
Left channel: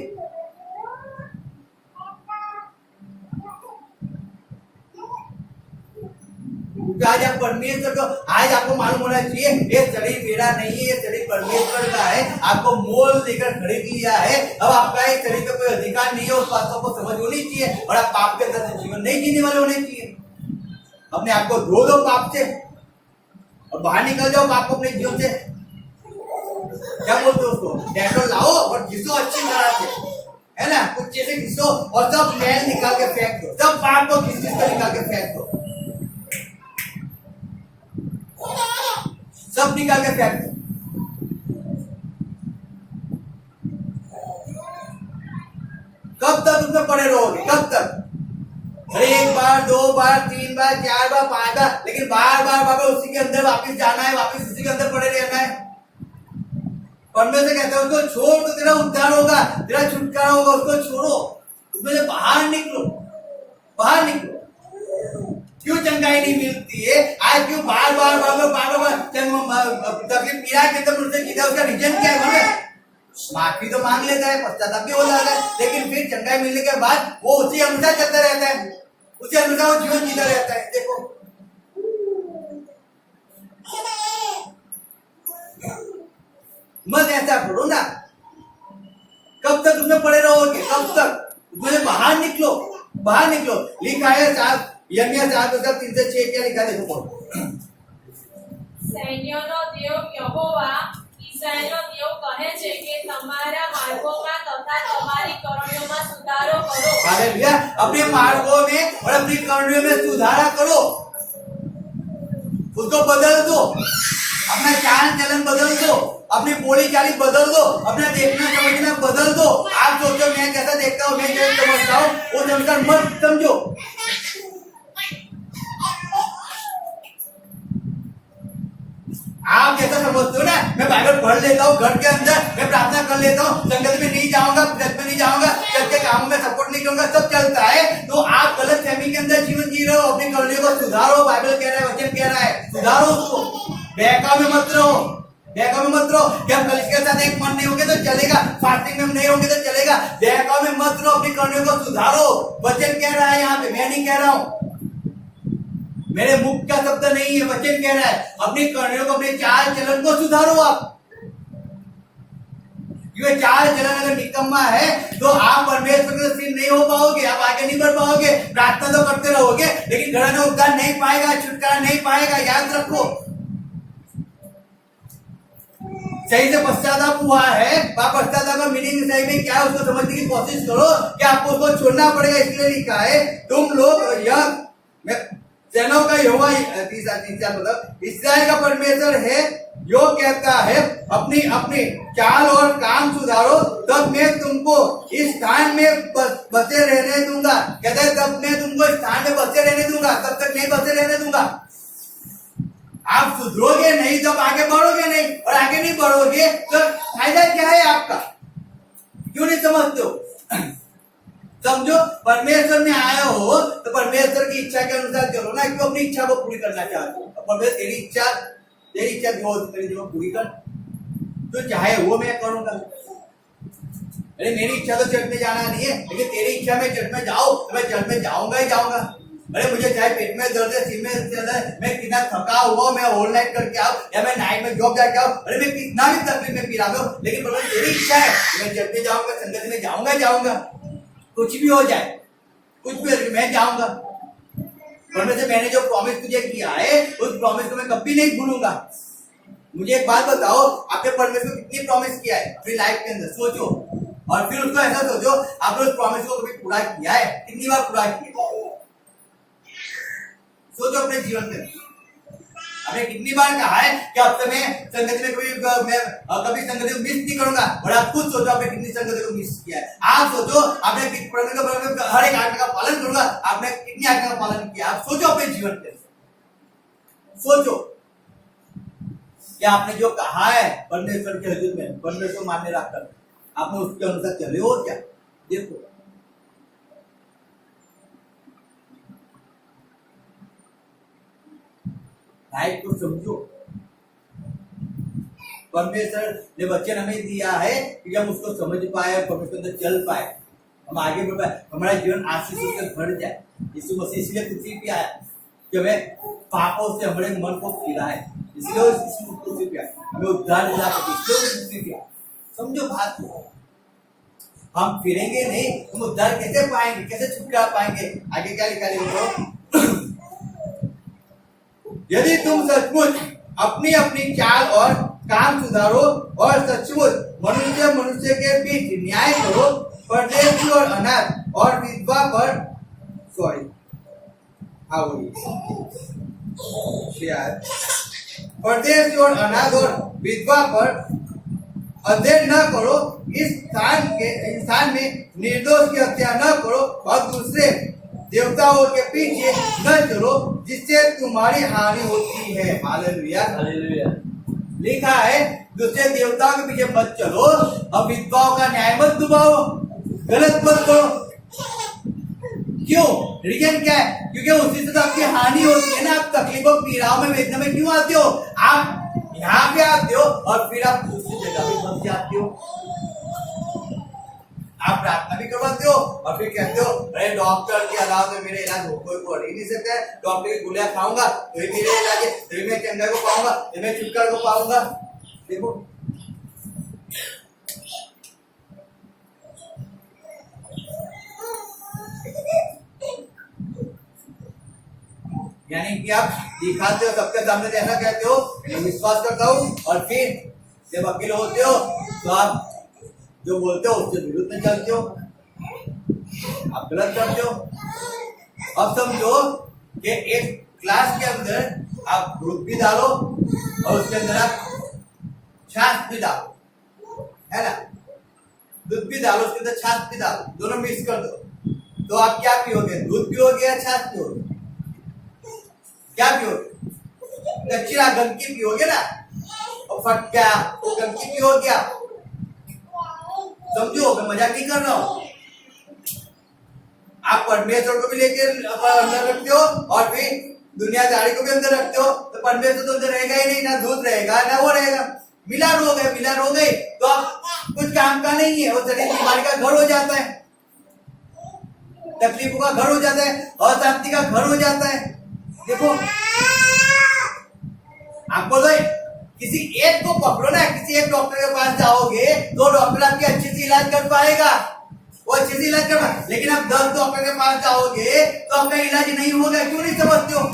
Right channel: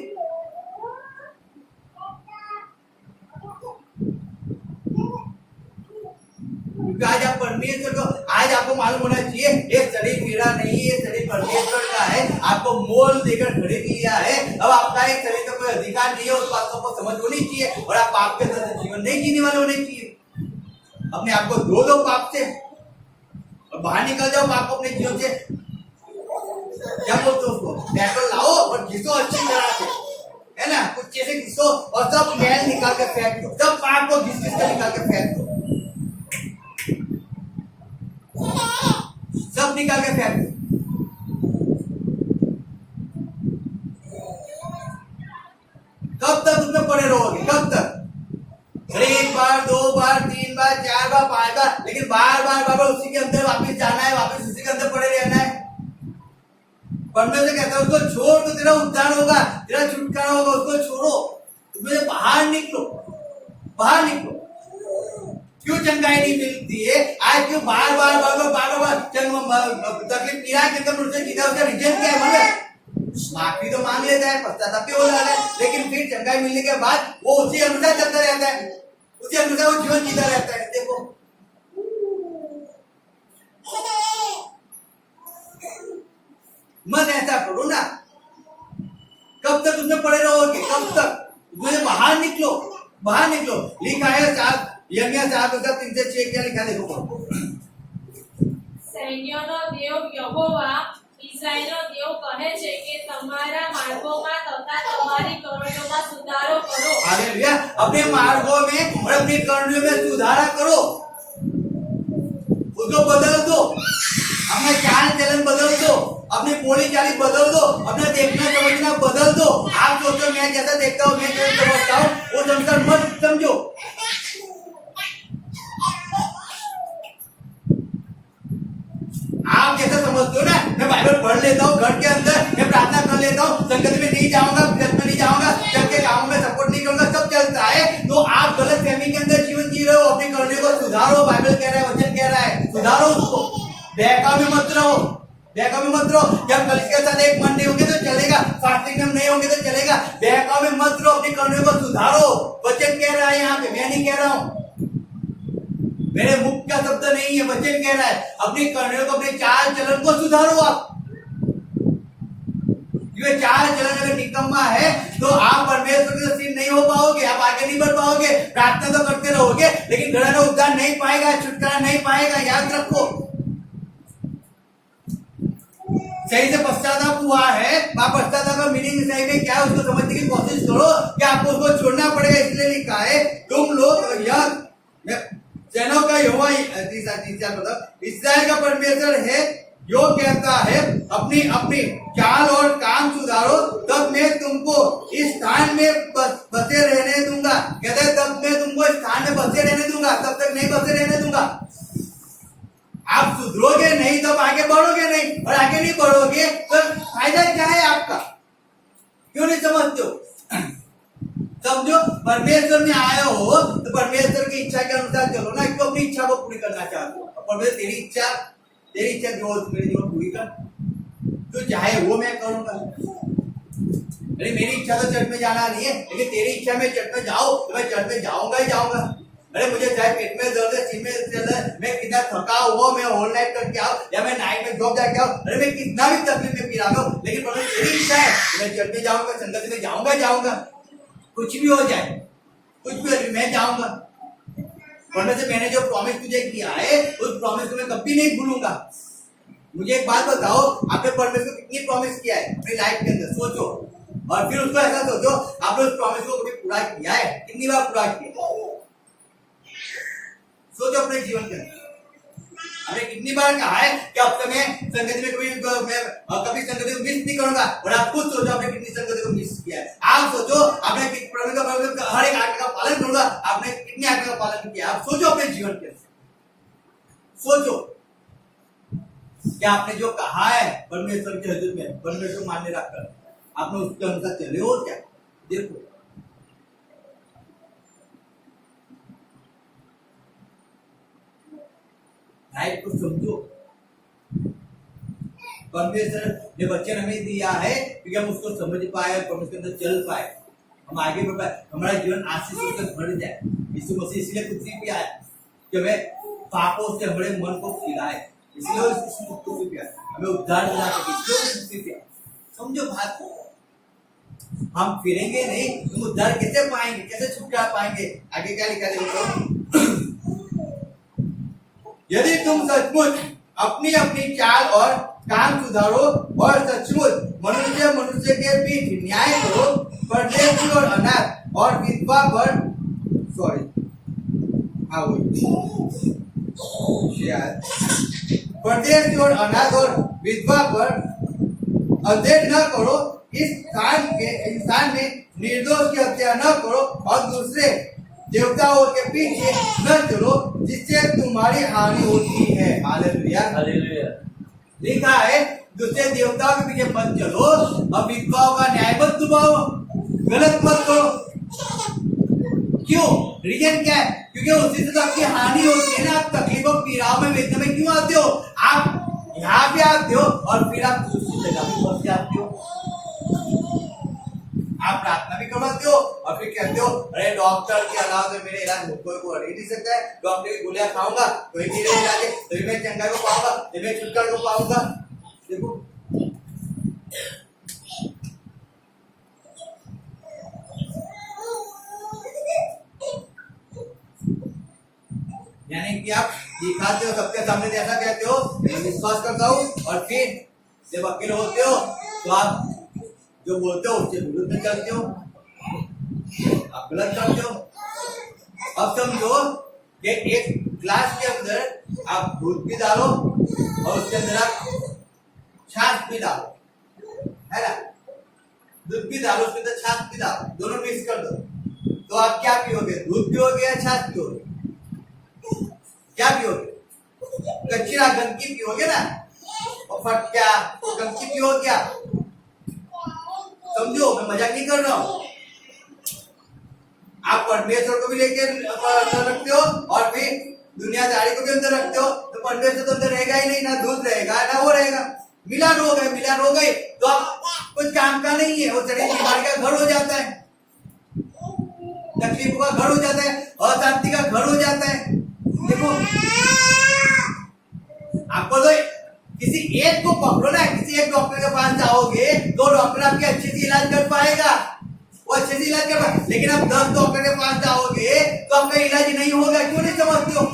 आज आप परमेश्वर को, आज आपको मालूम होना चाहिए ये शरीर मेरा नहीं है, ये शरीर परमेश्वर का है। आपको मोल देकर खरीद लिया है। अब आपका एक शरीर का कोई अधिकार नहीं है, उस बात को आपको समझ होनी चाहिए, और आप पाप के साथ जीवन नहीं जीने वाले होने चाहिए। अपने आप को धो दो पाप से, और बाहर निकल जाओ पाप को अपने जीवन से। क्या बोलते हो उसको? डेटोल लाओ और घिसो अच्छी तरह से, है ना? कुछ चीजें घिसो और सब मैल निकाल के फेंक दो, सब पाप को घिस कर निकाल के फेंक दो, सब निकाल के फेंक दो। कब तक उसमें पड़े रहोगे? कब तक? अरे 1 बार, 2 बार, 3 बार, 4 बार, 5 बार, लेकिन बार बार उसी के अंदर वापस जाना है, वापस उसी के अंदर पड़े रहना है। परमेश्वर कहता है उसको छोड़ तो तेरा उद्धार होगा, तेरा छुटकारा होगा। उसको छोड़ो, उसमें से बाहर निकलो, बाहर निकलो। क्यों चंगाई नहीं मिलती है आज? क्यों बार बार तकलीफ पीड़ा के अंदर मुझसे किया, उसका रीजन क्या है? माफी तो मांग लेता है, पश्चाताप भी हो जाता है, लेकिन फिर चंगाई मिलने के बाद वो उसी अनुसार चलता रहता है, उसी अनुसार वो जीवन जीता रहता है। देखो, मत ऐसा करो ना। कब तक उसमें पड़े रहोगे? कब तक? मुझे बाहर निकलो, बाहर निकलो। लिखा है यिर्मयाह 4:3-6 क्या लिखा है? देखो, સૈન્યોનો દેવ યહોવા ઇસ્રાએલનો દેવ કહે છે કે તમારા માર્ગોમાં તથા તમારી કરણીઓમાં સુધારો કરો। हालेलुया। अपने मार्गों में और अपनी करनियों में सुधारा करो, उसको बदल दो, अपना चाल चलन बदल दो, अपनी बोली चाली बदल दो, अपना देखना समझना बदल दो। आप सोचो मैं कैसा देखता हूँ, मैं कैसा समझता हूँ, वो समझकर मत समझो। आप जैसा समझते हो ना, मैं बाइबल पढ़ लेता हूँ घर के अंदर, मैं प्रार्थना कर लेता हूँ, संगत में नहीं जाऊंगा, चर्च में नहीं जाऊंगा, चर्च के कामों में सपोर्ट नहीं करूंगा, सब चलता है, तो आप गलत फहमी के अंदर जीवन जी रहे हो। अपनी करने को सुधारो, बाइबल कह रहा है, वचन कह रहा है, सुधारो उसको। बहकाव में मत रहो, बहकाव में मत रहो कि हम कलिसिया के साथ एक मन नहीं होंगे तो चलेगा, फास्टिंग में नहीं होंगे तो चलेगा। बहकाव में मत रहो, अपनी करने को सुधारो। वचन कह रहा है यहाँ पे, मैं नहीं कह रहा हूँ। मेरे मुख का शब्द नहीं है, वचन कह रहा है अपनी कर्णों को, अपने चाल चलन को सुधारो। आप ये चाल चलन अगर निकम्मा है तो आप परमेश्वर के सिर नहीं हो पाओगे, आप आगे नहीं बढ़ पाओगे। प्रार्थना तो करते रहोगे लेकिन घराना उद्धार नहीं पाएगा, छुटकारा नहीं पाएगा। याद रखो, सही से पश्चाताप हुआ है, वहां पश्चाताप का मीनिंग सही में क्या है उसको समझने की कोशिश करो कि आपको उसको छोड़ना पड़ेगा। इसलिए लिखा है तुम लोग यह सेनों का यहोवा मतलब इस्राएल का परमेश्वर है जो कहता है अपनी अपनी चाल और काम सुधारो, तब मैं तुमको इस स्थान में बसे रहने दूंगा। कहता है तब मैं तुमको इस स्थान में बसे रहने दूंगा, तब तक नहीं बसे रहने दूंगा। आप सुधरोगे नहीं तब आगे बढ़ोगे नहीं, और आगे नहीं बढ़ोगे तो फायदा क्या है आपका? क्यों नहीं समझते हो? समझो, परमेश्वर में आए हो तो परमेश्वर की इच्छा के अनुसार चलो ना। क्यों अपनी इच्छा को पूरी करना चाहते हो? परमेश्वर तेरी इच्छा जो पूरी कर, तो चाहे वो मैं करूंगा। अरे मेरी इच्छा तो चर्च में जाना नहीं है, लेकिन तेरी इच्छा में चर्च में जाओ तो मैं चर्च में जाऊंगा ही जाऊंगा। अरे मुझे चाहे पेट में दर्द है, सिर में दर्द है, मैं कितना थका हुआ, मैं होल नाइट करके आओ या मैं नाइट में जॉब जाके आओ, अरे मैं कितना भी तकलीफ में पीड़ा हूं, लेकिन परमेश्वर तेरी इच्छा है मैं चर्च में जाऊंगा, संगत में जाऊंगा ही जाऊंगा। कुछ भी हो जाए, कुछ भी मैं जाऊंगा। परमेश्वर मैंने जो प्रॉमिस तुझे किया है उस प्रॉमिस को मैं कभी नहीं भूलूंगा। मुझे एक बात बताओ, आपने परमेश्वर को कितनी प्रॉमिस किया है अपनी लाइफ के अंदर? सोचो, और फिर उसको ऐसा सोचो आपने उस प्रॉमिस को कभी पूरा किया है? कितनी बार पूरा किया? सोचो अपने जीवन के अंदर हमने कितनी बार कहा है कि हफ्ते में संगति में कभी संगति को मिस नहीं करूंगा, और आप खुद सोचो आपने कितनी संगति को मिस किया है। आप सोचो आपने हर एक आज्ञा का पालन करूंगा, आपने कितनी आज्ञा का पालन किया? आप सोचो अपने जीवन के अंदर, सोचो क्या आपने जो कहा है परमेश्वर के हजूर में, परमेश्वर मान्य रखकर आपने उसके अनुसार चले हो क्या? देखो, लाइफ को समझो। परमेश्वर ने वचन हमें दिया है कि हम उसको समझ पाए और परमेश्वर के अंदर चल पाए, हम आगे बढ़ पाए, हमारा जीवन आशीष से भर जाए। यीशु मसीह इसलिए पृथ्वी पे आया कि हमें पापों से हमारे मन को फिराए, इसलिए पृथ्वी पे आया, हमें उद्धार दिला सके, इसलिए पृथ्वी पे आया। समझो बात को, हम फिरेंगे नहीं, हम उद्धार कैसे पाएंगे, कैसे छुटकारा पाएंगे? आगे क्या लिखा है? यदि तुम सचमुच अपनी अपनी चाल और काम सुधारो और सचमुच मनुष्य के बीच न्याय करो, परदेशी और अनाथ और विधवा पर परदेशी और अनाथ और विधवा पर अध्ययन न करो, इस स्थान में निर्दोष की हत्या न करो और दूसरे देवताओं के पीछे न चलो जिससे तुम्हारी हानि होती है। Hallelujah, hallelujah. लिखा है दूसरे देवताओं के पीछे मत चलो और विधवाओं का न्याय मत दुबाओ, गलत मत करो। क्यों? रीजन क्या है? क्योंकि उसी से तो आपकी हानि होती है ना। आप तकलीफों पीड़ाओं में वेदना में क्यों आते हो? आप यहाँ पे आते हो और फिर आप दूसरी जगह भी फंस जाते हो। आप प्रार्थना भी करवाते हो और फिर कहते हो अरे डॉक्टर के अलावा तो मेरे इलाज कोई को ही नहीं सकता है, डॉक्टर की गोलियां खाऊंगा तो ही मेरे इलाज है, तभी मैं चंगा को पाऊंगा, तभी मैं छुटकारा को पाऊंगा। देखो, यानी कि आप दिखाते हो सबके सामने, ऐसा कहते हो मैं विश्वास करता हूँ, और फिर जब वकील होते हो तो आप जो बोलते हो उसके विरुद्ध में चलते हो, आप गलत करते हो। अब समझो कि एक ग्लास के अंदर आप दूध भी डालो और उसके अंदर आप छाछ भी डालो, है ना? दूध भी डालो, उसके अंदर छाछ भी डालो, दोनों मिक्स कर दो, तो आप क्या पियोगे? दूध पियोगे या छाछ पियोगे? क्या पियोगे? कचरा गंदगी पियोगे ना, और फटका गंदगी पियोगे आप। समझो, मैं मजाक नहीं कर रहा हूं। आप परमेश्वर को भी लेके अंदर रखते हो और फिर दुनियादारी को भी अंदर रखते हो, तो परमेश्वर तो अंदर रहेगा ही नहीं, ना दूध रहेगा ना वो रहेगा। मिलान हो गए तो आप कुछ काम का नहीं है, वो शरीर बीमारी का घर हो जाता है, तकलीफों का घर हो जाता है, अशांति का घर हो जाता है। देखो आपको तो किसी एक को पकड़ो ना, किसी एक डॉक्टर के पास जाओगे तो डॉक्टर आपकी अच्छे से इलाज कर पाएगा, वो अच्छे से इलाज कर पाएगा। लेकिन आप 10 डॉक्टर के पास जाओगे तो आपका इलाज नहीं होगा। क्यों नहीं समझते हो?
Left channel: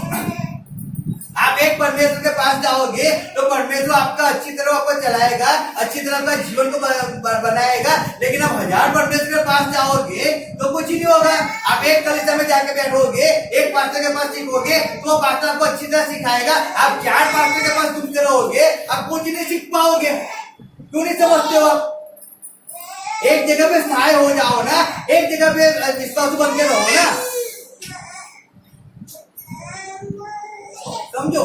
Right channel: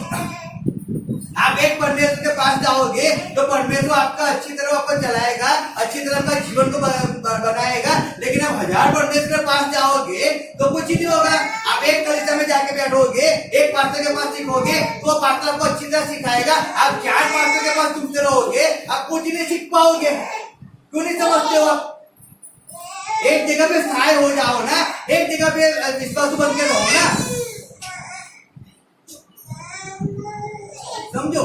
आप एक परमेश्वर के पास जाओगे तो परमेश्वर आपका अच्छी तरह आपको चलाएगा, अच्छी तरह आपका जीवन को बनाएगा। लेकिन आप 1000 परमेश्वर के पास जाओगे तो कुछ ही नहीं होगा। आप एक कलीसिया में जाके बैठोगे, एक पास्टर के पास सीखोगे तो पास्टर आपको अच्छी तरह सिखाएगा। आप 4 पास्टर के पास घूमते रहोगे, आप कुछ नहीं सीख पाओगे। क्यों नहीं समझते हो? आप एक जगह पे सहाय हो जाओ ना, एक जगह पे विश्वास बन के रहो ना, समझो।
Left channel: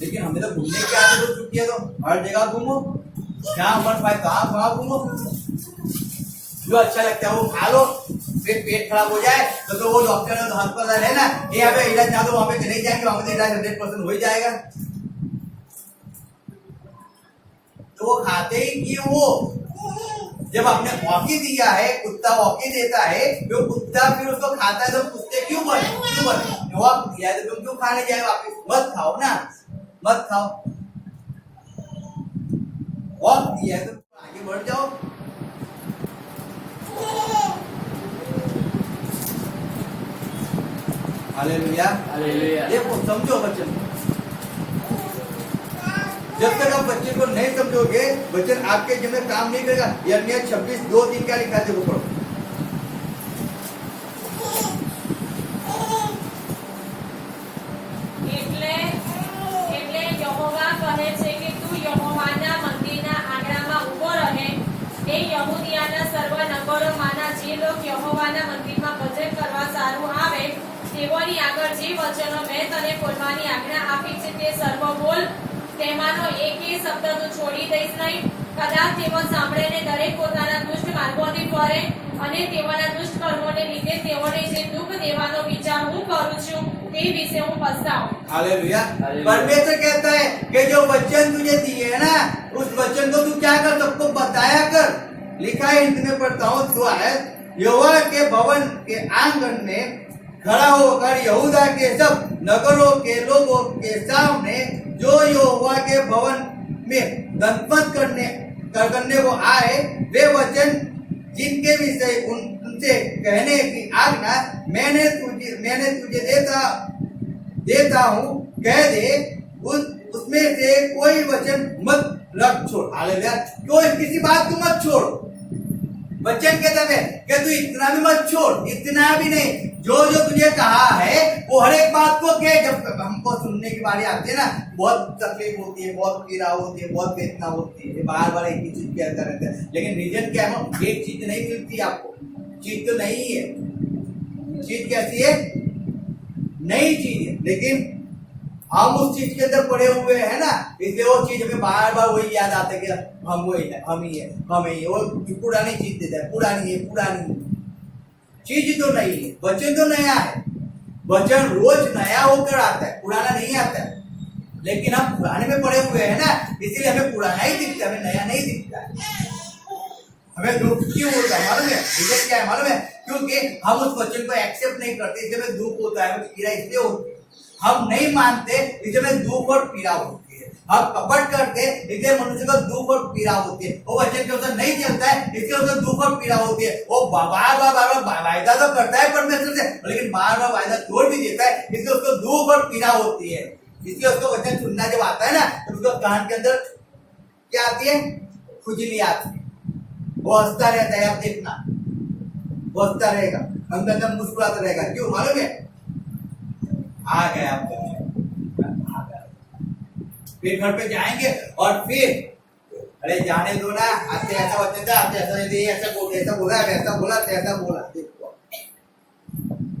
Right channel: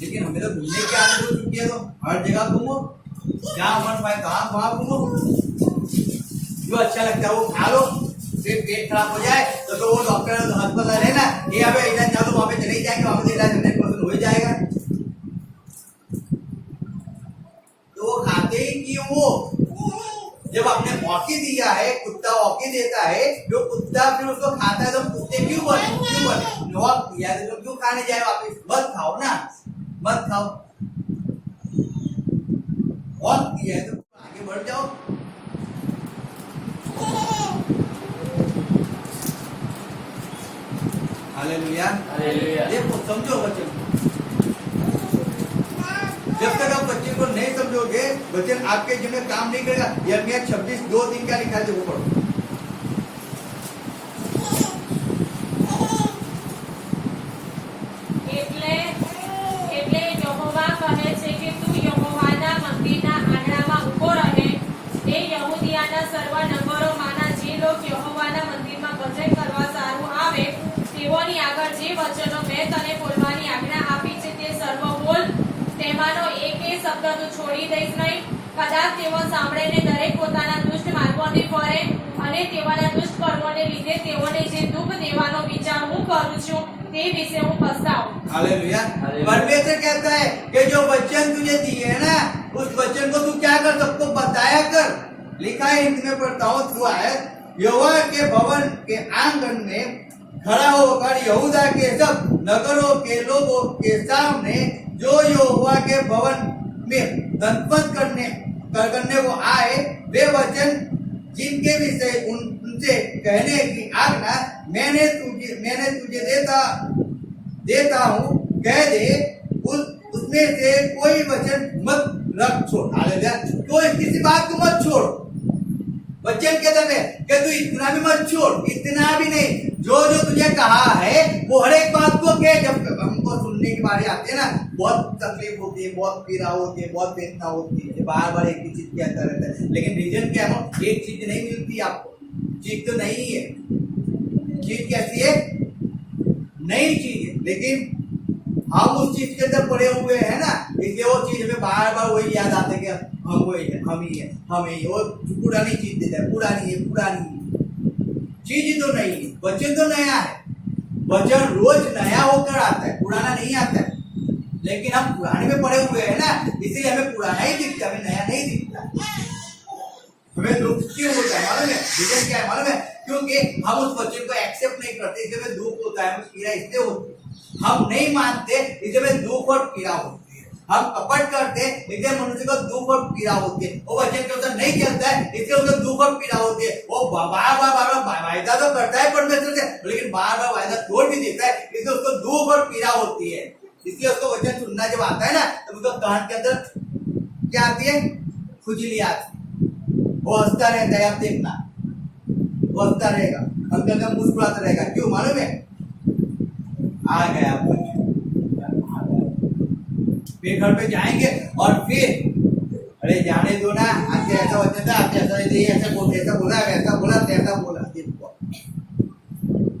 लेकिन हमें तो घूमने की आदत हो चुकी है, तो हर जगह घूमो, जहाँ मन पाए वहां घूमो, जो अच्छा लगता है वो खा लो। फिर पेट खराब हो जाए तो वो डॉक्टर अस्पताल है ना, ये हमें इलाज ना दो, वहां पे चले जाएंगे, वहां पे इलाज 100% हो जाएगा। तो वो खाते ही क्यों? वो जब आपने मौके दिया है, कुत्ता मौके देता है, जो कुत्ता फिर उसको खाता है, तो कुत्ते क्यों बने? वक्त दिया है तो क्यों खाने जाए वापिस? मत खाओ ना, मत खाओ। वक्त दिया है तो आगे बढ़ जाओ। Hallelujah, hallelujah. देखो समझो बच्चों, जब तक आप बच्चे को नहीं समझोगे, बच्चन आपके जिम्मे काम नहीं करेगा। यिर्मयाह 26:2-3 क्या लिखा है देखो पढ़ो। એટલે યહોવા કહે છે કે તું યહોવાના મંદિરના આંગણામાં ઊભો રહે, એ યહૂદિયાના સર્વ નગરોમાંના જે લોક યહોવાના મંદિરમાં ભજન કરવા સારું આવે તેઓની આગળ જે વચનો મેં તને બોલવાની આજ્ઞા આપી છે તે સર્વ બોલ, તેમાંનો એકેય શબ્દ તું છોડી દઈશ નહીં। કદાચ તેઓ સાંભળીને દરેક પોતાના દુષ્ટ માર્ગોથી ફરે અને તેઓના દુષ્ટ કર્મોને લીધે તેઓને જે દુઃખ દેવાનો વિચાર હું કરું છું તે વિશે હું પસ્તાઉં। हालेलुया। परमेश्वर कहता है कि जो वचन तुझे दिए है ना, उस वचन को तू क्या कर, सबको बताया कर। लिखा है हिंदी में पढ़ता हूँ जो आयत, यहोवा के भवन के आंगन में खड़ा होकर यहूदा के सब नगरों के लोगों के सामने जो यहोवा के भवन में दंतमत करने को आए, वे वचन जिनके विषय उनसे कहने की आज्ञा मैंने तुझे देता हूँ, कह दे, उसमें से कोई वचन मत रख छोड़। हालेलुया। कोई किसी बात को मत छोड़। वचन कहता है कि तू इतना भी मत छोड़, इतना भी नहीं, जो जो तुझे कहा है वो हर एक बात को कह। जब हमको सुनने की बारी आती है ना, बहुत तकलीफ होती है, बहुत पीड़ा होती है, बहुत वेदना होती है, बार बार एक ही चीज कहता रहता है। लेकिन रीजन क्या है? एक चीज नहीं मिलती आपको, चीज तो नहीं है। चीज कैसी है? नई चीज है, लेकिन हम उस चीज के अंदर पड़े हुए हैं ना, इसलिए वो चीज हमें बार बार वही याद आता है कि हम वही है, हम ही है, हम ही है। वो पुरानी चीज देता है, पुरानी है, पुरानी है। चीज तो नहीं है, वचन तो नया है। वचन रोज नया होकर आता है, पुराना नहीं आता है। लेकिन हम पुराने में पड़े हुए हैं ना, इसीलिए हमें पुराना ही दिखता है, हमें नया नहीं दिखता है। हमें दुख क्यों होता है मालूम है? रीजन क्या है मालूम है? क्योंकि हम उस वचन को एक्सेप्ट नहीं करते, इसलिए हमें दुख होता है, हमें पीड़ा इसलिए होती है। हम नहीं मानते, इसलिए हमें दुख और पीड़ा होती है। हम कपट करते, इसलिए मनुष्य को दुख और पीड़ा होती है। वो वचन के अनुसार नहीं चलता है, इसलिए उसको दुख और पीड़ा होती है। वो बार बार वायदा तो करता है परमेश्वर से, लेकिन बार बार वायदा तोड़ भी देता है, इसलिए उसको दुख और पीड़ा होती है। इसलिए उसको वचन सुनना जब आता है ना, तो उसको कान के अंदर क्या आती है? खुजली आती है। वो हंसता रहता है, आप देखना, वो हंसता रहेगा, अंदर मुस्कुराता रहेगा। क्यों मालूम है? आ गया फिर घर पे जाएंगे और फिर अरे जाने दो ना, आज ऐसा वचन था, आज ऐसा ऐसा बोला, वैसा बोला, तैसा बोला।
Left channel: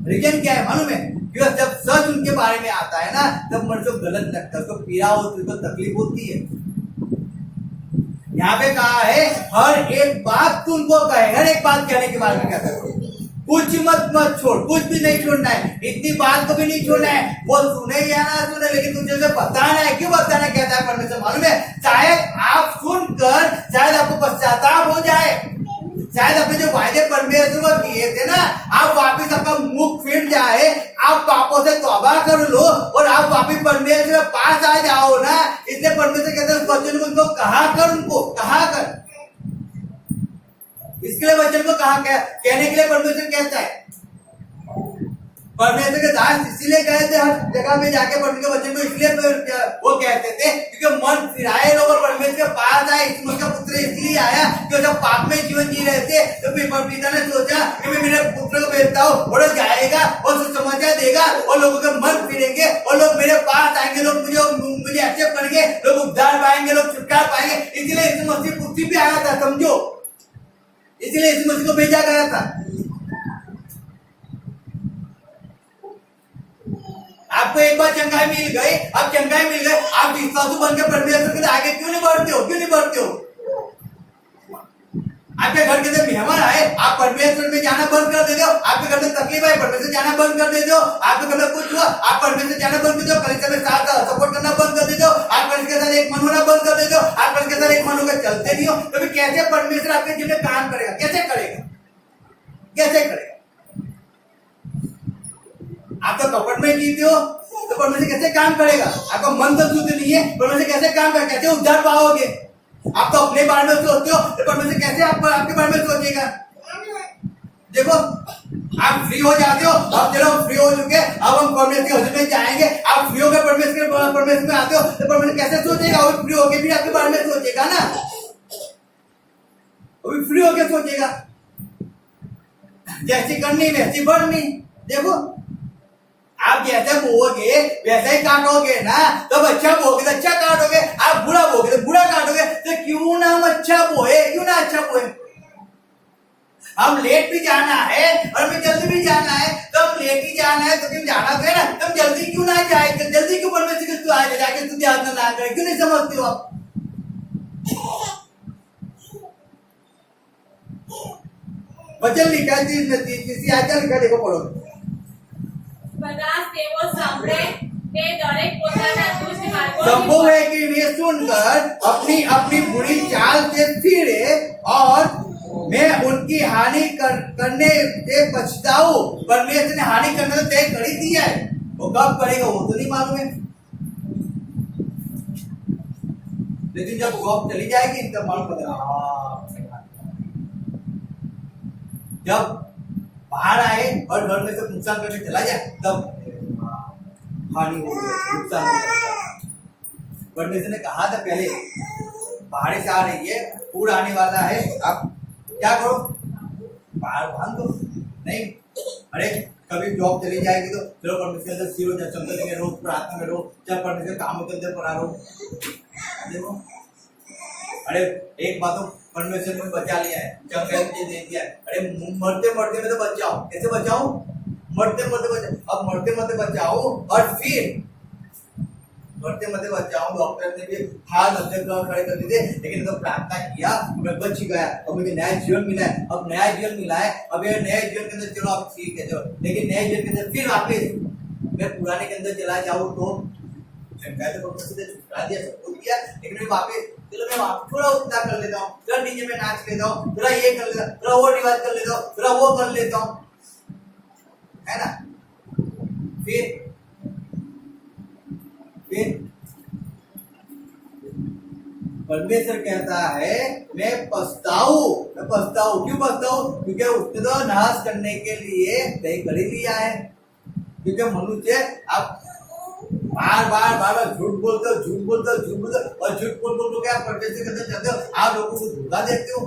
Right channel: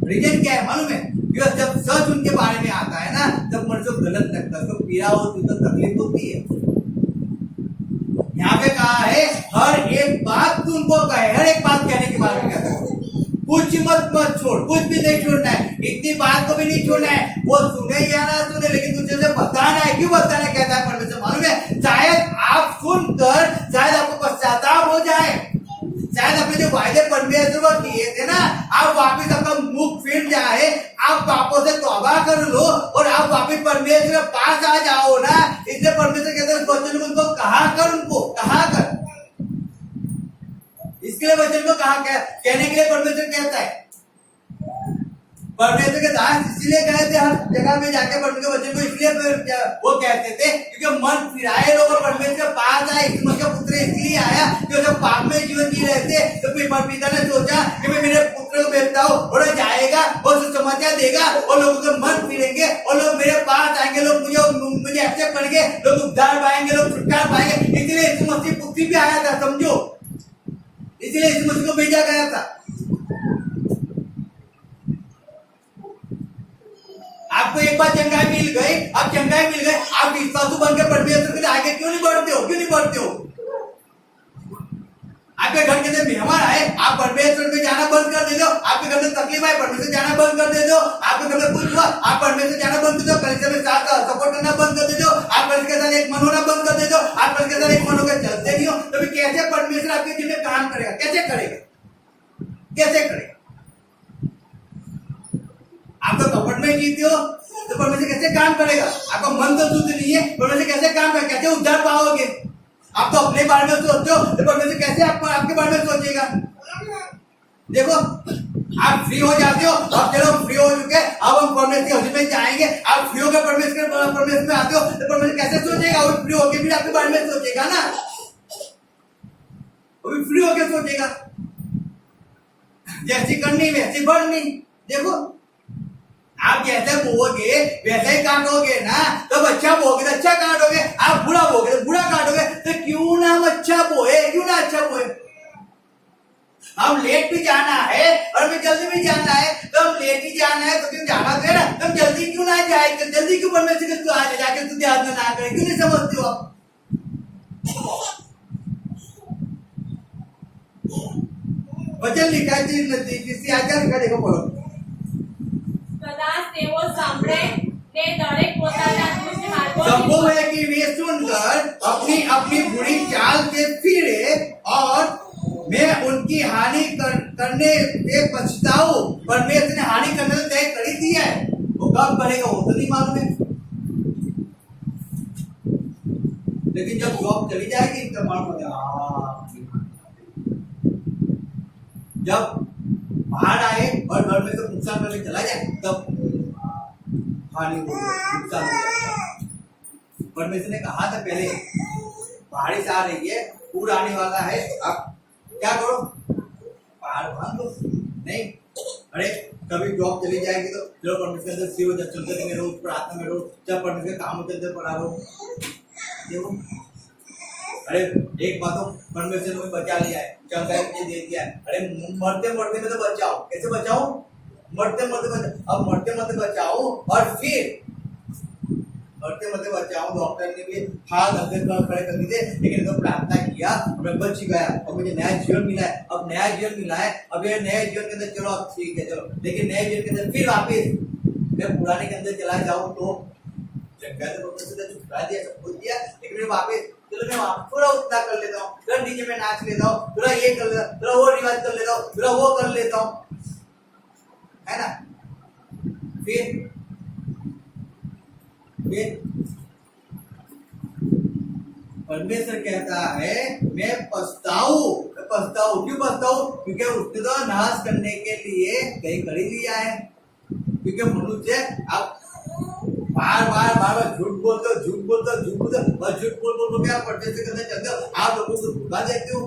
रीजन क्या है मालूम है? क्योंकि जब सच उनके बारे में आता है ना, तब मनुष्य को गलत लगता है, उसको पीड़ा होती है, तो तकलीफ होती है। यहाँ पे कहा है हर एक बात तुमको कहे, हर एक बात कहने के बारे में कहता है। कुछ मत छोड़, कुछ भी नहीं छोड़ना है, इतनी बात को भी नहीं छोड़ना है। वो सुने या ना सुने, लेकिन तुझे उसे बताना है। क्यों बताना कहता है परमेश्वर मालूम है? शायद आप सुनकर शायद आपको पश्चाताप हो जाए, शायद अपने जो वायदे परमेश्वर को किए थे ना, आप वापिस आपका मुख फिर जाए, आप पापों से तौबा कर लो और आप वापिस परमेश्वर के पास आ जाओ ना। इसलिए परमेश्वर कहते हैं उस वचन को उनको कहा कर, उनको कहा कर। इसके लिए वचन को कहा कहने के लिए परमेश्वर कहता है। परमेश्वर के दास इसीलिए कहे थे हर जगह में जाके परमेश्वर के वचन को, इसलिए वो कहते थे क्योंकि मन फिराए लोग परमेश्वर के पास आए। उसका पुत्र इसलिए आया कि जब पाप में जीवन जी रहे थे तो पिता ने सोचा कि मैं मेरे पुत्र को भेजता हूँ और जाएगा और सुसमाचार देगा और लोगों के मन फिरेंगे और लोग मेरे पास आएंगे, लोग मुझे एक्सेप्ट करेंगे, लोग उद्धार पाएंगे, लोग छुटकारा पाएंगे। इसलिए यीशु मसीह पृथ्वी पे आया था, समझो। इसलिए यीशु मसीह को भेजा गया था। आपको एक बार चंगाई मिल गई, अब चंगाई मिल गई, आप विश्वासु बन के परमेश्वर के लिए आगे क्यों नहीं बढ़ते हो? क्यों नहीं बढ़ते हो? आपके घर के अंदर मेहमान आए, आप परमेश्वर में जाना बंद कर देते हो। आपके घर में तकलीफ आए, परमेश्वर जाना बंद कर देते हो। आपके घर में कुछ हुआ, आप परमेश्वर जाना बंद कर देते हो। कलीसिया में साथ सपोर्ट करना बंद कर देते हो। आप कलीसिया के साथ एक मन होना बंद कर देते हो। आप कलीसिया के साथ एक मन होकर चलते नहीं हो, तो फिर कैसे परमेश्वर आपके जीवन में काम करेगा? कैसे करेगा? कैसे करेगा? आप तो कपट में जीते हो तो परमेश्वर कैसे काम करेगा? आपका मन तो शुद्ध नहीं है, परमेश्वर कैसे काम करेगा? कैसे उद्धार पाओगे? आप तो अपने बारे में सोचते हो तो परमेश्वर कैसे आपके बारे में सोचेगा? देखो, आप फ्री हो जाते हो, अब चलो फ्री हो चुके, अब हम परमेश्वर के हजूर में जाएंगे। आप फ्री होकर परमेश्वर में आते हो तो परमेश्वर कैसे सोचेगा? वो फ्री होकर भी आपके बारे में सोचेगा ना, वो भी फ्री होकर सोचेगा। जैसी करनी वैसी बढ़नी। देखो, आप जैसे बोओगे वैसे ही काटोगे ना। तो अच्छा बोओगे तो अच्छा काटोगे, आप बुरा बोओगे तो बुरा काटोगे। तो क्यों ना हम अच्छा बोए, क्यों ना अच्छा बोए? हम लेट भी जाना है और हमें जल्दी भी जाना है, तो हम लेट ही जाना है तो क्यों जाना तो है ना, तो हम जल्दी क्यों ना जाए? जल्दी क्यों परमेश्वर के आए जाके तुझे याद ना करे? क्यों नहीं समझते हो आप? वचन लिखा है किसी आचार लिखा, देखो पढ़ो। બધા તેઓ સાંભળે તે દરેક પોતાના દુષ્ટ માર્ગોથી संभव है कि वे सुनकर अपनी अपनी बुरी चाल से फिरे और मैं उनकी हानि करने से पछताऊं। परमेश्वर ने हानि करने से तय कर ही दिया है, वो कब करेगा वो तो नहीं मालूम है। लेकिन जब जॉब चली जाएगी तब मालूम पड़ेगा। जब बाहर आए और घर में सब नुकसान करके चला जाए तब हानि हो गई, नुकसान हो गया। परमेश्वर ने कहा था पहले बारिश आ रही है, पूर आने वाला है, आप क्या करो? बाहर बांध दो। नहीं, अरे कभी जॉब चली जाएगी तो चलो परमेश्वर के अंदर सिर हो जाए, चलते में रोज प्रार्थना में रोज, जब परमेश्वर कामों के अंदर पड़ा रहो। देखो, अरे एक बात तो परमेश्वर में बचा लिया है, चंगाई दे दिया है। अरे मरते मरते में तो बचाओ। कैसे बचाओ? मरते मरते बचाओ। अब मरते मरते बचाओ और फिर मरते मरते बचाओ। डॉक्टर ने भी हाथ खड़े कर दिए, लेकिन तो प्रार्थना किया, मैं बच गया, अब मुझे नया जीवन मिला है। अब नया जीवन मिला है, अब ये नए जीवन के अंदर चलो आप ठीक है, चलो। लेकिन नए जीवन के अंदर फिर वापिस मैं पुराने के अंदर चला जाऊँ तो छुटका दिया, सब कुछ दिया, लेकिन मैं वापिस चलो मैं थोड़ा उतना कर लेता हूँ, थोड़ा डीजे में नाच लेता हूँ, थोड़ा ये कर लेता हूँ, थोड़ा वो रिवाज कर लेता हूँ, थोड़ा वो कर लेता हूँ, है ना? फिर परमेश्वर कहता है मैं पछताऊं। क्यों पछताऊं? क्योंकि उसने तो नाश करने के लिए कहीं कर ही लिया है। क्योंकि मनुष्य अब बार बार झूठ बोलते हो और झूठ बोल क्या परमेश्वर के अंदर चलते हो, आप लोगों को धोखा देते हो।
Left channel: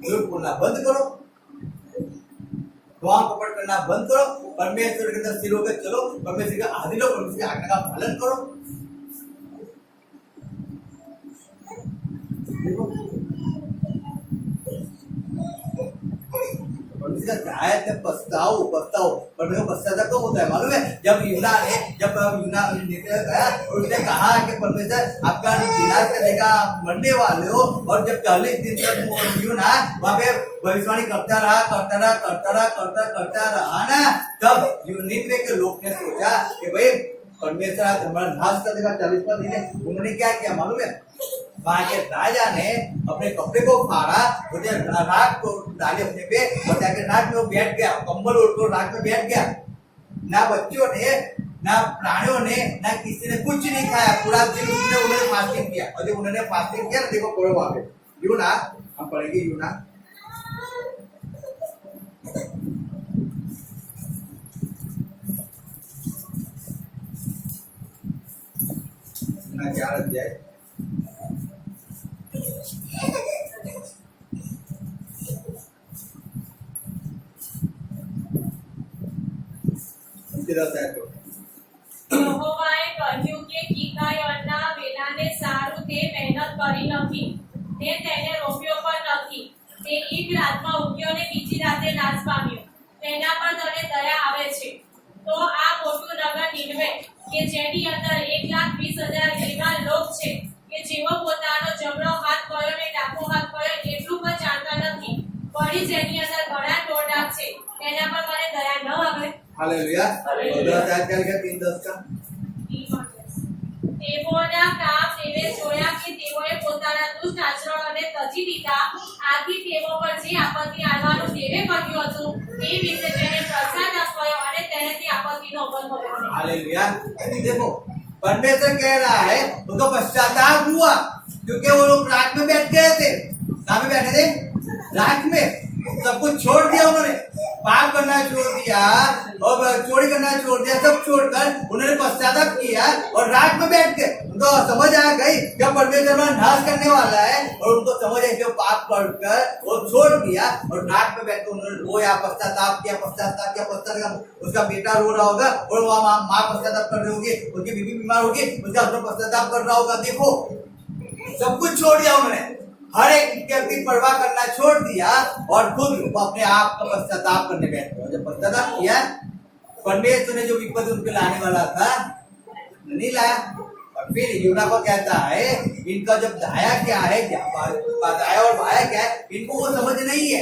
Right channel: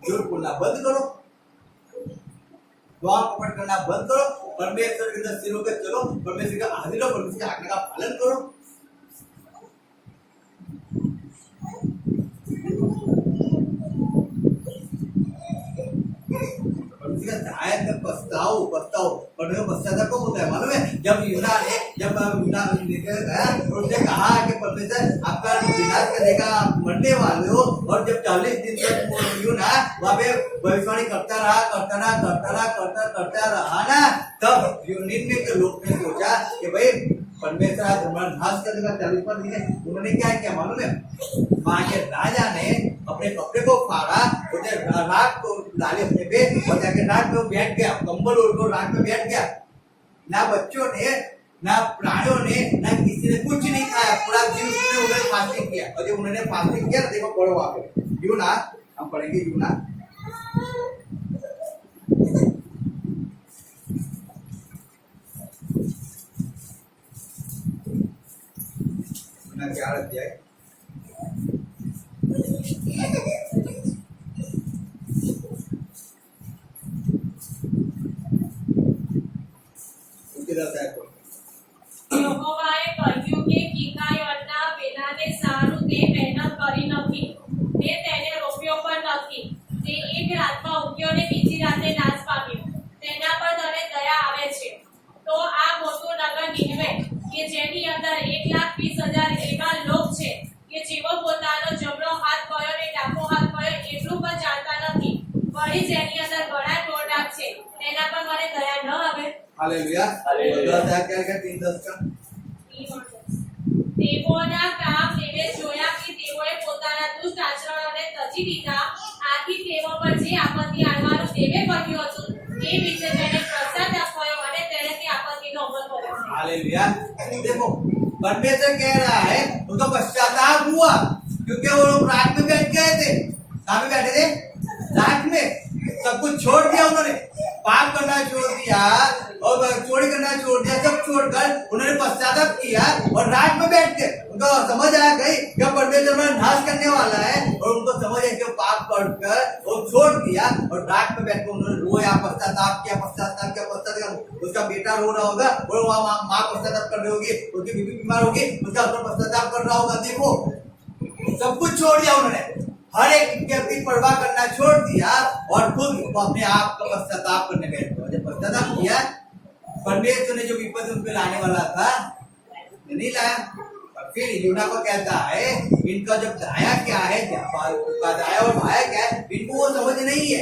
झूठ बोलना बंद करो, दुआ कपट करना बंद करो, परमेश्वर के अंदर सिर होकर चलो, परमेश्वर के हाजिर हो, परमेश्वर की आज्ञा का पालन करो। पछताओ पर पश्चाताप कब होता है मालूम है? जब यूना गया और उसने कहा कि परमेश्वर आपका विनाश करने का मरने वाले हो, और जब 40 दिन तक यूना वहां पे भविष्यवाणी करता रहा ना, तब यूनिट के लोग ने सोचा कि भाई परमेश्वर आज हमारा नाश कर देगा। 40वां दिन है, उन्होंने क्या किया मालूम है? वहां के राजा ने अपने कपड़े को फाड़ा, उसे राख को डाले अपने पे और जाके राख पे बैठ गया, कंबल ओढ़ कर राख पे बैठ गया। ना बच्चों ने, ना प्राणियों ने, ना किसी ने कुछ नहीं खाया। पूरा दिन उसने उन्होंने फास्टिंग किया, और जब उन्होंने फास्टिंग किया ना, देखो पढ़ो वहां पे यूना, हम पढ़ेंगे यूना। क्या अध्याय? યહોવાએ કહ્યું કે કિકાયોના વેલાને સારું તે મહેનત કરી નથી, ને તેને રોપ્યો પણ નથી. તે એક રાતમાં ઉગ્યો ને બીજી રાતે નાશ પામ્યો. તેના પર તને દયા આવે છે. તો આ મોટું નગર નીનવે કે જેની અંદર 1,20,000 એવા લોક છે કે જેઓ પોતાનો જમણો હાથ કયો ને ડાબો હાથ કયો એટલું પણ જાણતા નથી. વળી જેની અંદર ઘણા ટોળાક છે તેના પર મને દયા ન આવે. हालेलुया। हालेलुया। 3:10 का તેઓના કામ તેવે જોયા કે તેઓએ પોતાના દુષ્ટ આચરણોને તજી દીધા. આથી તેઓ પર જે આપત્તિ આવવાનું દેવે કહ્યું હતું તે વિશે તેને પશ્ચાતાપ થયો અને તેને તે આપત્તિનો અમલ કર્યો. हालेलुया। देखो परमेश्वर कह रहा है उनको पश्चाताप हुआ, क्योंकि वो लोग रात में बैठ गए थे। कहाँ में बैठे थे? रात में। सब कुछ छोड़ दिया उन्होंने, पाप करना छोड़ दिया और चोरी करना छोड़ दिया, सब छोड़कर उन्होंने पश्चाताप किया और रात में बैठ गए। उनको समझ आ गई जब परमेश्वर हमारा नाश करने वाला है, और उनको समझ आई कि पाप कर वो छोड़ दिया और रात में बैठ कर उन्होंने रोया, पश्चाताप किया। उसका बेटा रो रहा होगा और वहाँ माँ पश्चाताप कर रही होगी, उसकी बीवी बीमार होगी, उसका हस्बैंड पश्चाताप कर रहा होगा। देखो सब कुछ छोड़ दिया उन्होंने, हर एक व्यक्ति परवाह करना छोड़ दिया और खुद अपने आप का पश्चाताप करने बैठ गए। जब पश्चाताप किया, परमेश्वर ने जो विपत्ति उन पे लाने वाला था नहीं लाया। और फिर यूना को कहता है इनका जब दाया क्या है, दाया और भाया क्या है, इनको वो समझ नहीं है।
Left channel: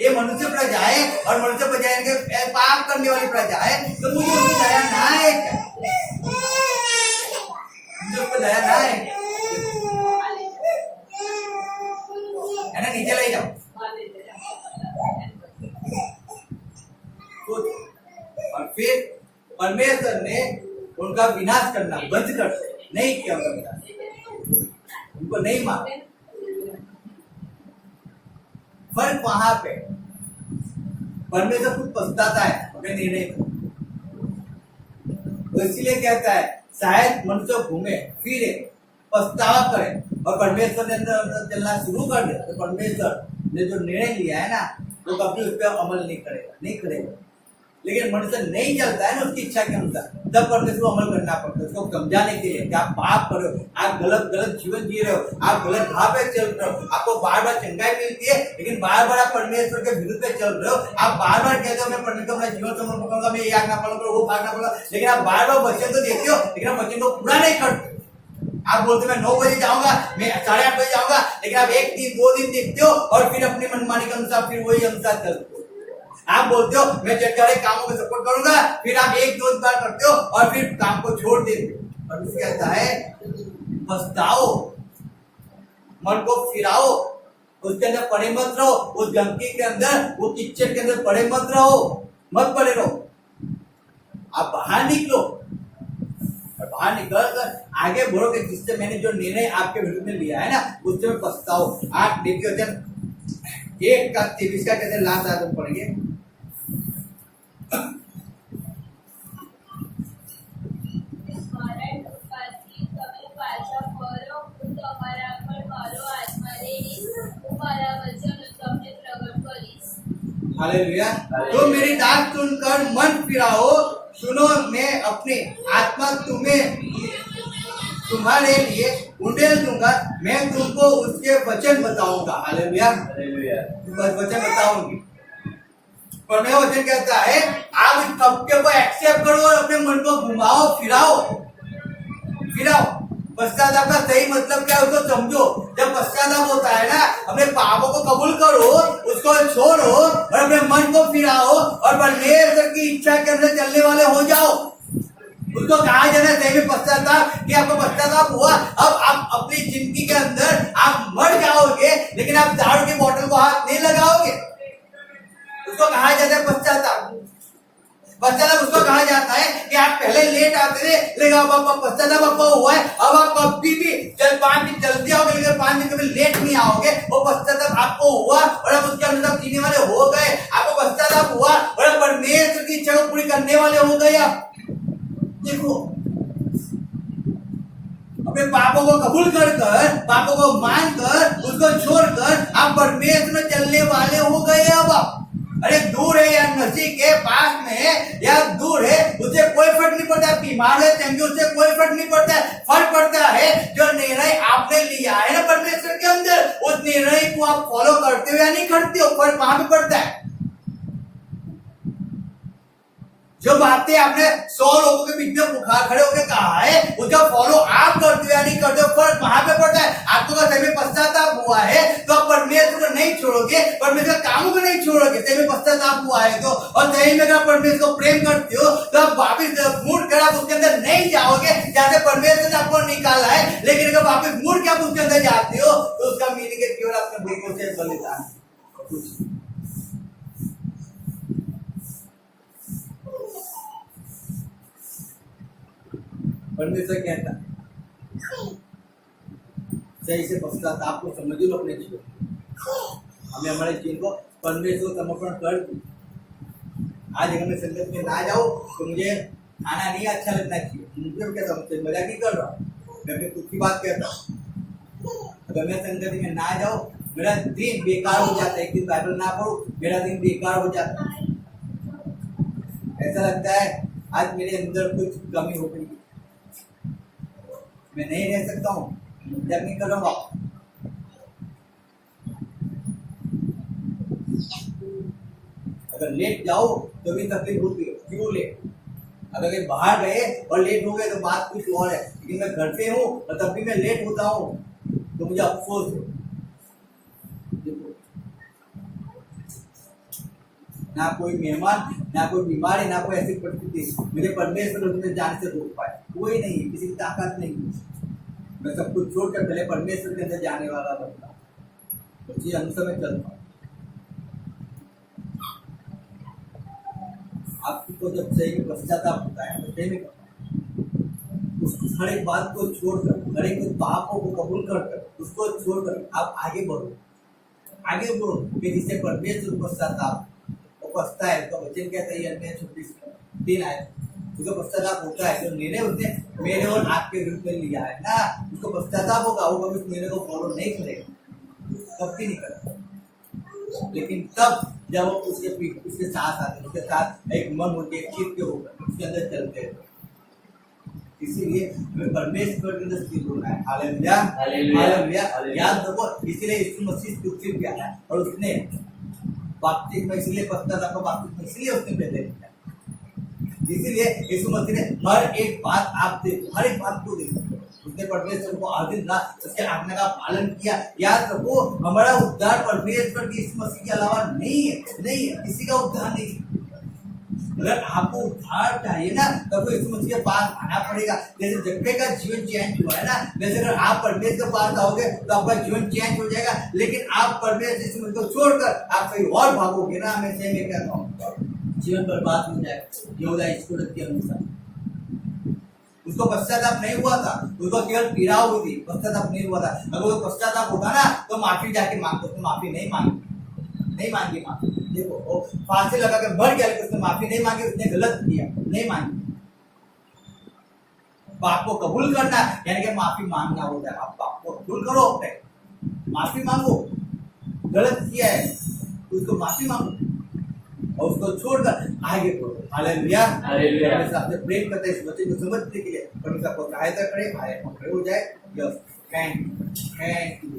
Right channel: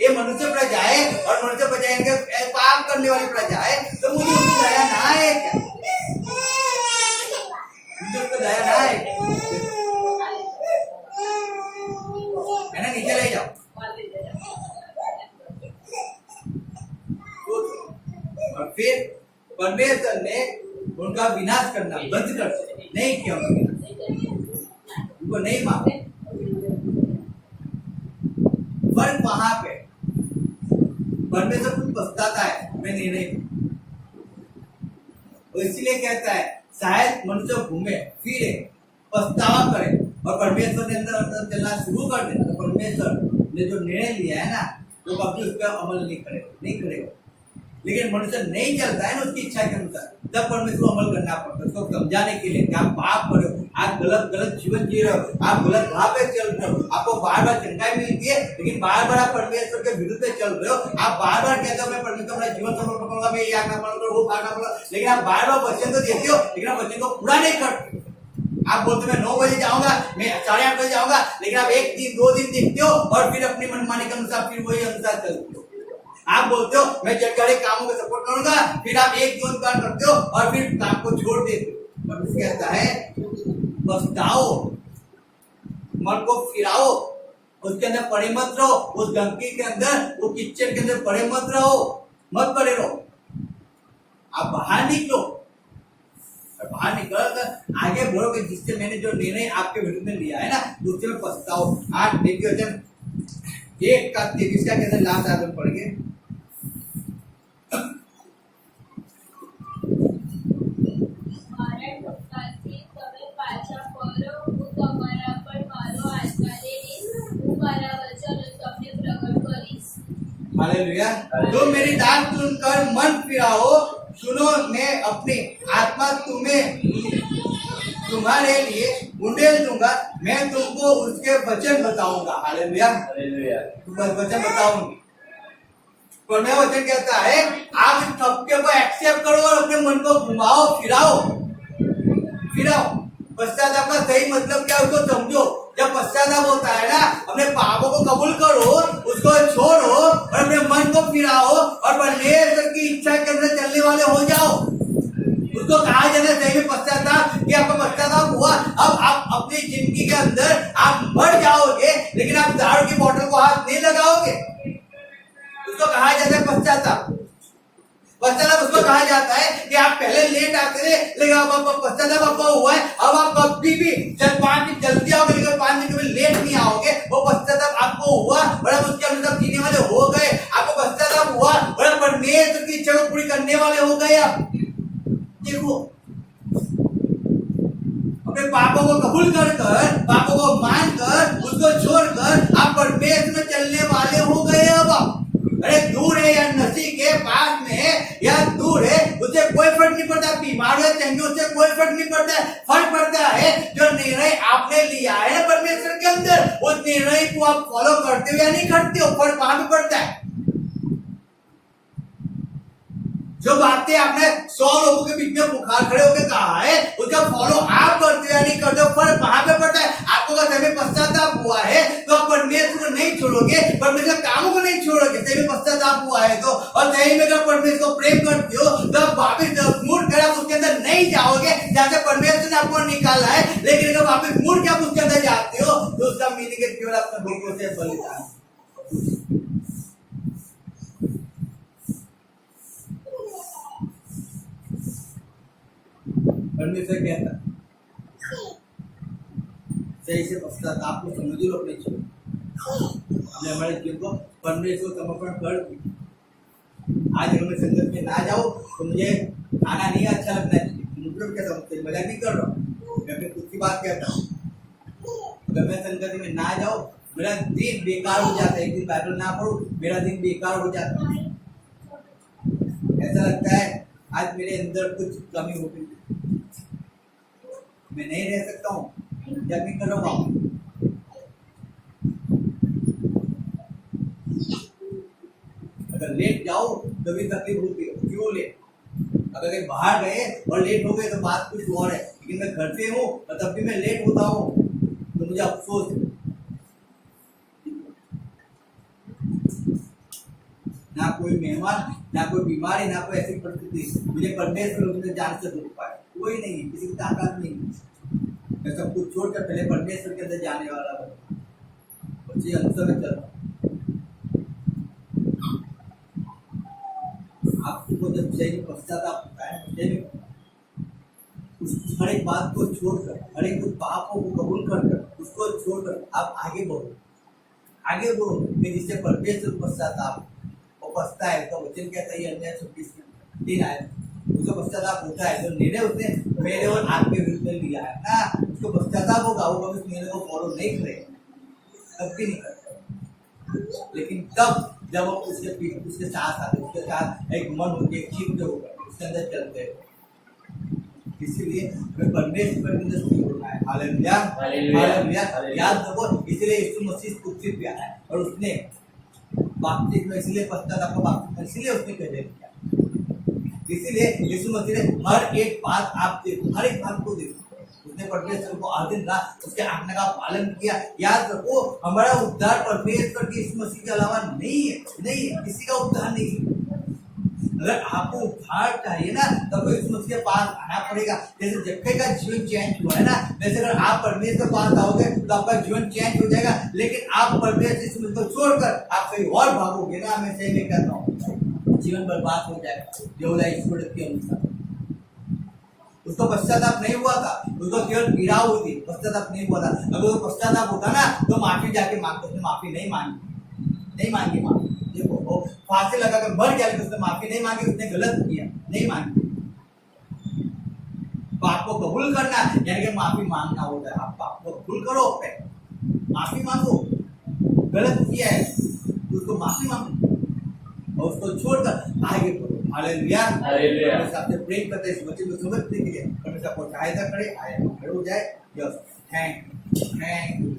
ये मनुष्य प्रजा है और मनुष्य प्रजा के पाप करने वाली प्रजा है, तो मुझे उसकी दया ना है क्या? मुझे उसको दया ना है ना? नीचे ले जाओ। और फिर परमेश्वर ने उनका विनाश करना बंद कर दिया, नहीं किया उनका विनाश, उनको नहीं मारा। फर्क वहां पे परमेश्वर खुद पछताता है अपने निर्णय को, इसलिए कहता है शायद मनुष्य घूमे फिरे पछतावा करे और परमेश्वर ने अंदर चलना शुरू कर दे, तो परमेश्वर ने जो निर्णय लिया है ना वो कभी उस पर अमल नहीं करेगा। लेकिन मनुष्य नहीं चलता है ना उसकी इच्छा के अनुसार, तब परमेश्वर को अमल करना पड़ता है, उसको समझाने के लिए कि आप पाप कर रहे हो, आप गलत जीवन जी रहे हो, आप गलत राह पे चल रहे हो, आपको बार बार चंगाई मिलती है लेकिन बार बार आप परमेश्वर के विरुद्ध पे चल रहे हो। आप बार बार कहते हो मैं परमेश्वर अपना जीवन समर्पण करूंगा, मैं ये आज्ञा पालन करूंगा, वो आज्ञा पालन करूंगा, लेकिन आप बार बार वचन तो देते हो लेकिन आप वचन को पूरा नहीं करते। आप बोलते मैं 9 बजे जाऊंगा, मैं 8:30 बजे जाऊंगा, लेकिन आप 1 दिन 2 दिन देखते हो और फिर अपनी मनमानी के अनुसार फिर वही अनुसार चलते हो। आप बोलते हो मैं जगह कामों को सपोर्ट करूंगा, फिर आप 1-2 बार करते हो और फिर काम को छोड़ देते हो। परमेश्वर कहता है पछताओ, मन को फिराओ, उसके अंदर पड़े मत रहो, उस गंदगी के अंदर, वो किचन के अंदर पड़े मत रहो, मत पड़े रहो। आप बाहर निकलो, बाहर निकल कर आगे बढ़ो कि जिससे मैंने जो निर्णय आपके विरुद्ध में लिया है ना उससे मैं पछताओ। 8:23 का कहते हैं लास्ट आदम पढ़ेंगे। हालेलुया। जो मेरी डांट सुनकर मन फिराओ, सुनो मैं अपनी आत्मा तुम्हारे लिए उंडेल दूंगा, मैं तुमको उसके वचन बताऊंगा। हालेलुया। वचन बताऊंगी। पर मैं वचन कहता है आप इस सत्य को एक्सेप्ट करो और अपने मन को घुमाओ फिराओ। पश्चाताप का सही मतलब क्या है उसको समझो। जब पश्चाताप होता है ना, अपने पापों को कबूल करो, उसको छोड़ो और अपने मन को फिराओ और परमेश्वर की इच्छा के अंदर चलने वाले हो जाओ। उसको कहा जाता है सही में पश्चाताप कि आपको पश्चाताप हुआ। अब आप अपनी जिंदगी के अंदर आप मर जाओगे लेकिन आप दारू की बोतल को हाथ नहीं लगाओगे। उसको कहा जाता है पश्चाताप। पश्चाताप उसको कहा जाता है कि आप पहले लेट आते थे लेकिन अब पश्चाताप आपको हुआ है। अब आप कभी भी पांच दिन जल्दी आओगे लेकिन 5 दिन कभी लेट नहीं आओगे। वो पश्चाताप आपको हुआ और अब उसके अनुसार जीने वाले हो गए। आपको पश्चाताप हुआ और परमेश्वर की इच्छा को पूरी करने वाले हो गए। आप देखो अपने पापों को कबूल कर पापों को मानकर उसको छोड़कर आप परमेश्वर में चलने वाले हो गए। अब आप अरे दूर है या नसी के पास में है या दूर है उससे कोई फर्क नहीं पड़ता। बीमार है चंगे उससे कोई फर्क नहीं पड़ता है। फर्क पड़ता है जो निर्णय आपने लिया है ना परमेश्वर के अंदर, उस निर्णय को आप फॉलो करते हो या नहीं करते हो, फर्क वहां पे पड़ता है। जो बातें आपने 100 लोगों के बीच में बुखार खड़े होकर कहा है उसका फॉलो आप करते हो या नहीं करते हो, फर्क वहां पे पड़ता है। आपको अगर सही में पश्चाताप हुआ है तो आप परमेश्वर को नहीं छोड़ोगे, परमेश्वर कामों को नहीं छोड़ोगे। सही में पश्चाताप हुआ है तो, और सही में अगर परमेश्वर को प्रेम करते हो तो आप वापिस मुड़ कर आप उसके अंदर नहीं जाओगे जहां से परमेश्वर ने आपको निकाला है। लेकिन अगर वापिस मुड़ के आप उसके अंदर जाते हो तो उसका मीनिंग है केवल आपका भूखों से बलिदान। परमेश्वर कहता सही से पश्चाताप को समझ लो अपने जीवन। हमने हमारे जीवन को परमेश्वर को समर्पण कर दिया। आज अगर मैं संगत में ना जाऊं तो मुझे खाना नहीं अच्छा लगना चाहिए। मुझे क्या समझते, मजाक नहीं कर रहा हूँ, मैं खुद की बात कहता हूँ। अगर मैं संगति में ना जाऊं मेरा दिन बेकार हो जाता है। एक दिन बाइबल ना पढ़ूं मेरा दिन बेकार हो जाता है। ऐसा लगता है आज मेरे अंदर कुछ कमी हो गई, मैं नहीं रह सकता हूँ, जब नहीं कर रहा हूँ। अगर लेट जाओ तो भी तकलीफ होती है। क्यों लेट? अगर कहीं बाहर गए और लेट हो गए तो बात कुछ और है, लेकिन मैं घर पे हूँ और तब भी मैं लेट होता हूँ तो मुझे अफसोस है। ना कोई मेहमान, ना कोई बीमारी, ना कोई ऐसी परिस्थिति मुझे परमेश्वर में जाने से रोक पाए। कोई नहीं, किसी की ताकत नहीं। मैं सब कुछ छोड़कर पहले परमेश्वर के अंदर जाने वाला बनता हूँ, उसी अनुसार में चलता हूँ। आपको जब सही में पश्चाताप होता है तो सही में उस हर एक बात को छोड़कर, हर एक पापों को कबूल कर उसको छोड़कर आप आगे बढ़ो कि जिससे परमेश्वर पश्चाताप पछता है। उसका वचन कहता है अन्याय 26 आए उसको पश्चाताप होता है। जो निर्णय उसने मेरे और आपके विरुद्ध में लिया है ना, उसको पश्चाताप होगा। वो कभी उस निर्णय को फॉलो नहीं करेगा, कभी नहीं करता। लेकिन तब जब वो उसके साथ आते, उसके साथ एक मन होती है, चित्त होकर उसके अंदर चलते हैं। इसीलिए हमें परमेश्वर के अंदर स्थिर होना है। Hallelujah, hallelujah. याद रखो, इसीलिए यीशु मसीह पृथ्वी पे आया और उसने बपतिस्मा इसलिए पश्चाताप का बपतिस्मा इसलिए उसने पहले किया। इसीलिए यीशु मसीह ने हर एक बात आप देखो, हर एक बात को देखो। उसने परमेश्वर को हर दिन रात उसके आज्ञा का पालन किया। याद रखो, हमारा उद्धार परमेश्वर की यीशु मसीह के अलावा नहीं है, किसी का उद्धार नहीं है। अगर आपको उद्धार चाहिए ना तब तो यीशु मसीह के पास आना पड़ेगा। जैसे जक्कई का जीवन चेंज हुआ है ना, वैसे अगर आप परमेश्वर के पास आओगे तो आपका जीवन चेंज हो जाएगा। लेकिन आप परमेश्वर यीशु मसीह को छोड़कर आप कहीं और भागोगे ना, मैं सही में कहता हूँ, जीवन बर्बाद हो जाएगा। यहूदा स्टूडेंट के अनुसार उसको पश्चाताप नहीं हुआ था, उसको केवल पीड़ा हुई थी, पश्चाताप नहीं हुआ था। अगर वो पश्चाताप होता ना तो माफी जाके मांगता, उसने माफी नहीं मांगी माफी। देखो वो फांसी लगा के मर गया, उसने माफी नहीं मांगी, उसने गलत किया, नहीं मांगी। पाप को कबूल करना यानी कि माफी मांगना होता है। आप पाप को कबूल करो, अपने माफी मांगो। गलत किया है तो उसको माफी मांगो और उसको छोड़कर आगे बढ़ो। Hallelujah, hallelujah. आपसे प्रेम करते हैं, इस वचन को समझने के लिए परमेश्वर आपको सहायता करे, आगे खड़े हो जाए। Yes, thank you.